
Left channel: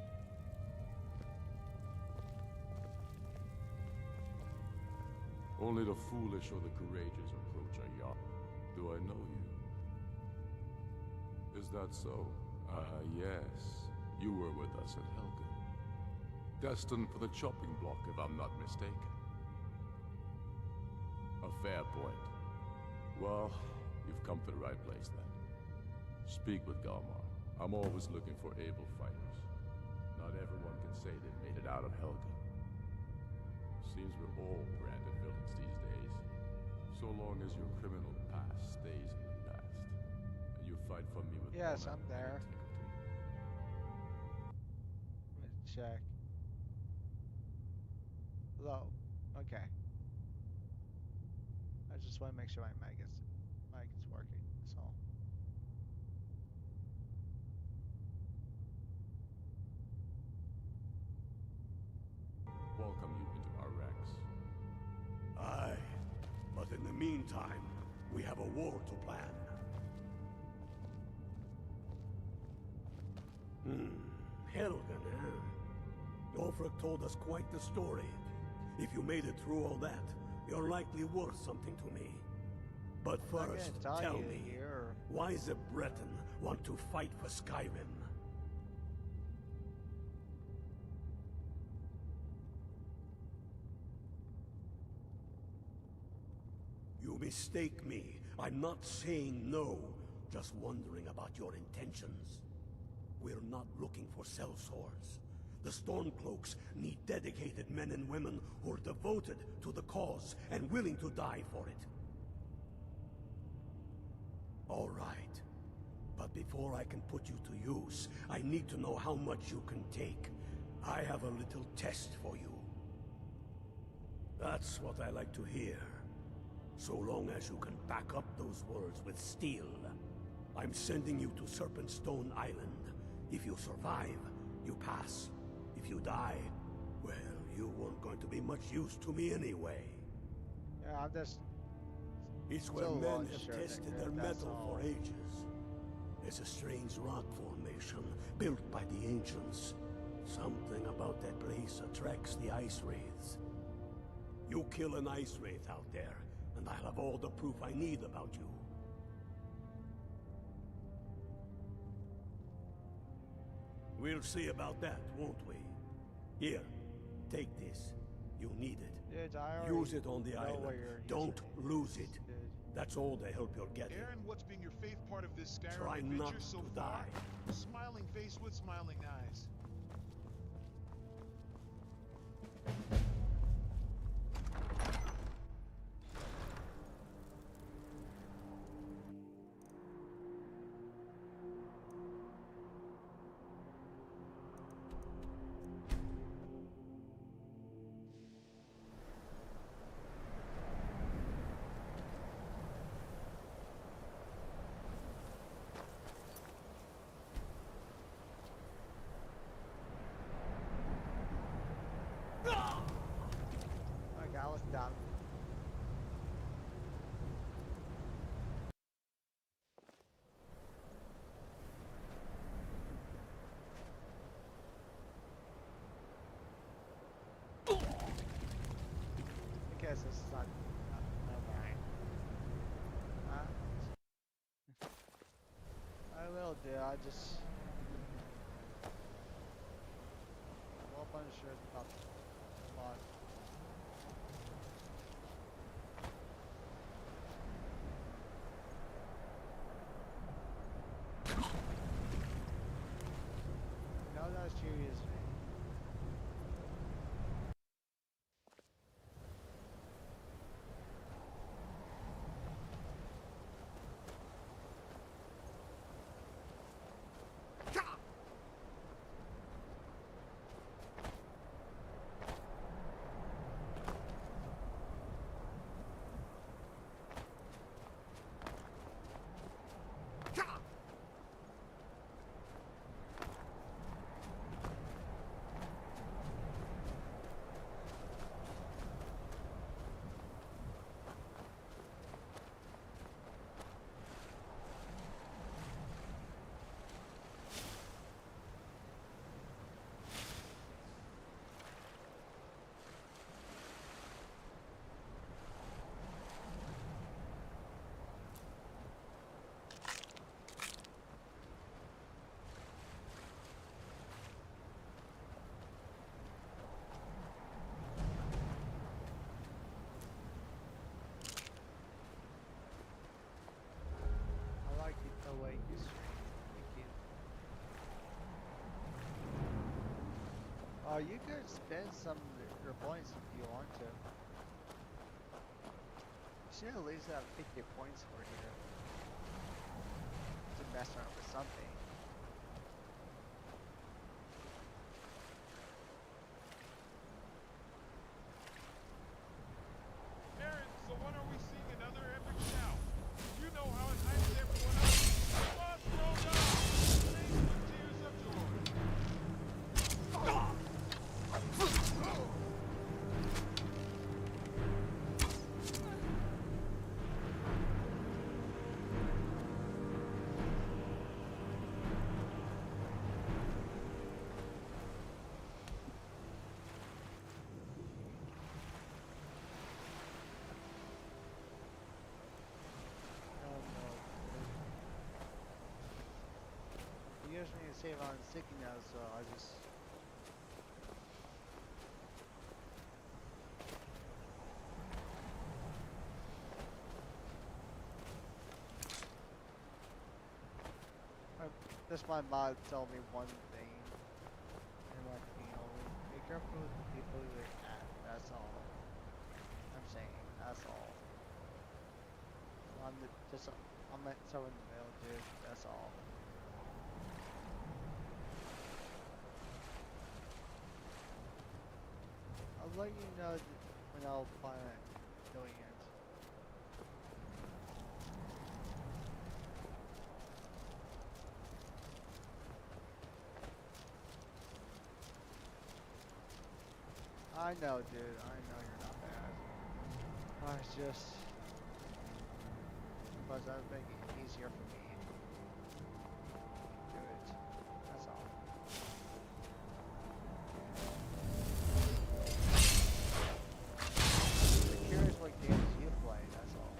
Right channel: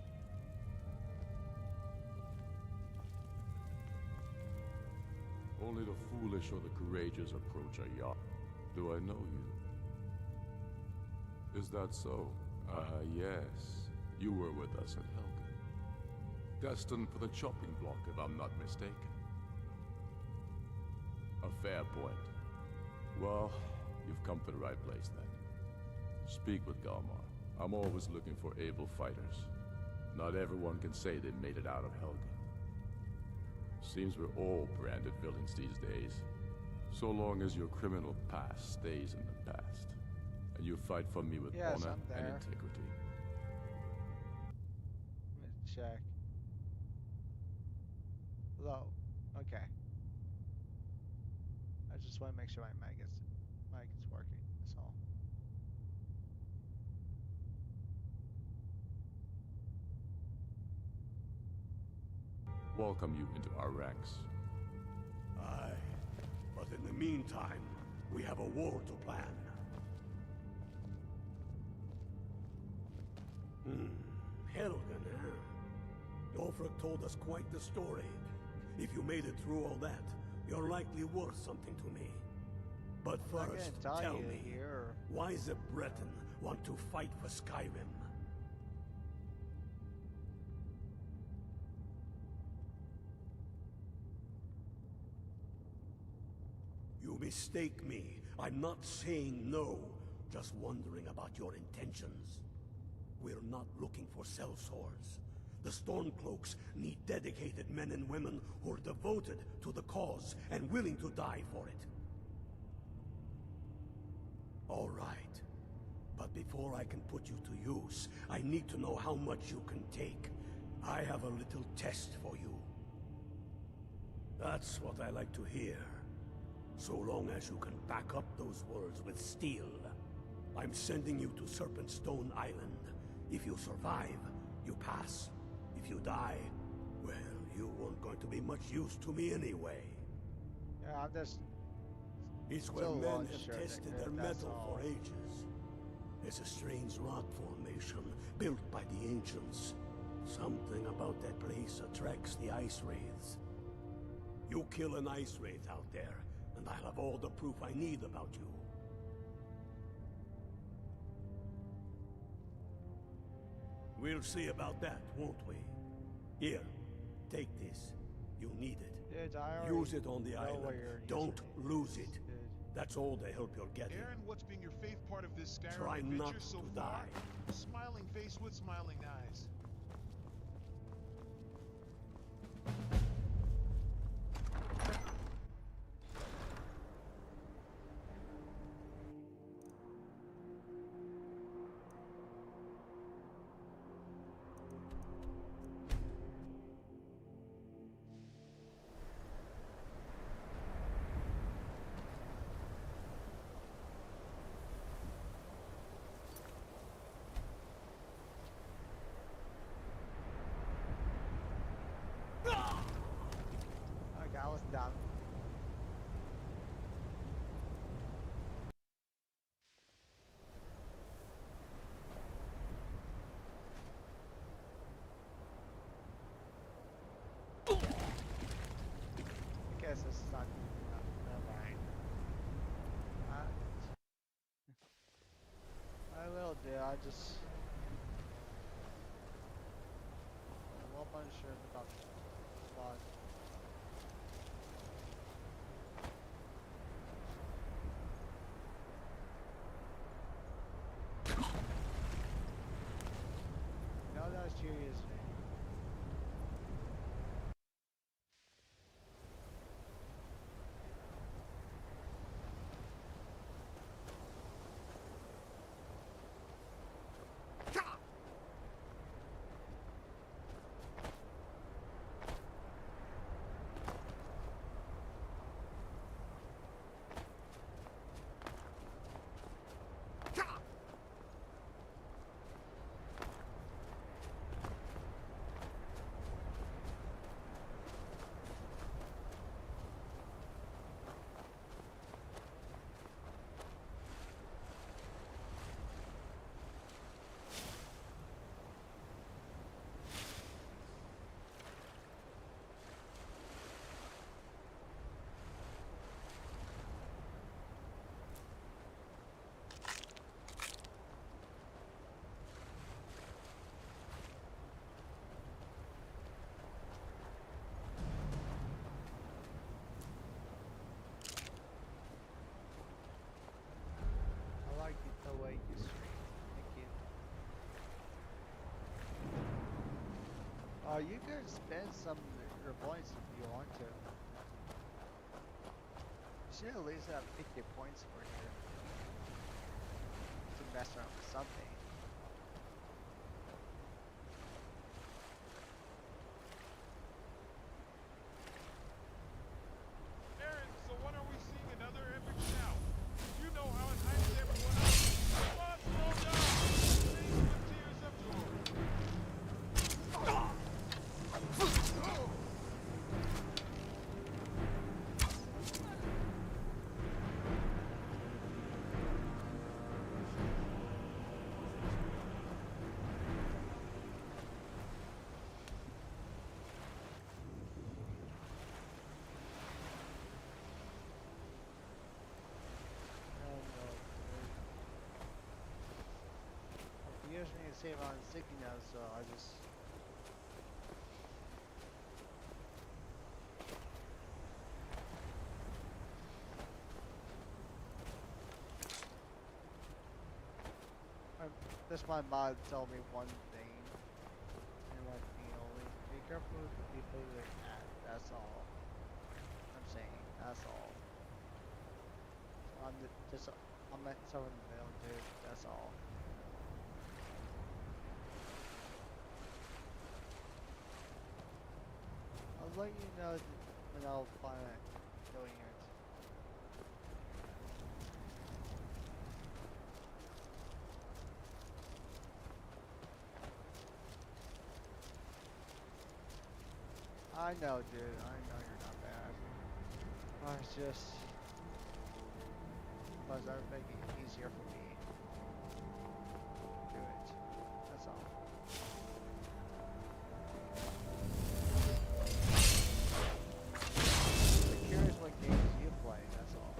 Only the foolish or the courageous approach a yacht. Do I know you? Is that so? Ah, yes. You were with us at Helgen. Destined for the chopping block, if I'm not mistaken. A fair point. Well, you've come to the right place then. Speak with Galmar. I'm always looking for able fighters. Not everyone can say they made it out of Helgen. Seems we're all branded villains these days. So long as your criminal past stays in the past. And you fight for me with honor I'm and there. integrity. Let me check. Hello. Okay. I just want to make sure my mic is working. That's all. Welcome you into our ranks. Aye, but in the meantime, we have a war to plan. Helgen, huh? Ulfric told us quite the story. If you made it through all that, you're likely worth something to me. But first, tell me, why does a Breton want to fight for Skyrim? You mistake me. I'm not saying no, just wondering about your intentions. We're not looking for sellswords. The Stormcloaks need dedicated men and women who are devoted to the cause and willing to die for it. All right. But before I can put you to use, I need to know how much you can take. I have a little test for you. That's what I like to hear. So long as you can back up those words with steel. I'm sending you to Serpentstone Island. If you survive, you pass. If you die, well, you weren't going to be much use to me anyway. Yeah, I'm just... It's where still men not have sure tested that their that's metal all. for ages. It's a strange rock formation built by the ancients. Something about that place attracts the ice wraiths. You kill an ice wraith out there, and I'll have all the proof I need about you. We'll see about that, won't we? Here, take this. You'll need it. Dude, I already Use it on the know island. where you're Don't using lose it. Dude. That's all the help you're getting. Aaron, what's been your faith part of this Skyrim Try adventure not so to far? die. Smiling face with smiling eyes. Okay, I was done. I guess it's not enough. Never mind. I will do. I just a little unsure about the mod. No, that's serious, man. I like it the way you stream. Thank you. You could spend some of your points if you want to. You should at least have 50 points for here. To mess around with something. Aaron, so when are we seeing another epic shout? You know how it hypes everyone up. Boss rolled up! Face with tears of joy. Oh no. He usually save on sticky now, so I just. This my mod told me one thing, and like me only. Be careful with the people you at. That's all. I'm saying. That's all. So I'm at someone in the middle, dude. That's all. I'll let you know when I'll plan on doing it. I know, dude. I know you're not bad. I was just... But that would make it easier for me. Do it. That's all. I'm curious what games you play, that's all.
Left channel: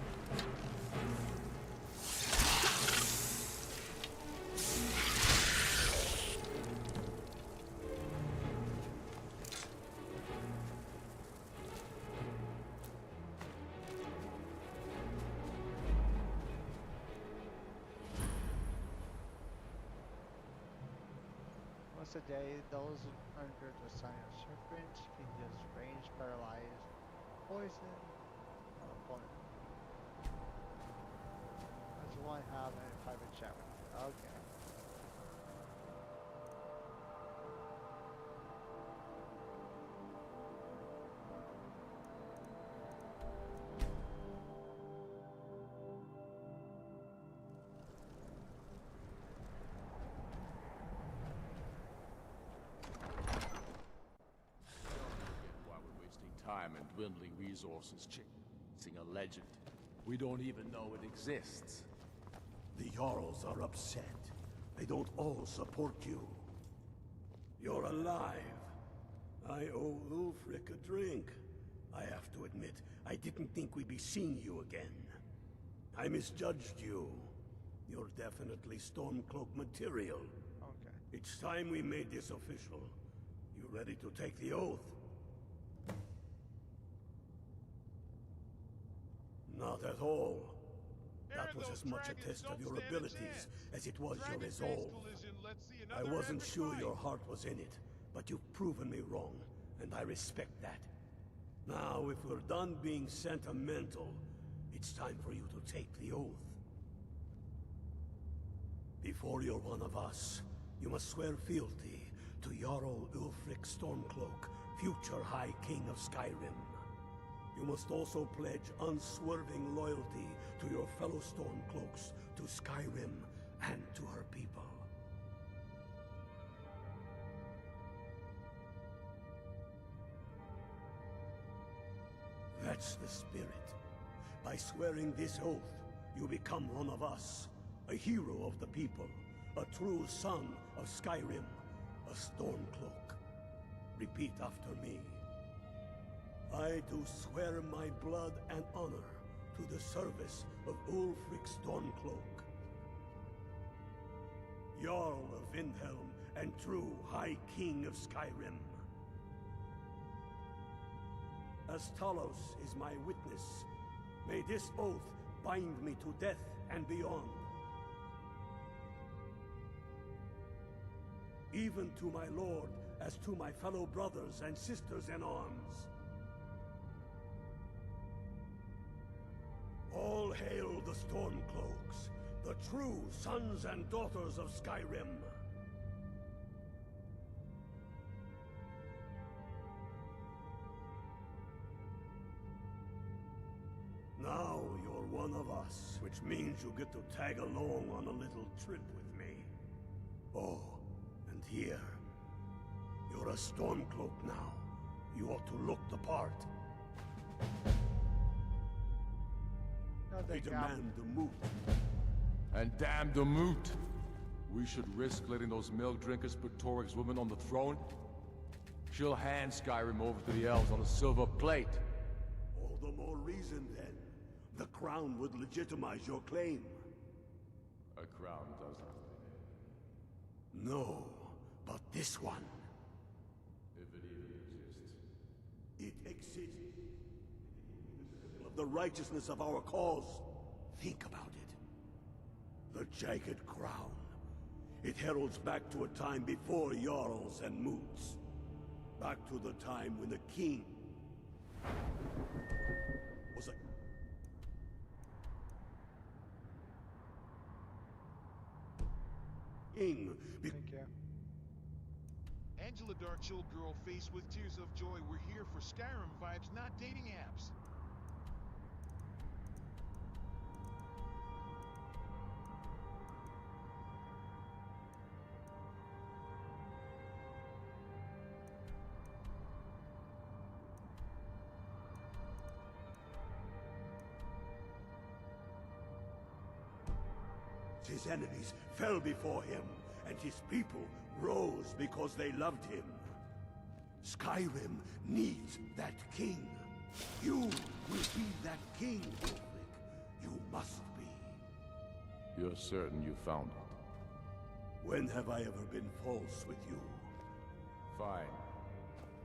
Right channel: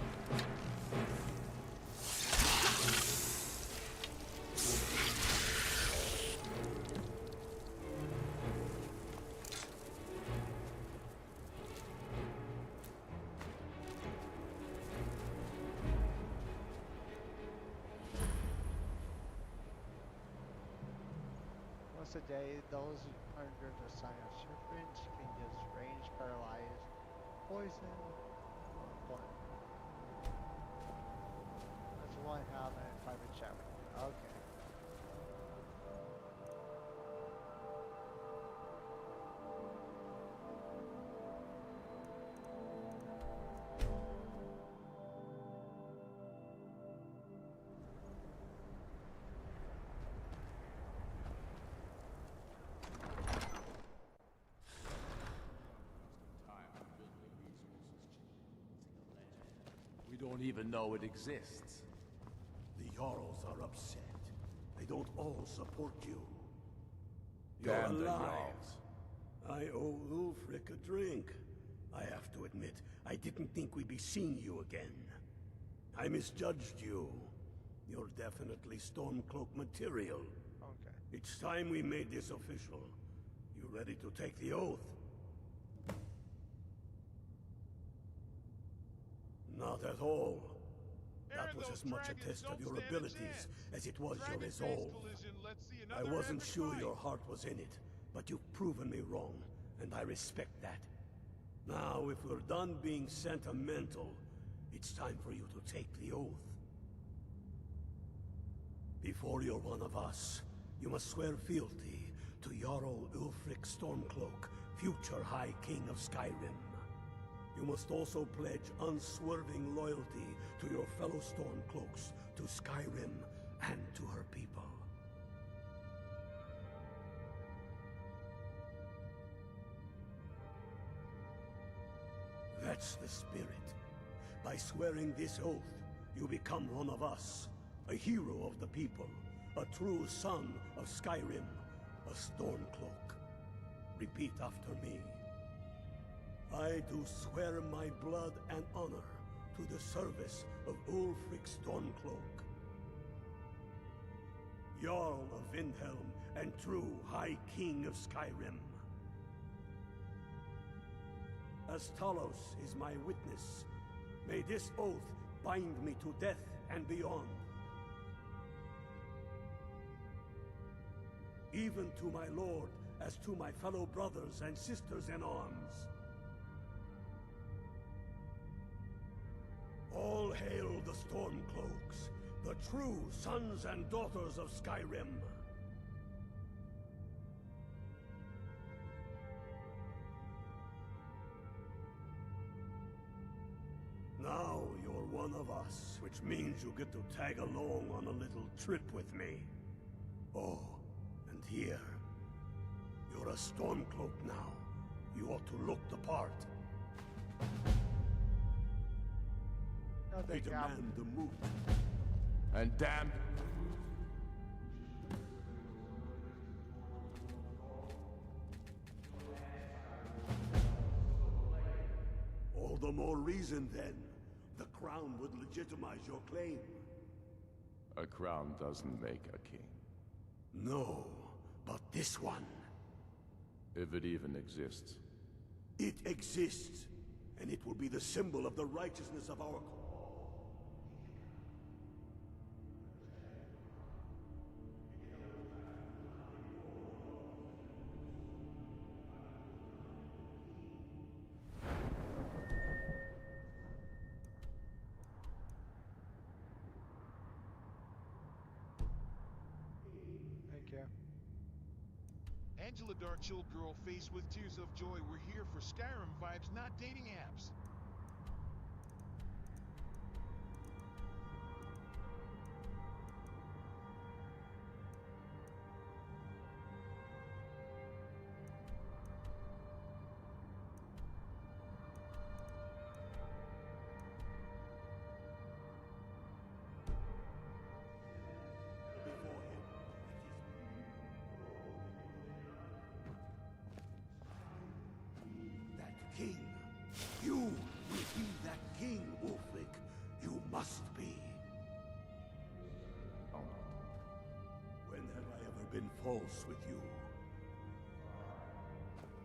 Once a day, those under the sign of serpent can just range, paralyze, poison, or opponent. I just want to have a private chat with you. Okay. While we're wasting time and dwindling resources chasing a legend, we don't even know it exists. The Jarls are upset. They don't all support you. You're Damn the alive. I owe Ulfric a drink. I have to admit, I didn't think we'd be seeing you again. I misjudged you. Your death definitely Stormcloak material. Okay. It's time we made this official. You ready to take the oath? Not at all. That was as much a test of your abilities as it was your resolve. I wasn't sure your heart was in it, but you've proven me wrong, and I respect that. Now, if we're done being sentimental, it's time for you to take the oath. Before you're one of us, you must swear fealty to Jarl Ulfric Stormcloak, future High King of Skyrim. You must also pledge unswerving loyalty to your fellow Stormcloaks, to Skyrim, and to her people. That's the spirit. By swearing this oath, you become one of us, a hero of the people, a true son of Skyrim, a Stormcloak. Repeat after me. I do swear my blood and honor to the service of Ulfric Stormcloak, Jarl of Windhelm and true High King of Skyrim. As Talos is my witness, may this oath bind me to death and beyond. Even to my lord, as to my fellow brothers and sisters in arms. All hail the Stormcloaks, the true sons and daughters of Skyrim. Now you're one of us, which means you get to tag along on a little trip with me. Oh, and here. You're a Stormcloak now. You ought to look the part. I demand the moot. And damn the moot! We should risk letting those milk drinkers put Toryg's woman on the throne? She'll hand Skyrim over to the elves on a silver plate. All the more reason, then. The crown would legitimize your claim. A crown doesn't make a king. No, but this one. If it even exists. It exists, and it will be the symbol of the righteousness of our cause. Think about it. The Jagged Crown. It heralds back to a time before Jarls and Moots. Back to the time when the king was a... king. Thank you. Angela Darkchill girl faced with tears of joy. We're here for Skyrim vibes, not dating apps. His enemies fell before him, and his people rose because they loved him. Skyrim needs that king. You will be that king, Ulfric. You must be. You're certain you found it? When have I ever been false with you? Fine.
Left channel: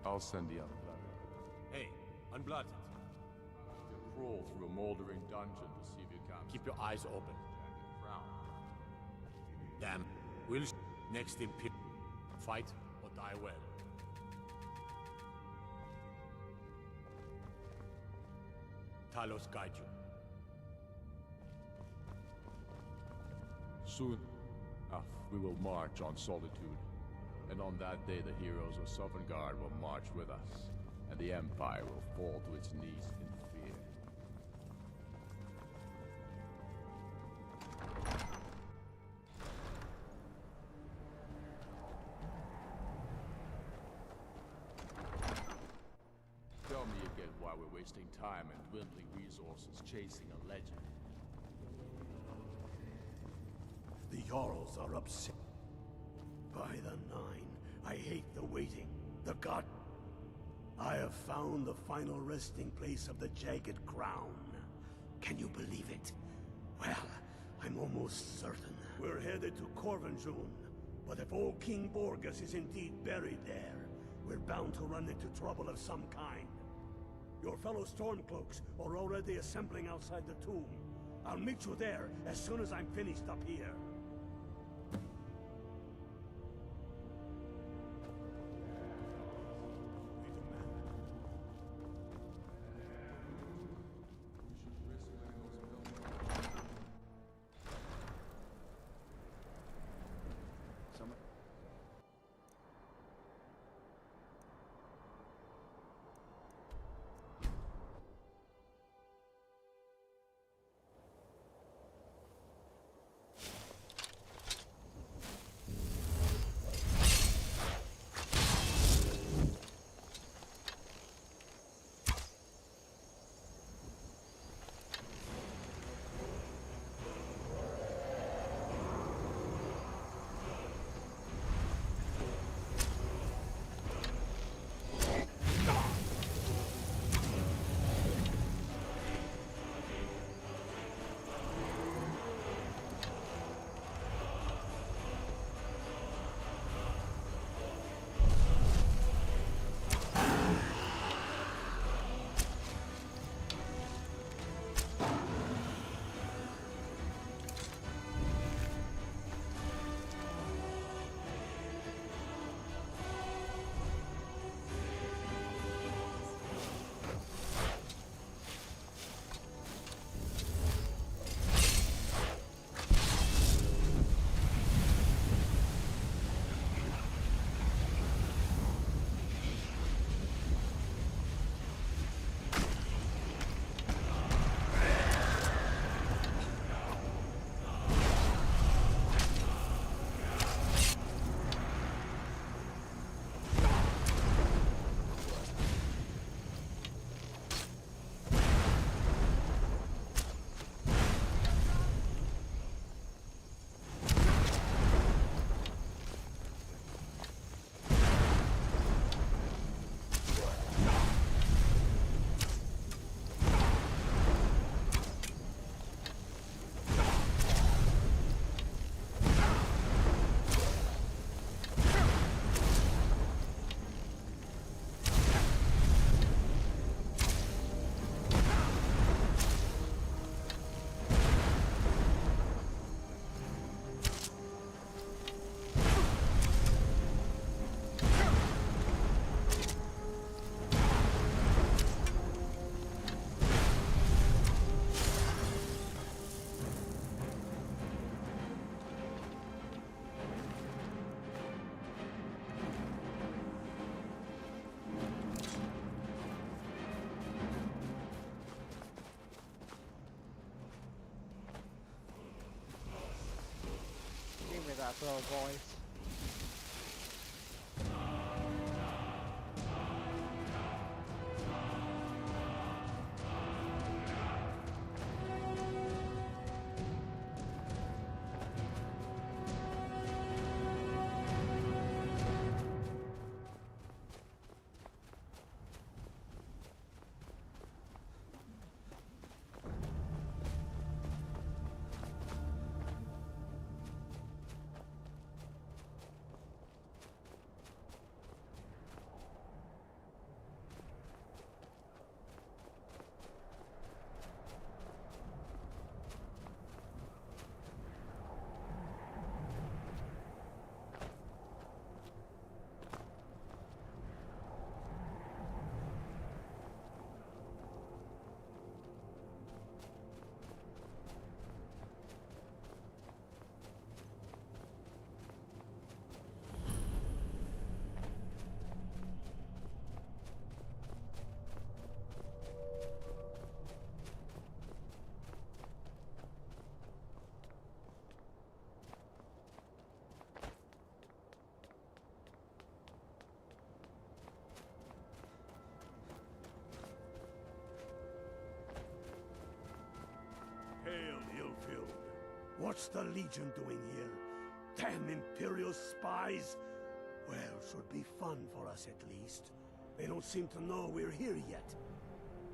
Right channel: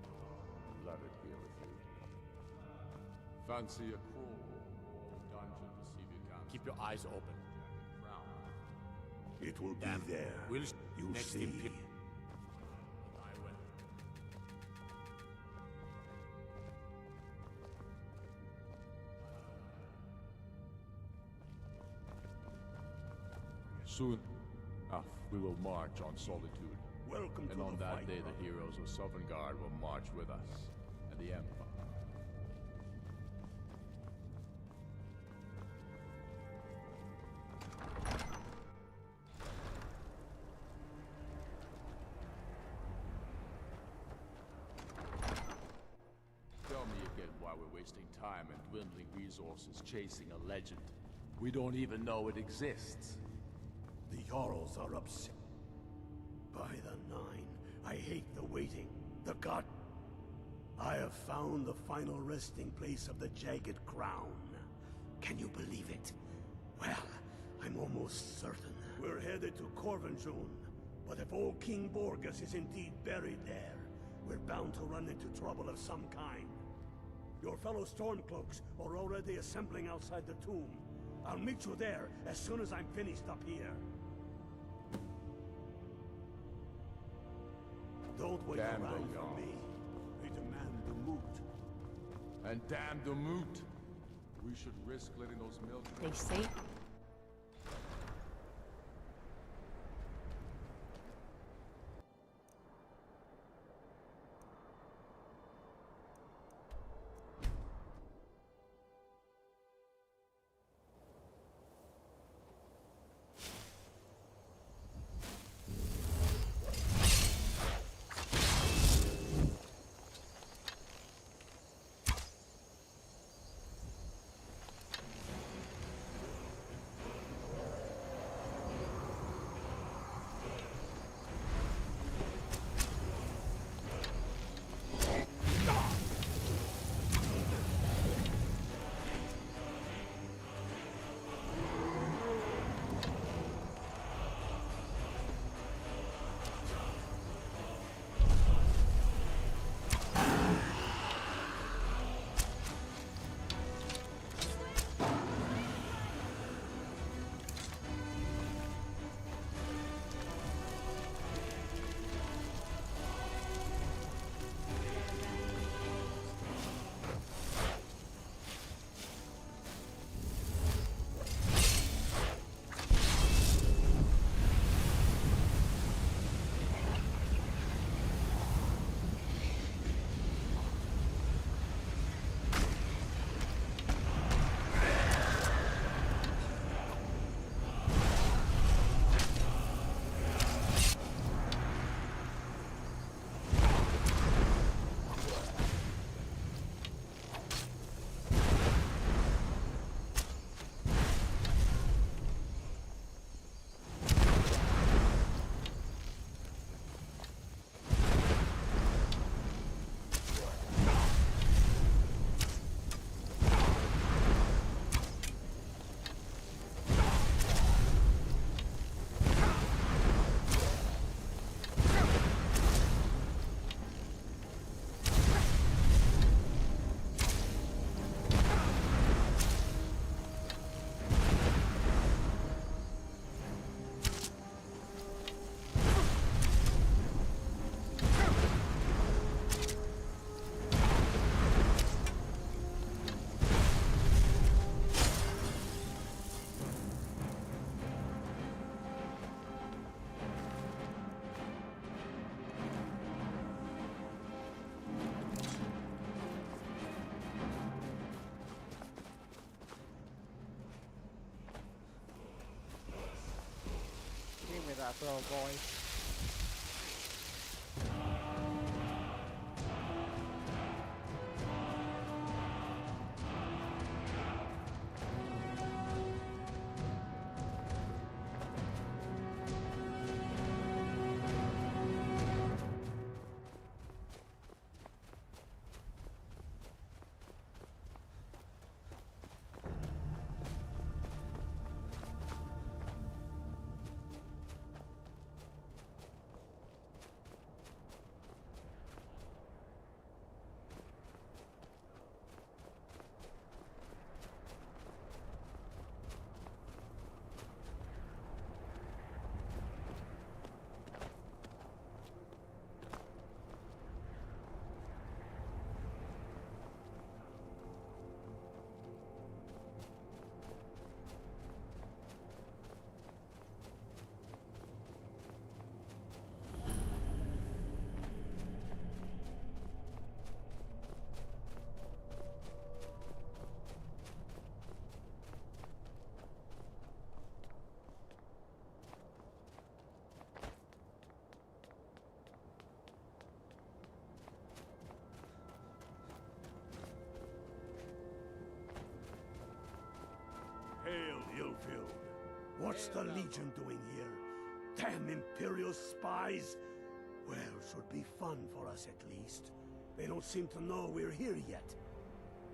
I'll send the Unblooded here. Hey, Unblooded. Fancy a crawl through a moldering dungeon to see if you can... Keep your eyes open. Jagged crown. It will Damn. be there. We'll You next see. imperial. Fight or die well. Talos guide you. Soon enough, we will march on Solitude. Welcome And to on the that fight. day, the heroes of Sovngarde will march with us, and the Empire will fall to its knees in fear. Tell me again why we're wasting time and dwindling resources chasing a legend. We don't even know it exists. The Jarls are upset. By the Nine, I hate the waiting. The god. I have found the final resting place of the Jagged Crown. Can you believe it? Well, I'm almost certain headed to Corvinjun, but if old King Borgus is indeed buried there, we're bound to run into trouble of some kind. Your fellow Stormcloaks are already assembling outside the tomb. I'll meet you there as soon as I'm finished up here. Don't wait Damn around those for me. They demand the moot. And damn the moot. We should risk letting those mills... They say... Give me that little voice. Hail, Illfield. What's the Legion doing here? Damn Imperial spies! Well, should be fun for us at least. They don't seem to know we're here yet.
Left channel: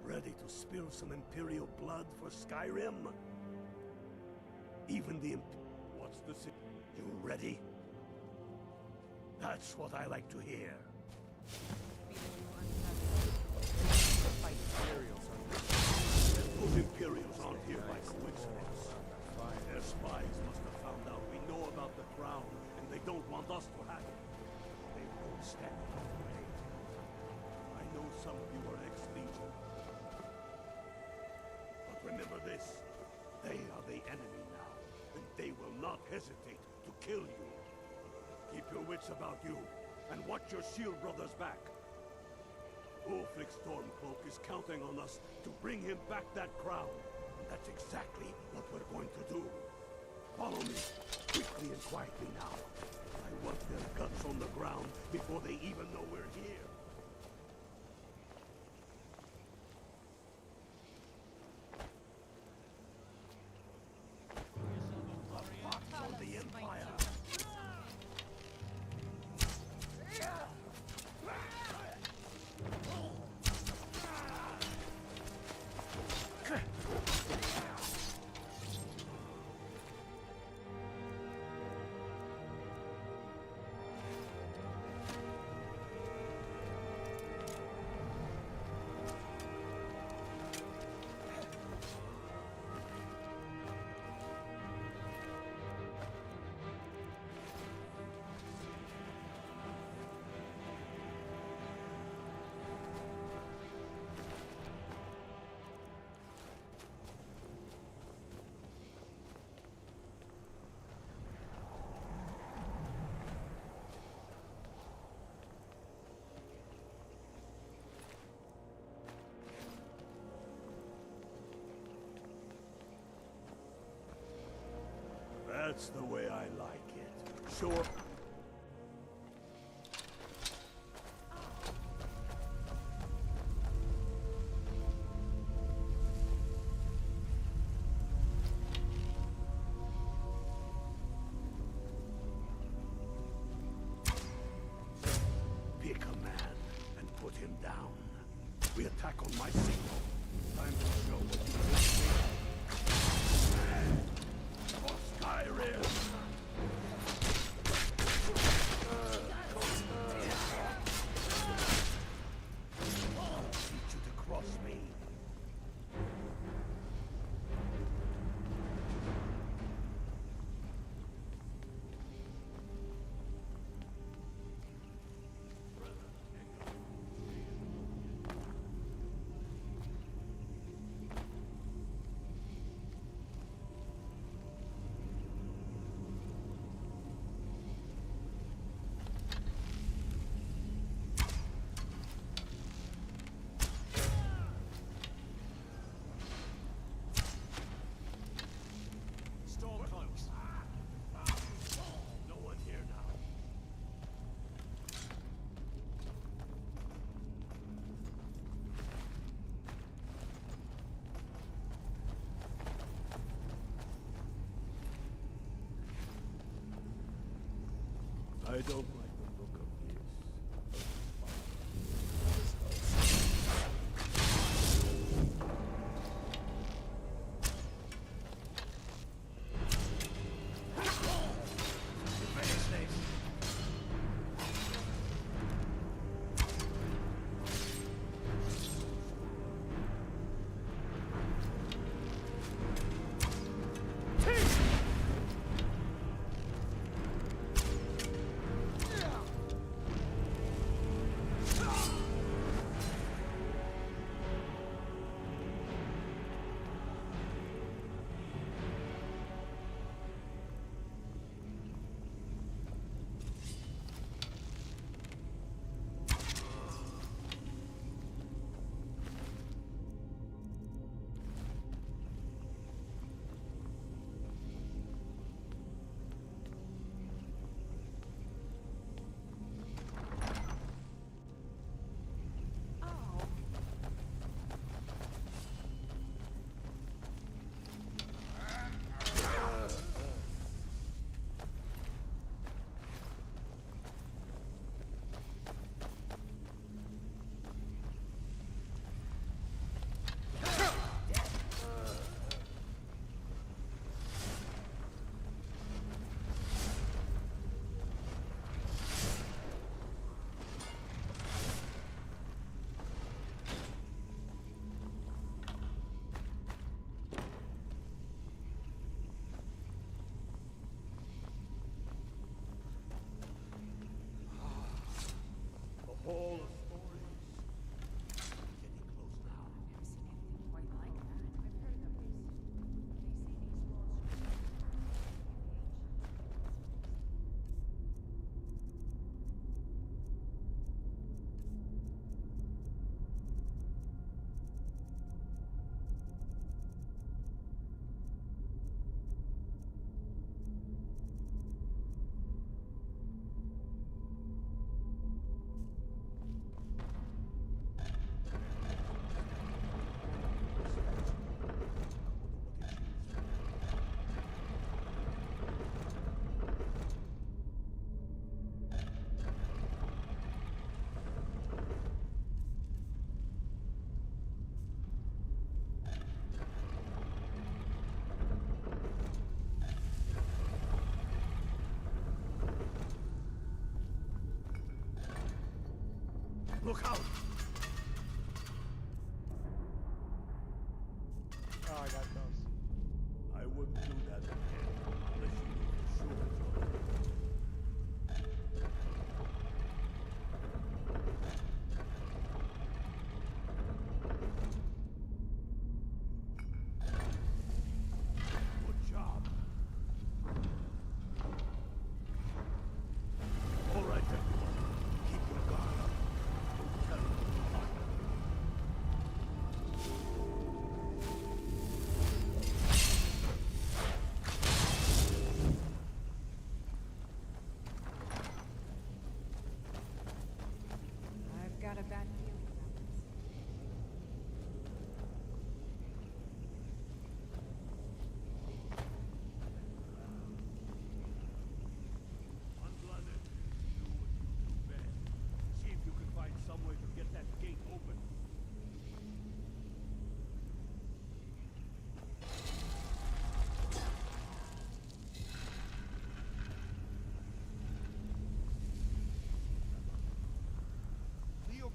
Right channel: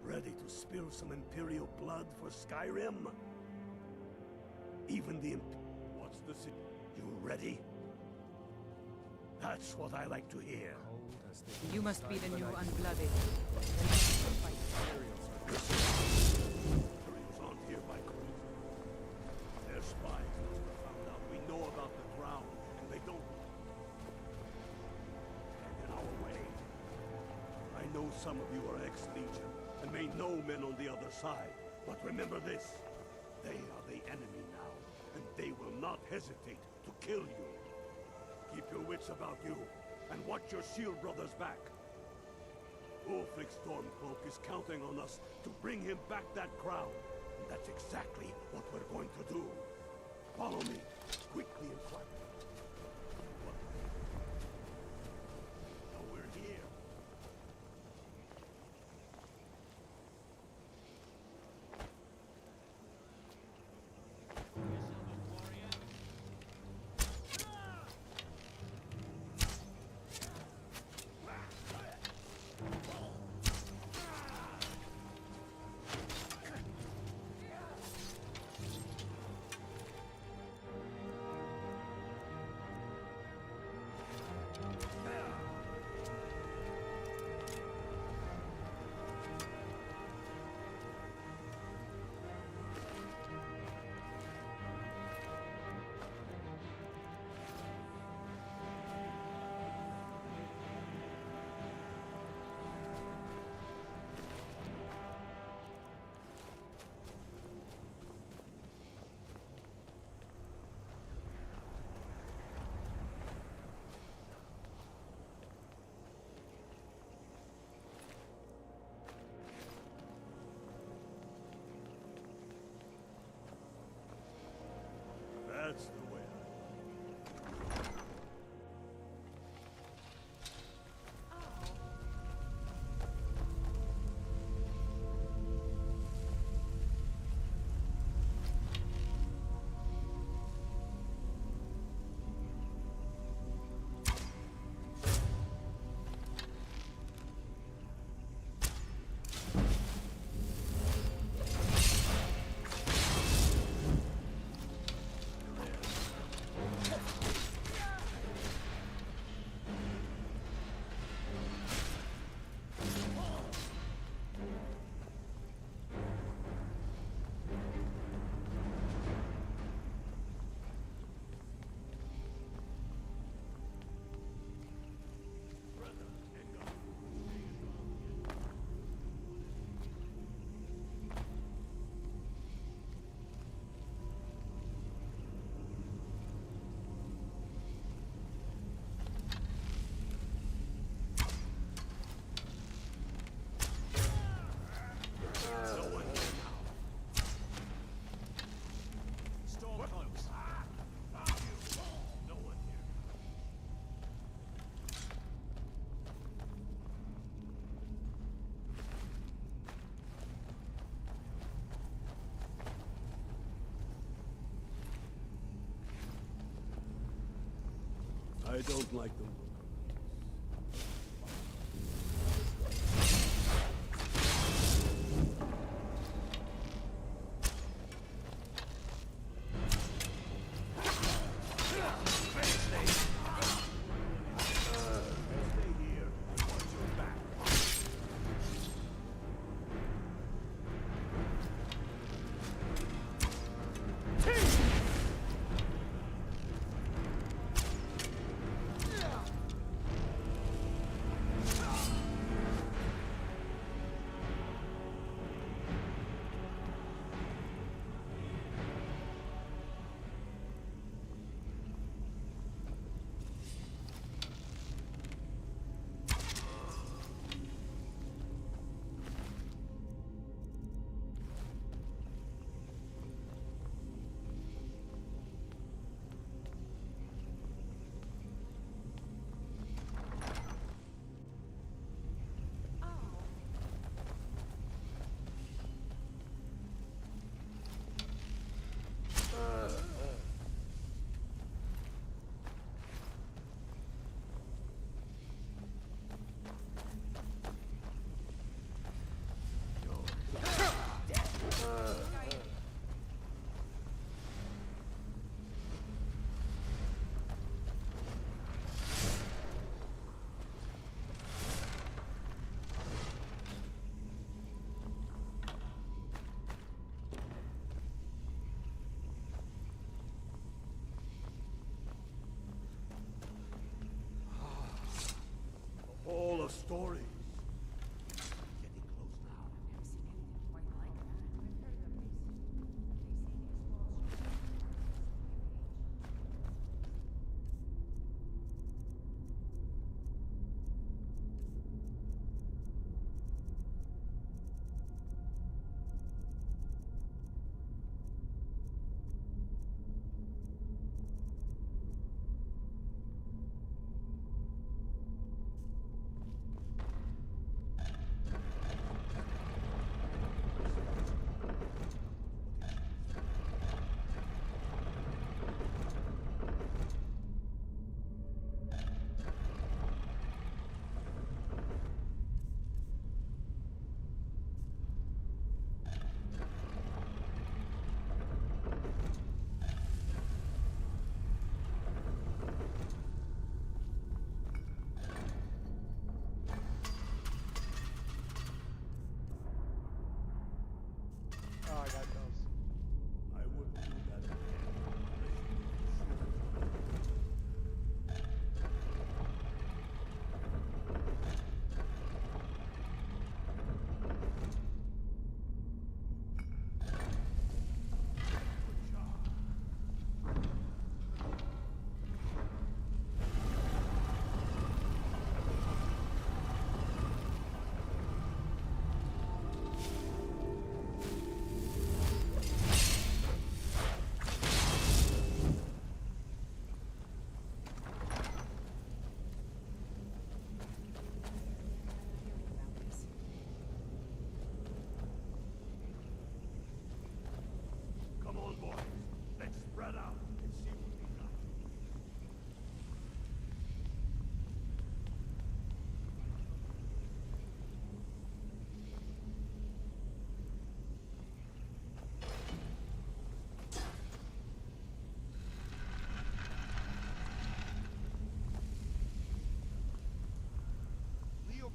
Ready to spill some Imperial blood for Skyrim? Even the What's the You ready? That's what I like to hear. You must be the new Unblooded. Fight. Those Imperials aren't here by coincidence. Their spies must have found out we know about the crown, and they don't want us to have it. They won't stand in our way. I know some of you are ex-Legion, and may know men on the other side. But remember this. They are the enemy now, and they will not hesitate to kill you. Keep your wits about you, and watch your shield brothers back. Ulfric Stormcloak is counting on us to bring him back that crown, and that's exactly what we're going to do. Follow me, quickly and quietly now. I want their guts on the ground before they even know we're here. That's the way I like it. Show up. Pick a man and put him down. We attack on my side. Skyrim! I don't like the look of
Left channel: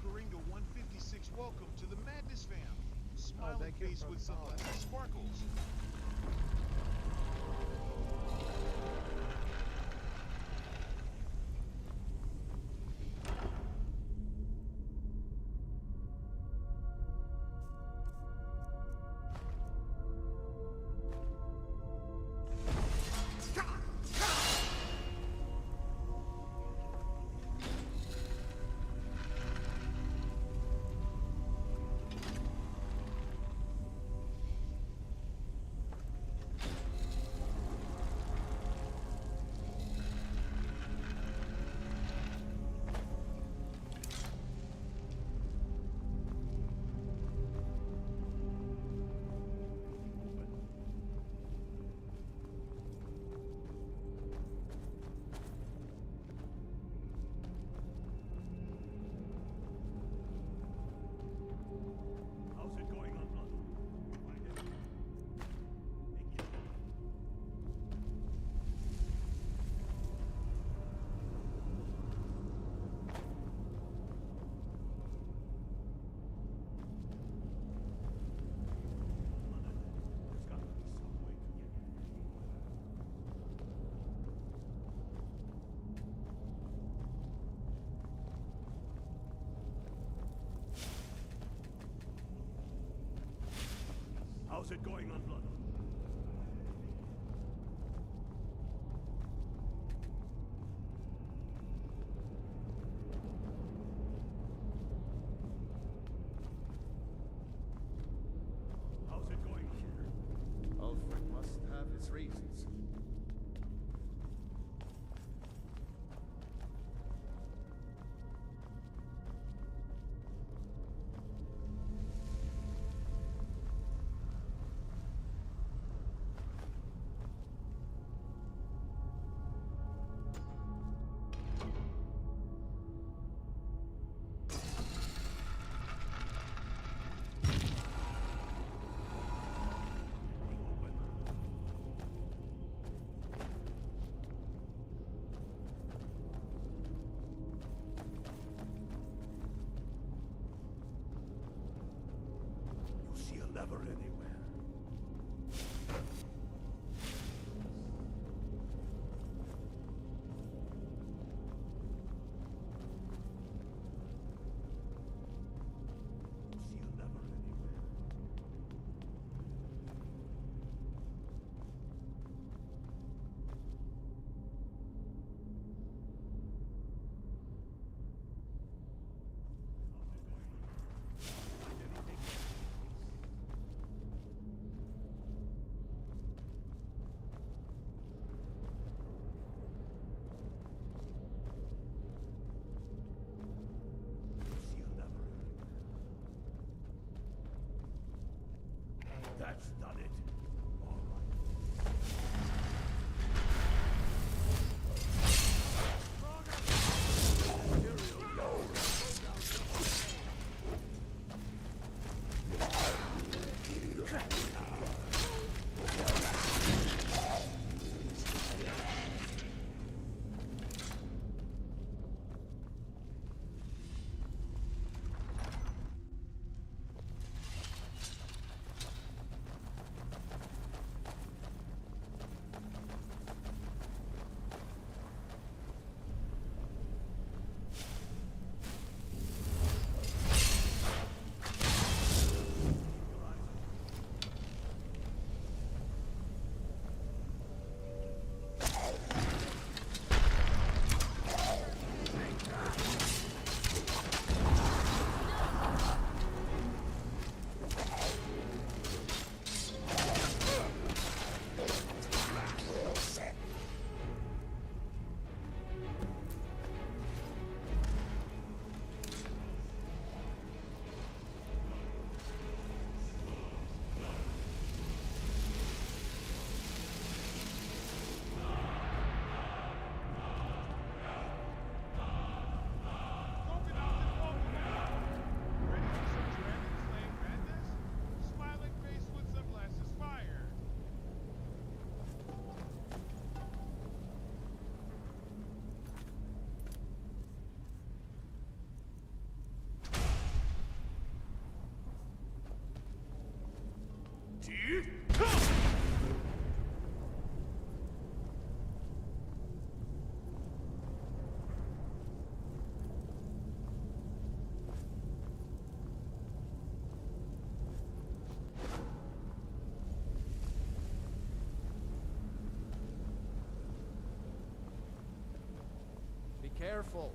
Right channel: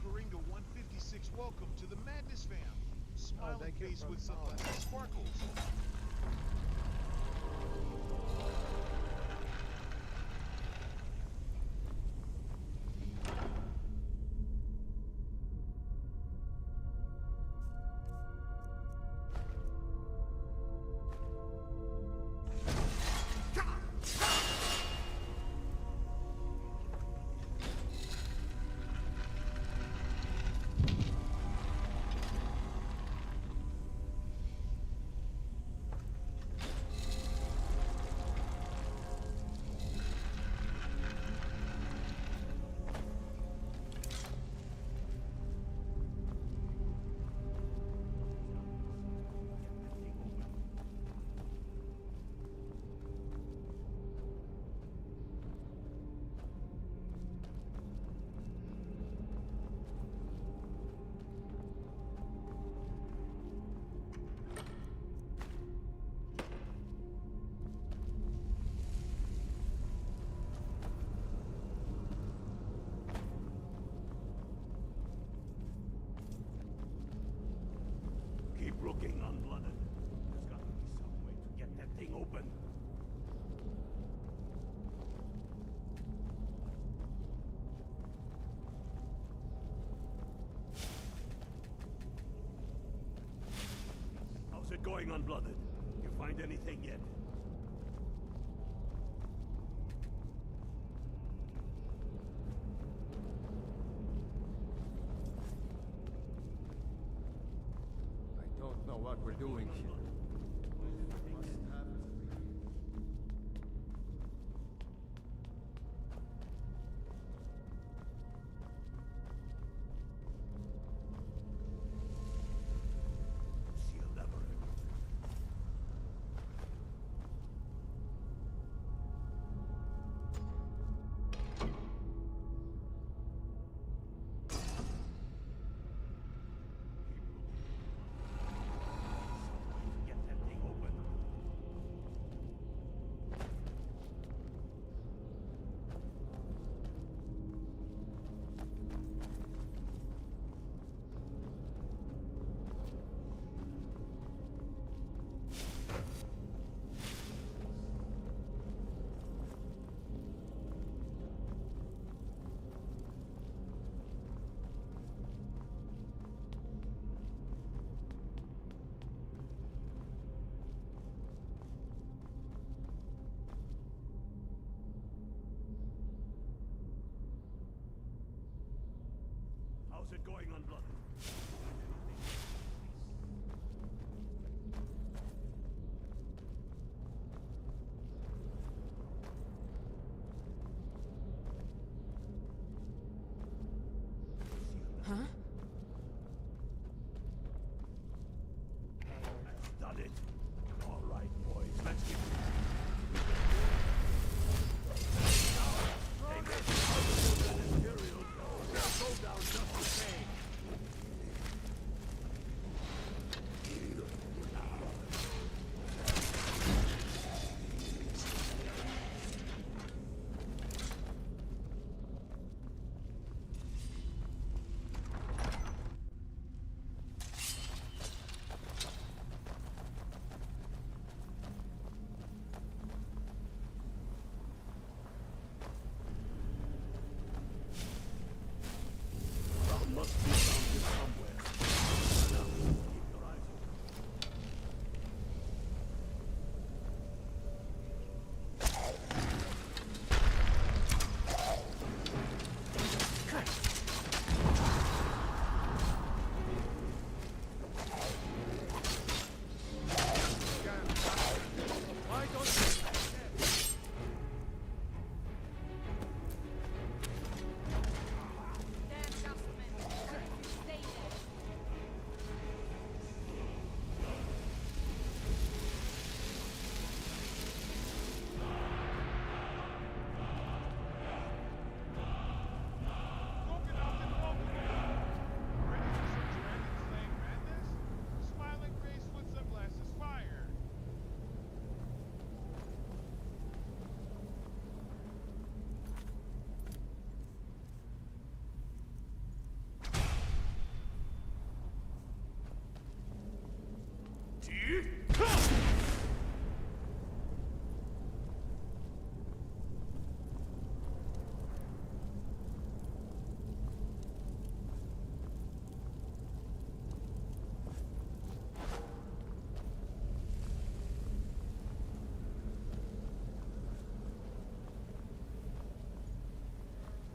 Coringa 156 welcome to the Madness fam. Smiling thank you face for with the sunglasses follow. sparkles. Keep looking, unblooded. There's got to be some way to get that thing open. How's it going, unblooded? You find anything yet? I don't know what we're doing here. Alfred must have his reasons. See a lever anywhere. How's it going, unblooded? Find anything yet? Huh? That's done it. All right, boys. Let's Imperial go down just the same. full.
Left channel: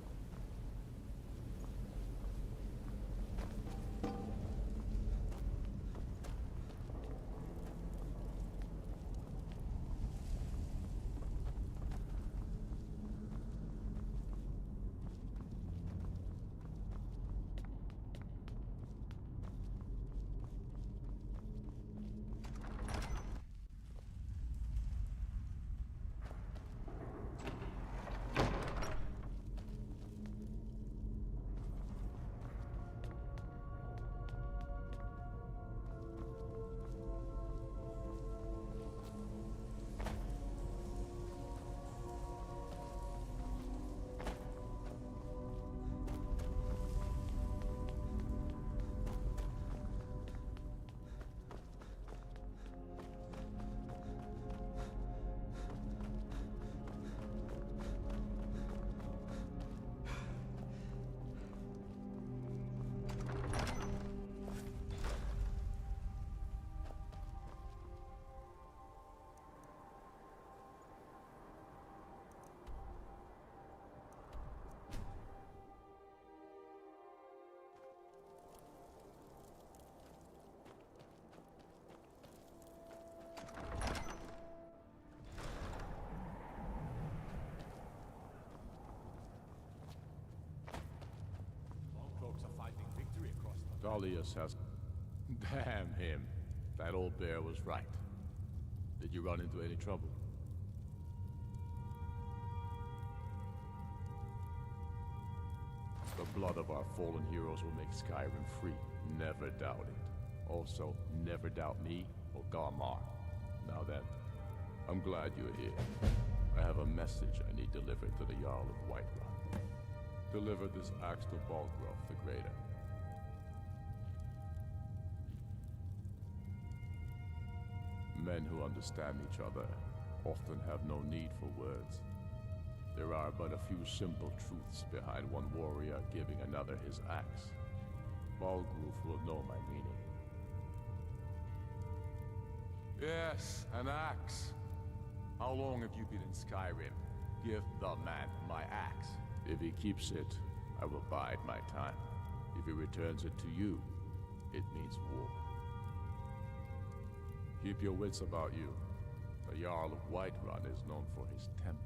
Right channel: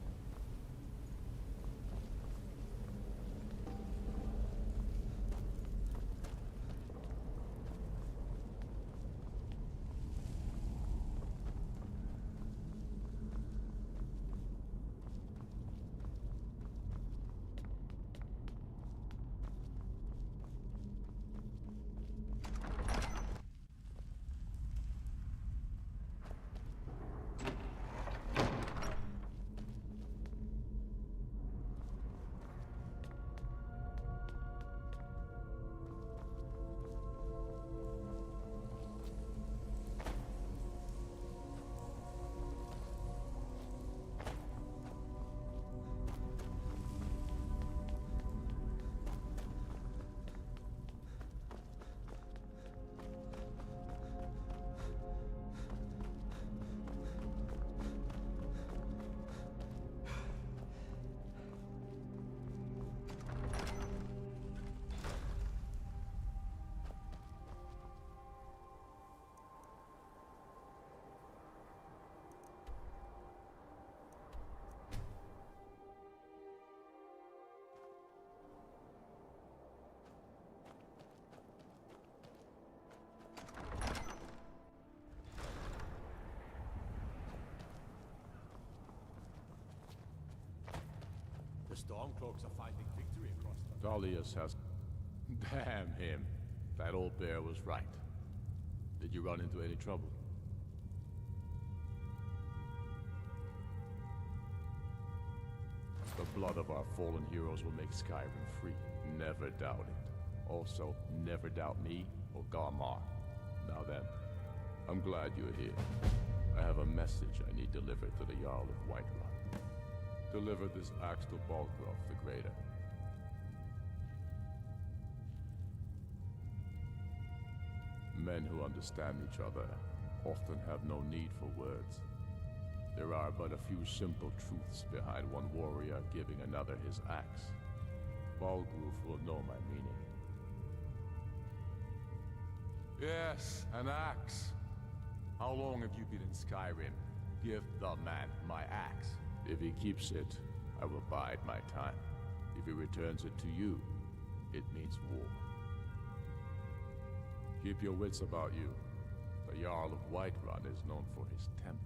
Stormcloaks are finding victory across the... Dalius has... Damn him. That old bear was right. Did you run into any trouble? The blood of our fallen heroes will make Skyrim free. Never doubt it. Also, never doubt me or Garmar. Now then, I'm glad you're here. I have a message I need delivered to the Jarl of Whiterun. Deliver this axe to Balgrove the Greater. Men who understand each other often have no need for words. There are but a few simple truths behind one warrior giving another his axe. Balgrove will know my meaning. Yes, an axe. How long have you been in Skyrim? Give the man my axe. If he keeps it, I will bide my time. If he returns it to you, it means war. Keep your wits about you. The Jarl of Whiterun is known for his temper.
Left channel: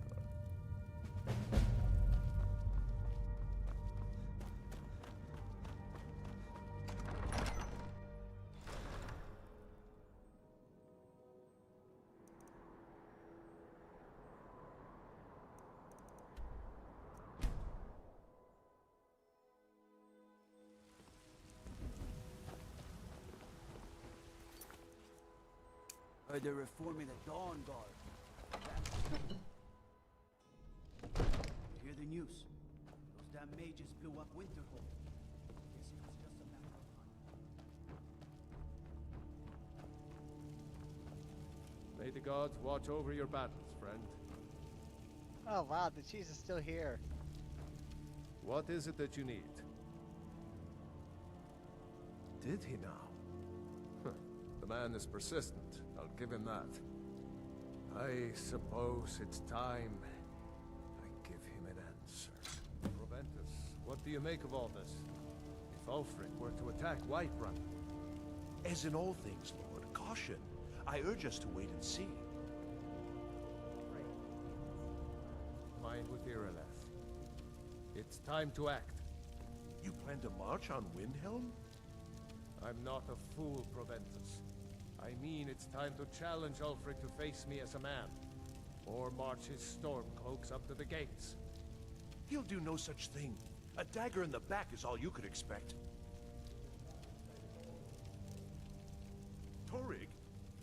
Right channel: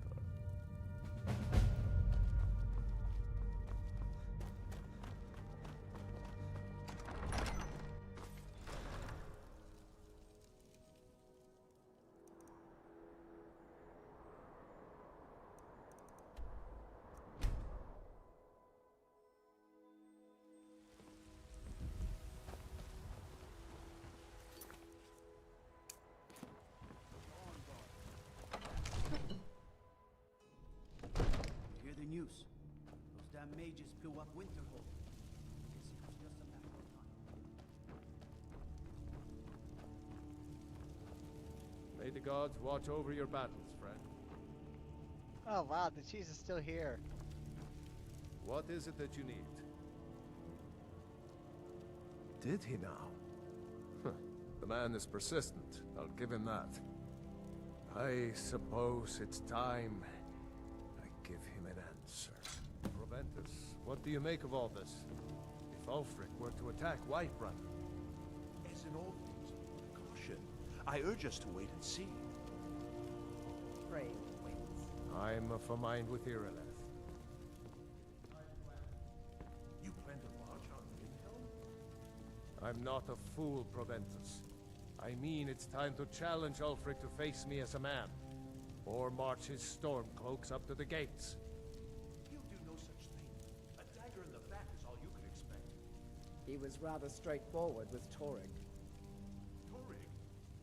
They're reforming the Dawn Guard. You hear the news? Those damn mages blew up Winterhold. Guess it was just a matter of time. May the gods watch over your battles, friend. Oh wow, the cheese is still here. What is it that you need? Did he now? The man is persistent, I'll give him that. I suppose it's time I give him an answer. Proventus, what do you make of all this? If Ulfric were to attack Whiterun... As in all things, Lord, caution. I urge us to wait and see. Pray, wait. I'm of a mind with Irileth. It's time to act. You plan to march on Windhelm? I'm not a fool, Proventus. I mean it's time to challenge Ulfric to face me as a man. Or march his stormcloaks up to the gates. He'll do no such thing. A dagger in the back is all you could expect. He was rather straightforward with Torrig. Torrig?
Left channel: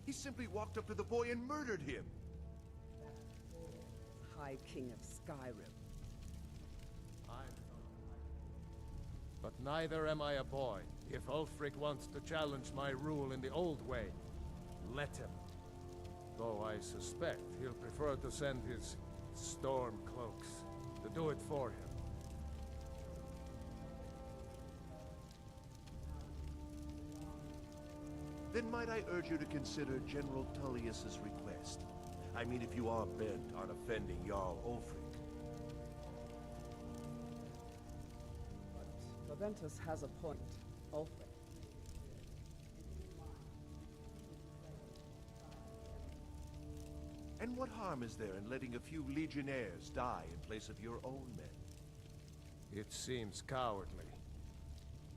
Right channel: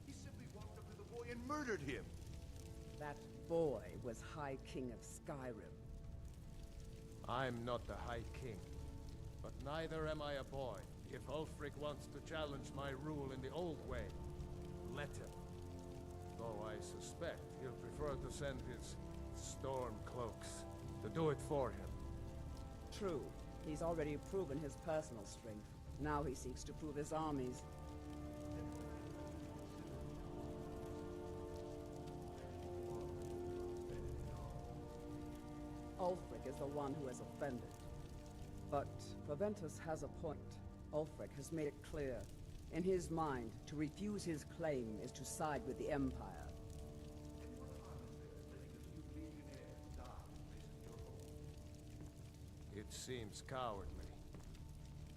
He simply walked up to the boy and murdered him. That boy was High King of Skyrim. I'm not the High King. But neither am I a boy. If Ulfric wants to challenge my rule in the old way, let him. Though I suspect he'll prefer to send his stormcloaks to do it for him. True. He's already proven his personal strength. Now he seeks to prove his armies. Then might I urge you to consider General Tullius's request? I mean, if you are bent on offending Jarl Ulfric. Ulfric is the one who has offended. But Proventus has a point. Ulfric has made it clear. In his mind, to refuse his claim is to side with the Empire. And what harm is there in letting a few legionnaires die in place of your own men? It seems cowardly.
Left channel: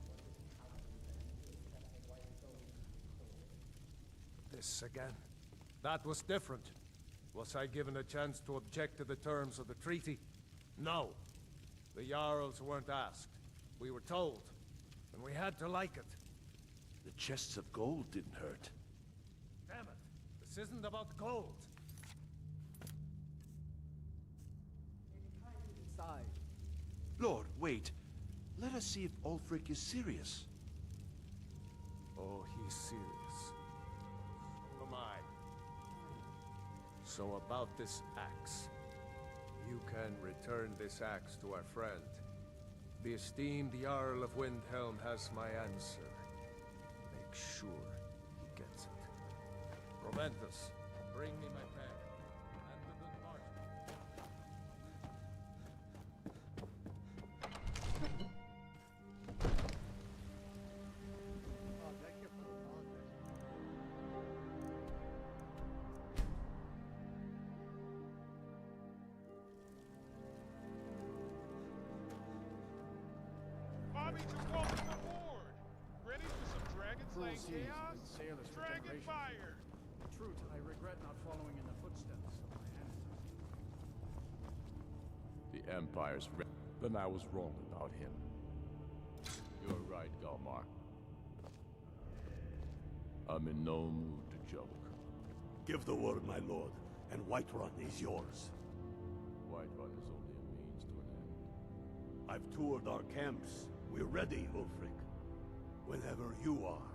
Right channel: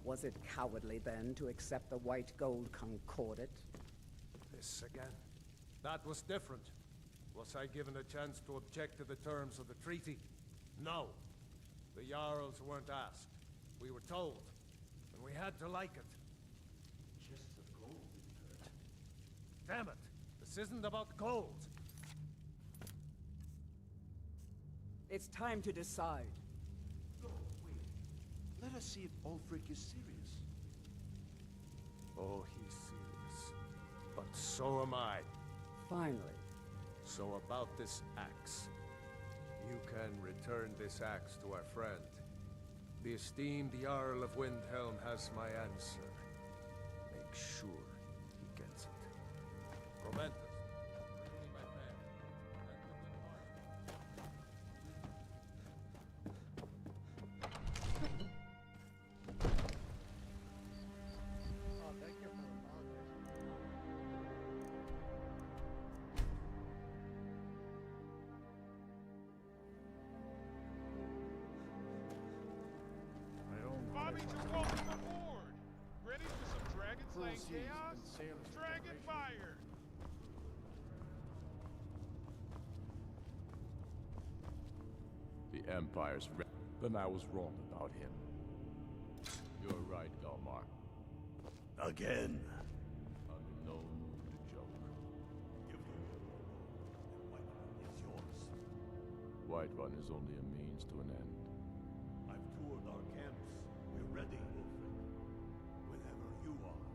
Was it cowardly, then, to accept the White Gold Concordat? This again. That was different. Was I given a chance to object to the terms of the treaty? No. The Jarls weren't asked. We were told, and we had to like it. The chests of gold didn't hurt. Damn it! This isn't about gold! It's time to decide. Lord, wait. Let us see if Ulfric is serious. Oh, he's serious. But so am I. Finally. So about this axe. You can return this axe to our friend. The esteemed Jarl of Windhelm has my answer. Make sure he gets it. Proventus, bring me my pen. And the good heart. Oh, thank you for apologizing. Bobby to welcome aboard! Ready for some Dragon Cruel Slaying seas chaos? and sailors for Dragon generations. fire! Truth, I regret not following in the footsteps of my The Empire's then I was wrong about him. You're right, Galmar. Again. I'm in no mood to joke. Give the word, my lord, and Whiterun is yours. Whiterun is only a means to an end. I've toured our camps. We're ready, Ulfric. Whenever you are.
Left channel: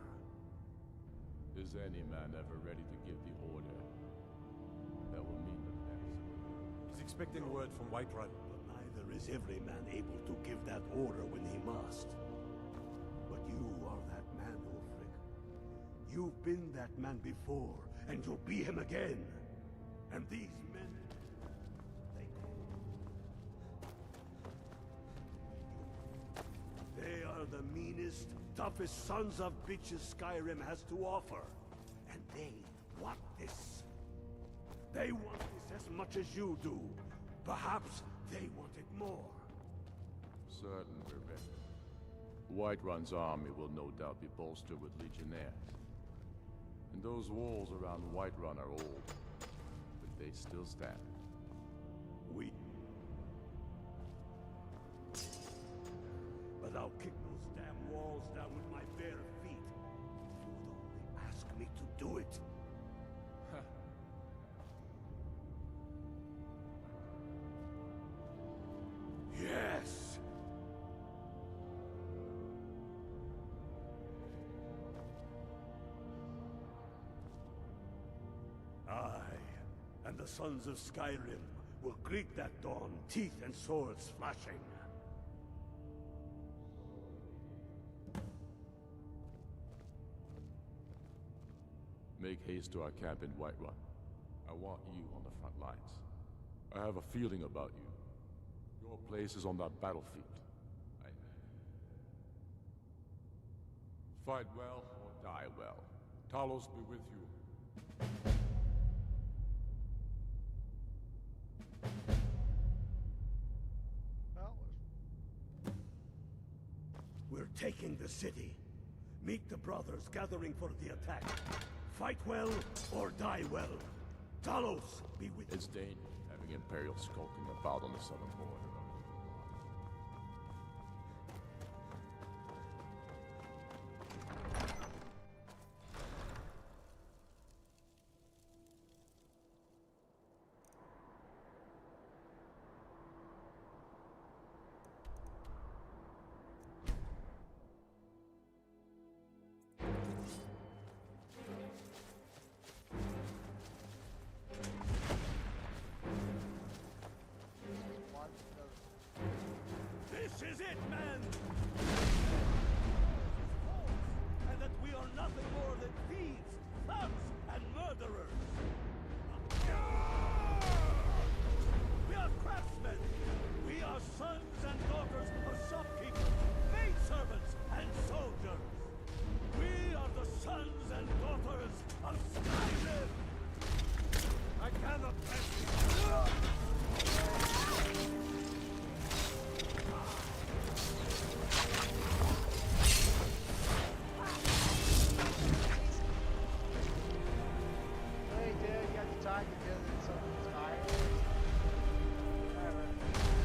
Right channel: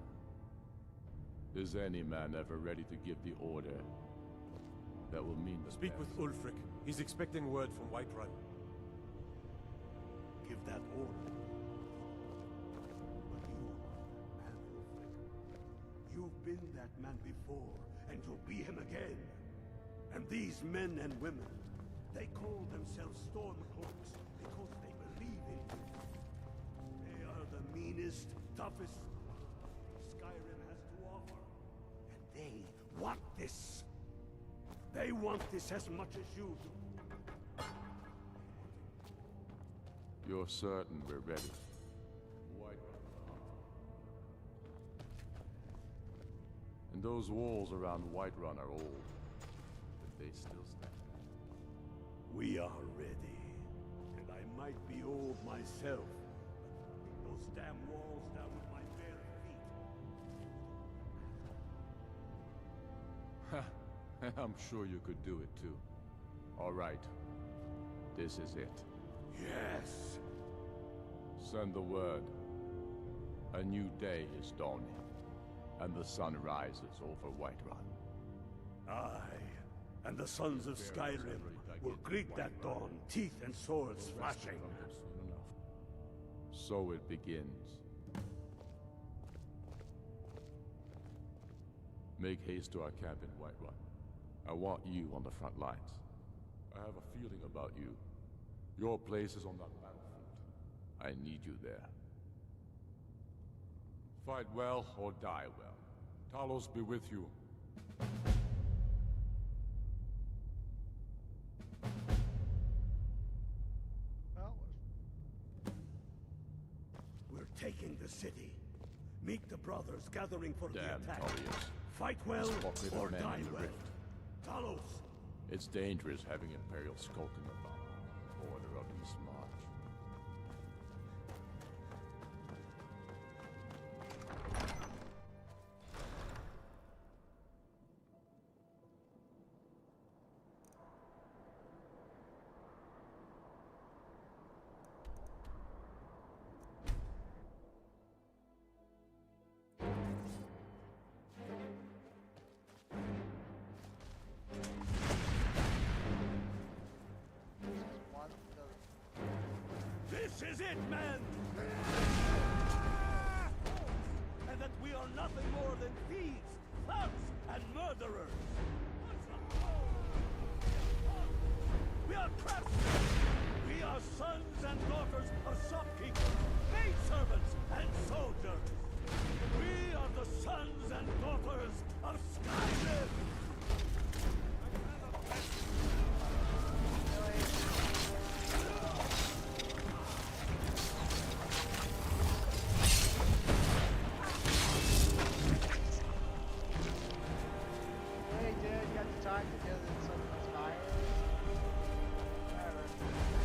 Is any man ever ready to give the order that will mean the Speak best? with Ulfric. He's expecting word from Whiterun. Neither is every man able to give that order when he must. But you are that man, Ulfric. You've been that man before, and you'll be him again. And these men and women, they call themselves Stormcloaks because they believe in you. They are the meanest, toughest sons of bitches Skyrim has to offer. And they want this. They want this as much as you do. Perhaps they want it more. You're certain we're ready. Whiterun's army will no doubt be bolstered with legionnaires. And those walls around Whiterun are old, but they still stand. We are ready. And I might be old myself, but I'll kick those damn walls down with my bare feet. You would only ask me to do it. I'm sure you could do it too. All right. This is it. Yes! Send the word. A new day is dawning, and the sun rises over Whiterun. Aye, and the sons of Skyrim will greet that dawn, teeth and swords flashing. So it begins. Make haste to our camp in Whiterun. I want you on the front lines. I have a feeling about you. Your place is on that battlefield. I need you there. Fight well or die well. Talos be with you. Well, We're taking the city. Meet the brothers gathering for the attack. Fight well or die well. Talos, be with It's dangerous having Imperials skulking about on the southern border of East March. This is it, men! And that we are nothing more than thieves, thugs, and murderers! We are craftsmen! We are sons and daughters of shopkeepers, maidservants, and soldiers. We are the sons and daughters of Skyrim! I cannot pass Hey, dude, you got the time to kill some of these fires? Whatever.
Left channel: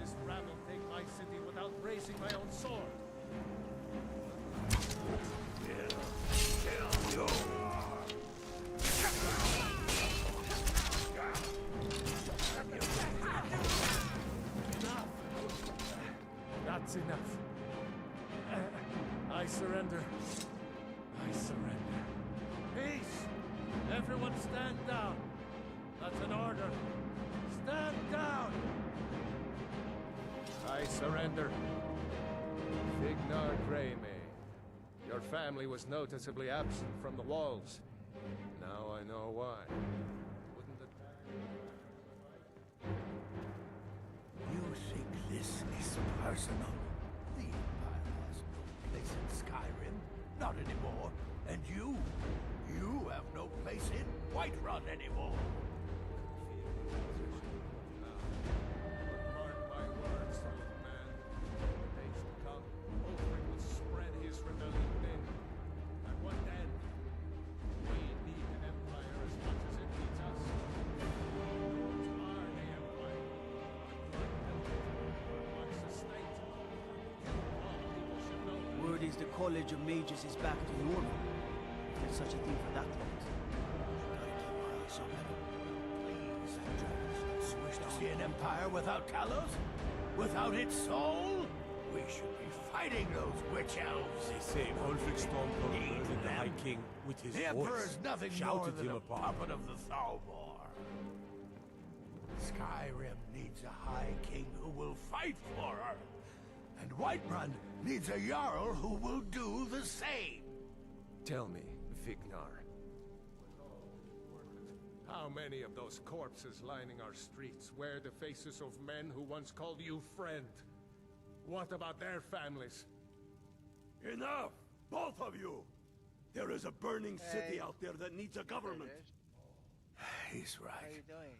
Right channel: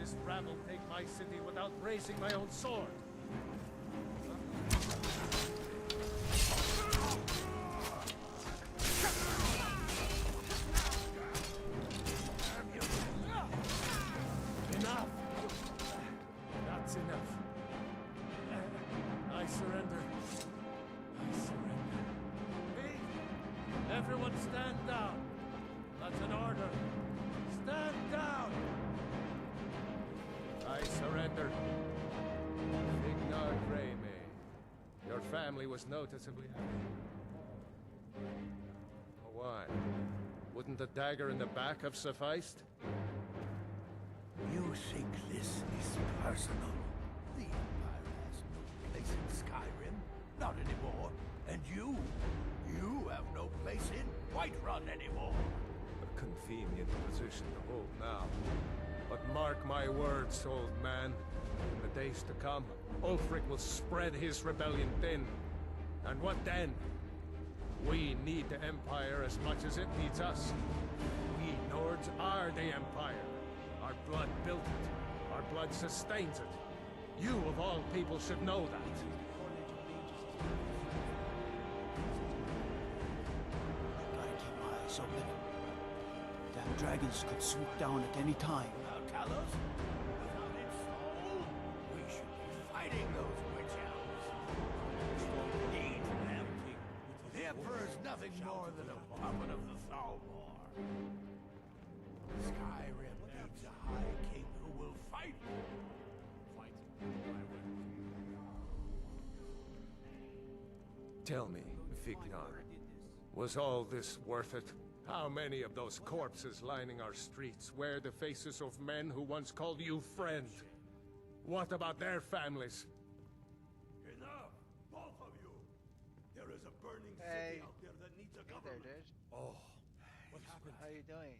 this rabble take my city without raising my own sword? Enough! That's enough. I surrender. I surrender. Peace! Everyone stand down. That's an order. Stand down! I surrender. Fignar Greymane. Your family was noticeably absent from the walls. Now I know why. Wouldn't the dagger in the back have sufficed? You think this is personal? The Empire has no place in Skyrim. Not anymore. And you have no place in Whiterun anymore. A convenient position to hold now. But mark my words, old man. In the days to come, Ulfric will spread his rebellion thin. And what then? We need the Empire as much as it needs us. We Nords are the Empire. Our blood built it. Our blood sustains it. You, of all people, should know that. Word is the College of Mages is back to normal. There's such a thing for that land. Gotta keep my eyes open. That dragons could swoop down at any time. Without Talos? Without its soul? We should be fighting those witch elves. They say Ulfric Stormcloak murdered the High King with his The Emperor's voice. nothing more Shouted than him a upon. puppet of the Thalmor. Skyrim needs a High King who will fight for her. And Whiterun needs a Jarl who will do the same. Tell me, Fignar, was all this worth it? How many of those corpses lining our streets wear the faces of men who once called you friend? What about their families? Enough! Both of you! There is a burning city out there that needs a government. Oh, he's right. how you doing?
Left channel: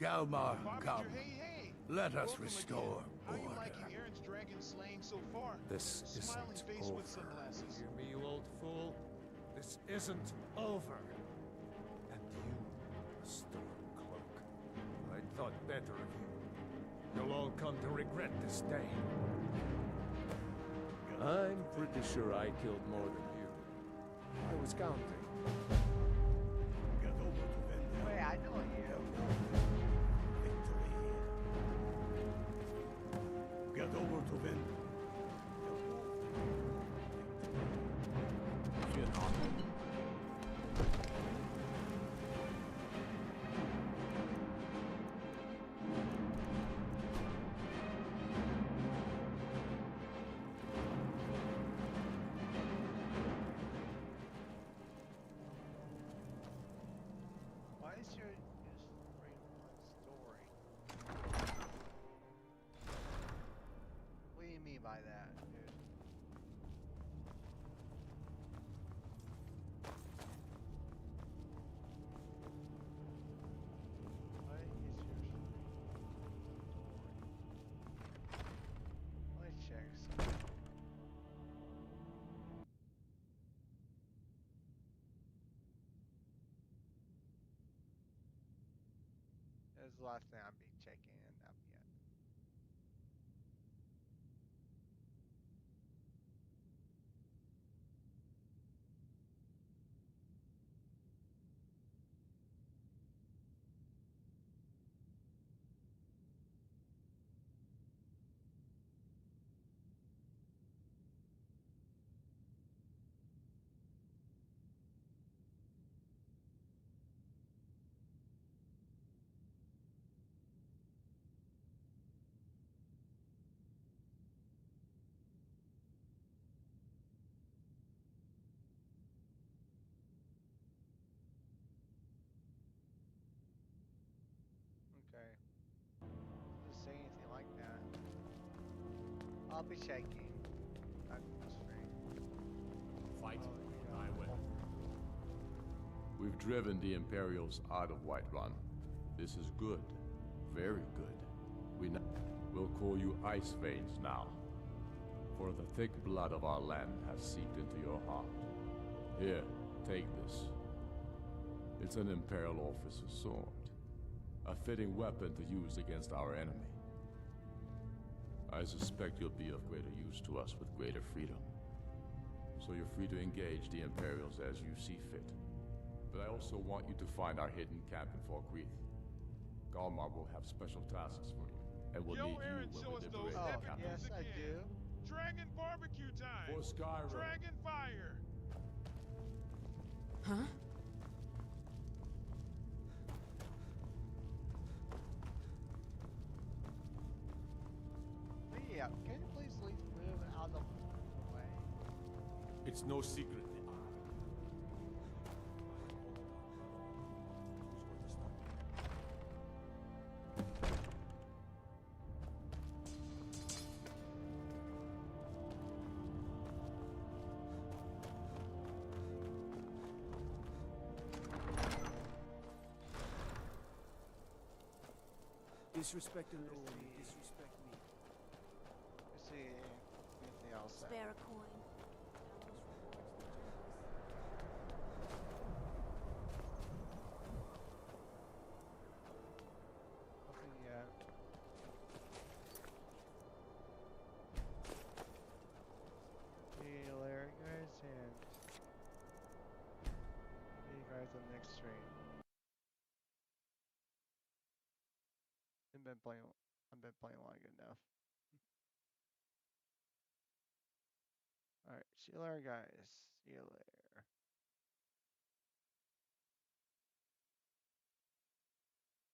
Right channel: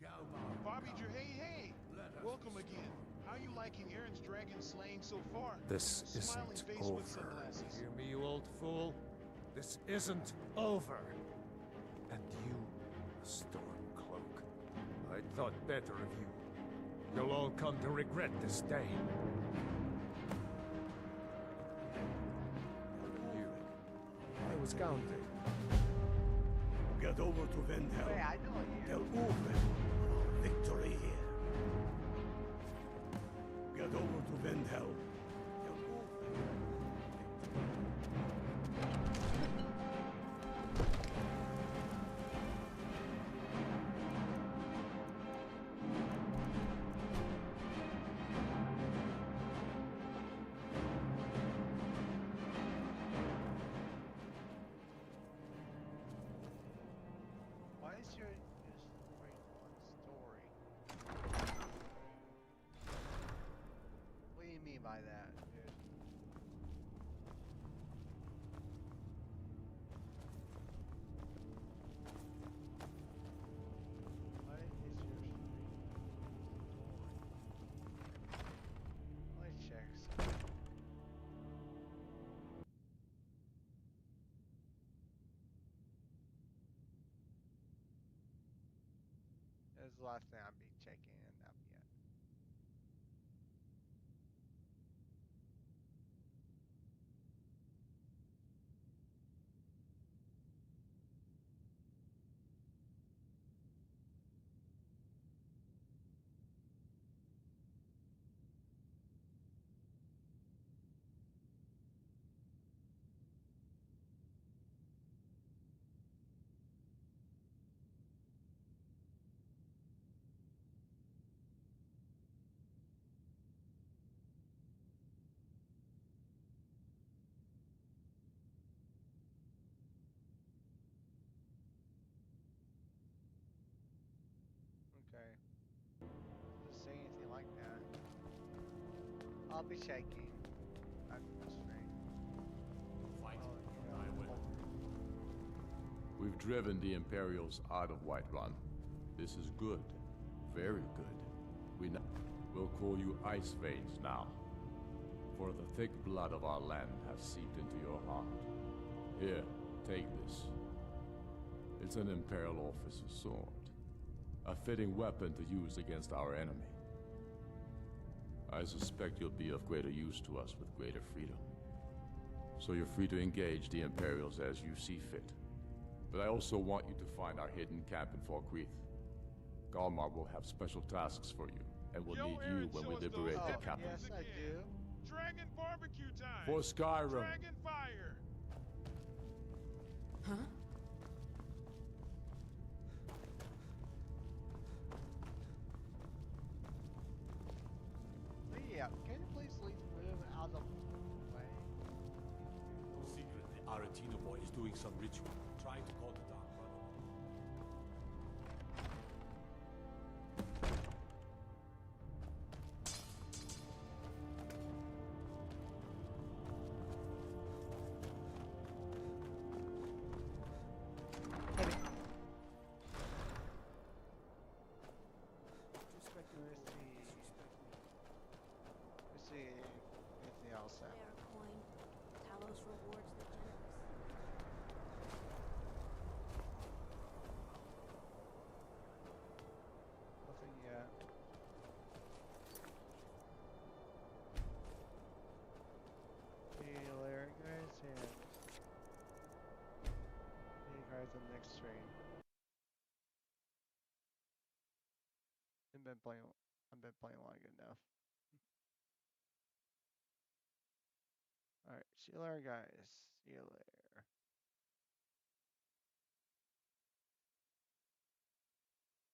Galmar, come. Hey! Let us Welcome restore. again. How are you liking Aaron's dragon slaying so far? This Smiling isn't face over. with sunglasses. Hear me, you old fool? This isn't over. And you, a Stormcloak. I thought better of you. You'll all come to regret this day. I'm pretty sure I killed more than you. I was counting. Get over to Vendel. Wait, I know you. Tell Ulfric victory here. Get over to Vendel. Tell Ulfric Why is your bring one story? What do you mean by that, dude? What is your story? Let me check something. That's the last thing I'll be checking in up yet. Okay. Doesn't say anything like that. I'll be checking. That's strange. Fight Oh, or die well. We've driven the Imperials out of Whiterun. This is good. Very good. We'll call you Ice Veins now. For the thick blood of our land has seeped into your heart. Here, take this. It's an Imperial officer's sword. A fitting weapon to use against our enemy. I suspect you'll be of greater use to us with greater freedom. So you're free to engage the Imperials as you see fit. But I also want you to find our hidden camp in Falkreath. Galmar will have special tasks for you, and will need you when we liberate the capital. Yes, I do. Dragon barbecue time! For Skyrim. Dragon fire! Huh? Leah, can you please move out of the way? It's no secret the Aretino boy is doing some ritual, trying to call the Dark Brotherhood. Disrespect an old man, disrespect me. Let's see anything else. Spare a coin. Talos rewards the generous. Nothing yet. See you later, guys, and see you guys in the next stream. I've been playing long enough. Alright, see you later, guys. See you later.